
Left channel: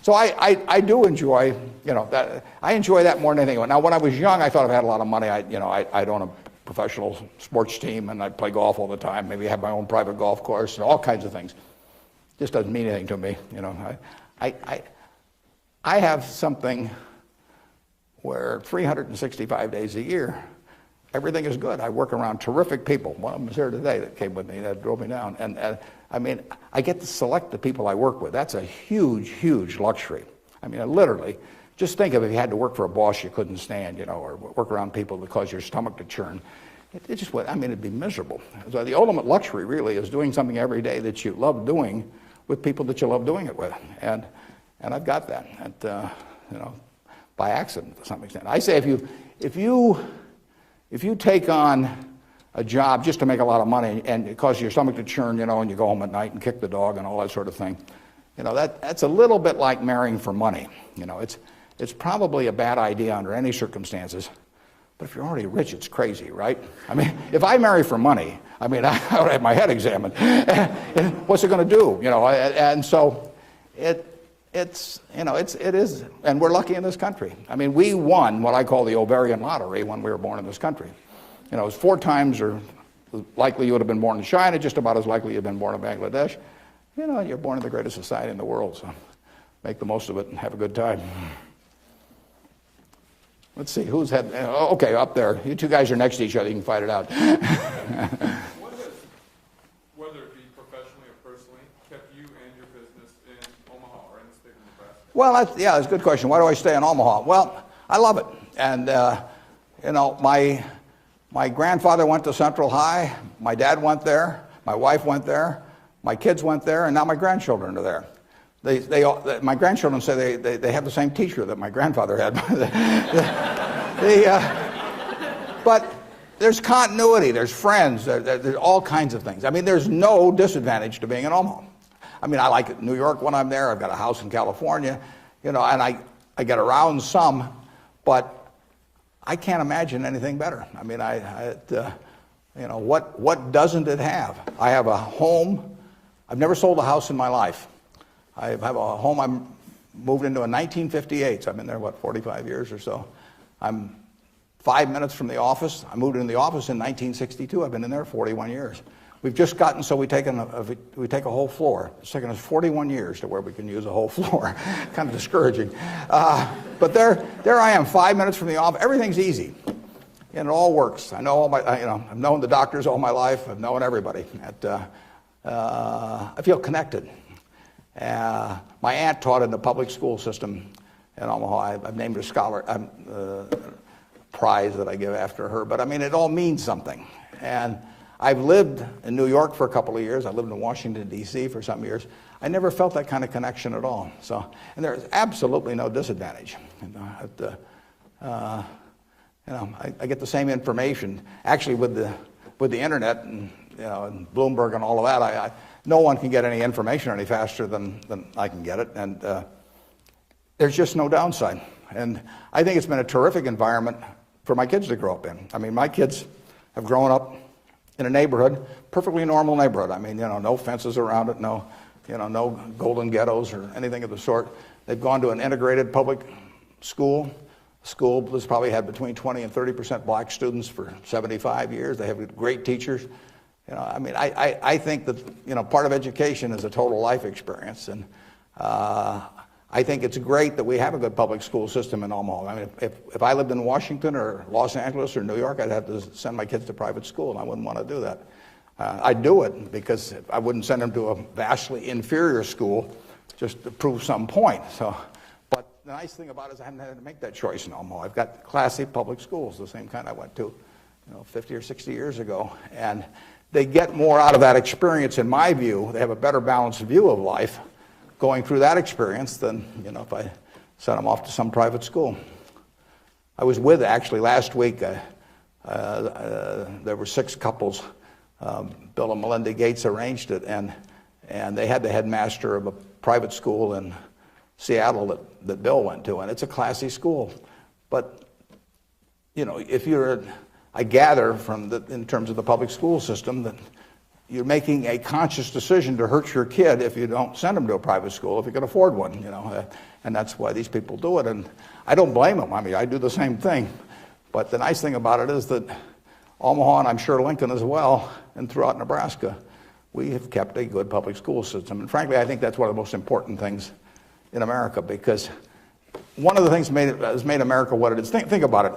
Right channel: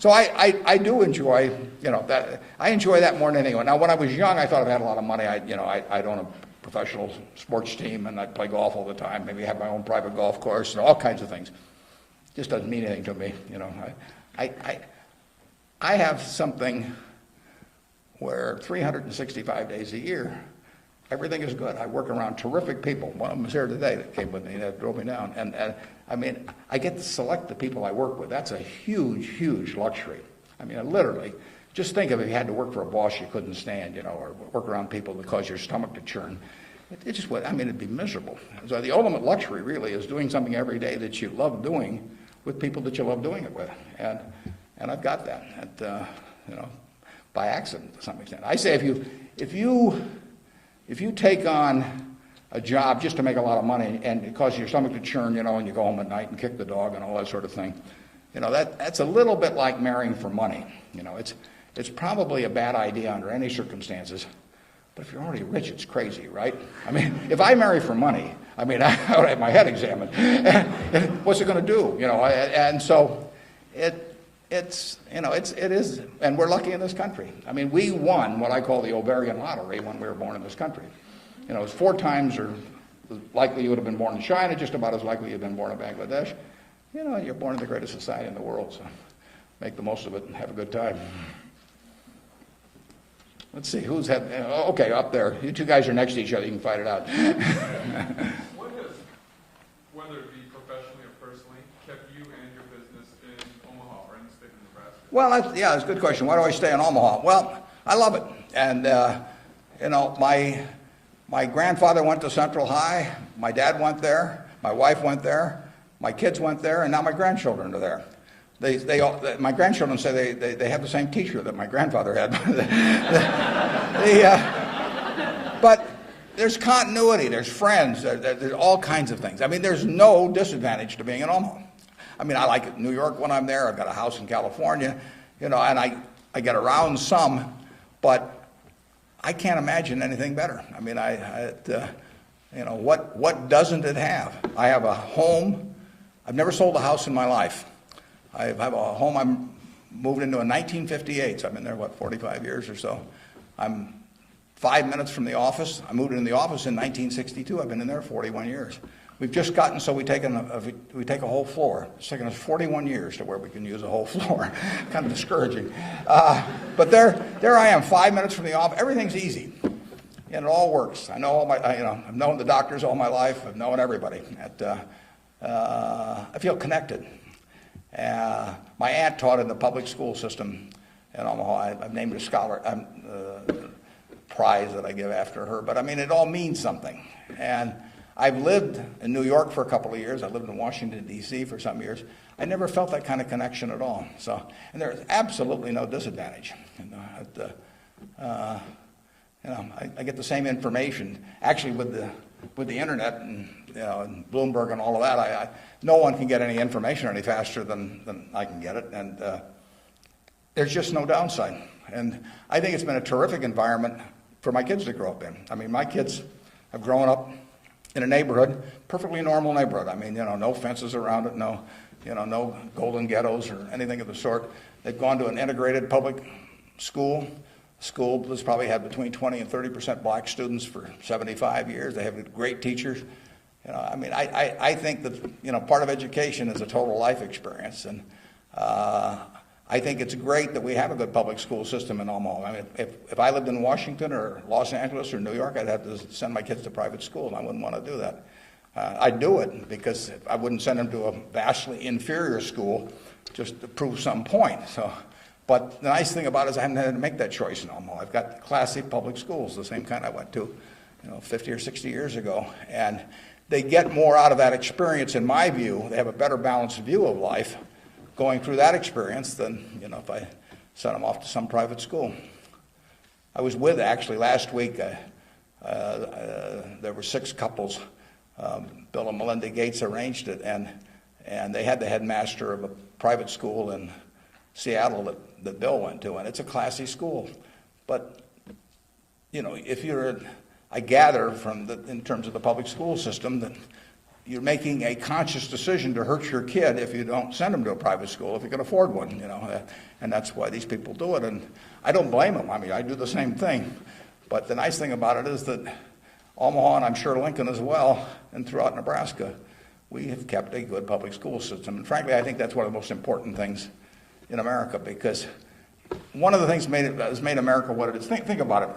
So I do enjoy, that. I enjoy that more than anyone. Now, when I was young, I thought I had a lot of money. I'd own a professional sports team, and I'd play golf all the time, maybe have my own private golf course, and all kinds of things. Just doesn't mean anything to me, I have something where 365 days a year, everything is good. I work around terrific people. One of them is here today that came with me, that drove me down. And I mean, I get to select the people I work with. That's a huge, huge luxury. I mean, literally, just think of if you had to work for a boss you couldn't stand, or work around people that cause your stomach to churn. It'd be miserable. So the ultimate luxury really is doing something every day that you love doing with people that you love doing it with. And I've got that, by accident to some extent. I say if you take on a job just to make a lot of money and it causes your stomach to churn, and you go home at night and kick the dog and all that sort of thing, that's a little bit like marrying for money. It's probably a bad idea under any circumstances, but if you're already rich, it's crazy, right? I mean, if I marry for money, I would have my head examined. And what's it going to do? And so it is, and we're lucky in this country. I mean, we won what I call the ovarian lottery when we were born in this country. It was 4 times or likely you would have been born in China, just about as likely you've been born in Bangladesh. You're born in the greatest society in the world, so make the most of it and have a good time. Let's see, who's had, okay, up there. You 2 guys are next to each other, you can fight it out. What has, whether it be professionally or personally, kept you and your business in Omaha or in the state of Nebraska? Well, that's a good question. Why do I stay in Omaha? Well, I love it. And, my grandfather went to Central High, my dad went there, my wife went there, my kids went there, and now my grandchildren are there. My grandchildren say they have the same teacher that my grandfather had. But there's continuity, there's friends, there's all kinds of things. I mean, there's no disadvantage to being in Omaha. I mean, I like New York when I'm there. I've got a house in California, and I get around some, but I can't imagine anything better. I mean, You know, what doesn't it have? I have a home. I've never sold a house in my life. I have a home I moved into in 1958, so I've been there, 45 years or so. I'm 5 minutes from the office. I moved into the office in 1962. I've been in there 41 years. We've just gotten so we take a whole floor. It's taken us 41 years to where we can use a whole floor. Kind of discouraging. But there I am, 5 minutes from the office. Everything's easy, and it all works. I know I've known the doctors all my life. I've known everybody. I feel connected. My aunt taught in the public school system in Omaha. I named a scholar prize that I give after her. But I mean, it all means something. And I've lived in New York for a couple of years. I lived in Washington, D.C. for some years. I never felt that kind of connection at all. So and there's absolutely no disadvantage. I get the same information. Actually, with the internet and Bloomberg and all of that, no one can get any information any faster than I can get it. And there's just no downside. And I think it's been a terrific environment for my kids to grow up in. I mean, my kids have grown up in a neighborhood, perfectly normal neighborhood. I mean, no fences around it, no golden ghettos or anything of the sort. They've gone to an integrated public school. School has probably had between 20 and 30% black students for 75 years. They have great teachers. I mean, I think that part of education is a total life experience, and I think it's great that we have a good public school system in Omaha. I mean, if I lived in Washington or Los Angeles or New York, I'd have to send my kids to private school. I wouldn't want to do that. I'd do it because I wouldn't send them to a vastly inferior school just to prove some point. But the nice thing about it is I haven't had to make that choice in Omaha. I've got classy public schools, the same kind I went to 50 or 60 years ago. And they get more out of that experience, in my view. They have a better balanced view of life going through that experience than if I sent them off to some private school. I was with, actually, last week, there were 6 couples. Bill and Melinda Gates arranged it, and they had the headmaster of a private school in Seattle that Bill went to, and it's a classy school. But, if you're, I gather in terms of the public school system, that you're making a conscious decision to hurt your kid if you don't send them to a private school if you can afford one, and that's why these people do it. And I don't blame them. I mean, I do the same thing. But the nice thing about it is that Omaha, and I'm sure Lincoln as well, and throughout Nebraska, we have kept a good public school system. And frankly, I think that's one of the most important things in America, because one of the things has made America what it is. Think about it.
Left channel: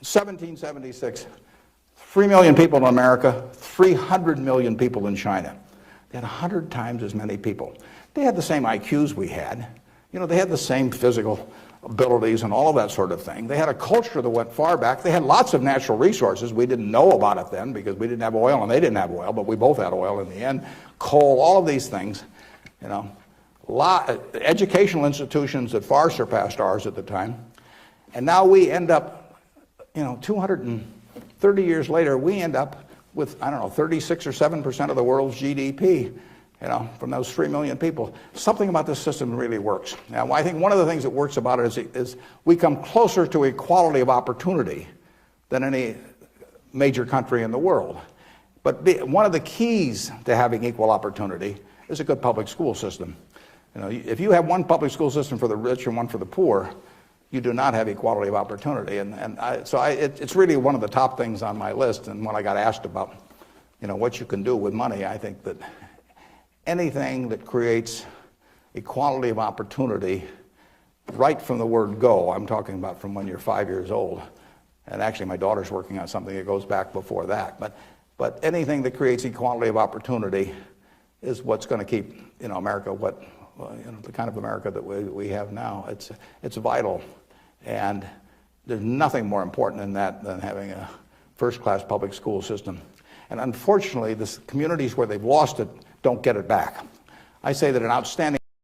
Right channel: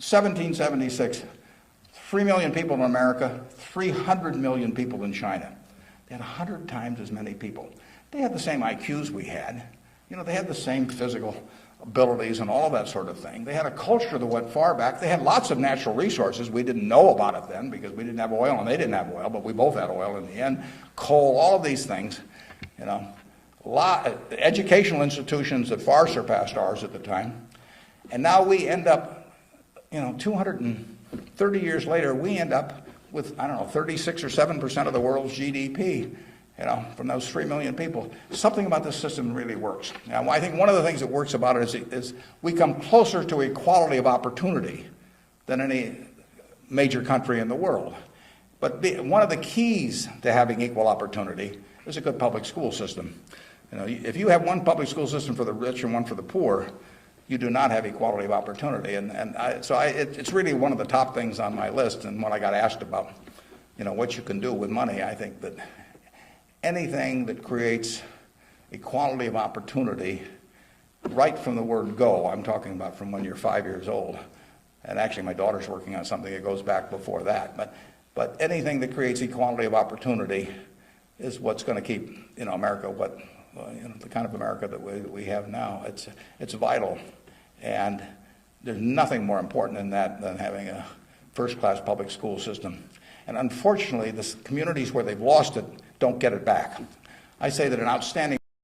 1776, 3 million people in America, 300 million people in China. They had 100 times as many people. They had the same IQs we had. They had the same physical abilities and all that sort of thing. They had a culture that went far back. They had lots of natural resources. We didn't know about it then because we didn't have oil and they didn't have oil, but we both had oil in the end. Coal, all these things. Educational institutions that far surpassed ours at the time. And now we end up, 230 years later, we end up with, 36 or 7% of the world's GDP, from those 3 million people. Something about this system really works. Now, I think one of the things that works about it is we come closer to equality of opportunity than any major country in the world. But one of the keys to having equal opportunity is a good public school system. If you have one public school system for the rich and one for the poor, you do not have equality of opportunity. It's really one of the top things on my list. And when I got asked about, what you can do with money, I think that anything that creates equality of opportunity, right from the word go, I'm talking about from when you're 5 years old, and actually my daughter's working on something that goes back before that, but anything that creates equality of opportunity is what's going to keep, America the kind of America that we have now. It's vital, and there's nothing more important than that than having a first-class public school system. And unfortunately, the communities where they've lost it don't get it back. I say that an outstanding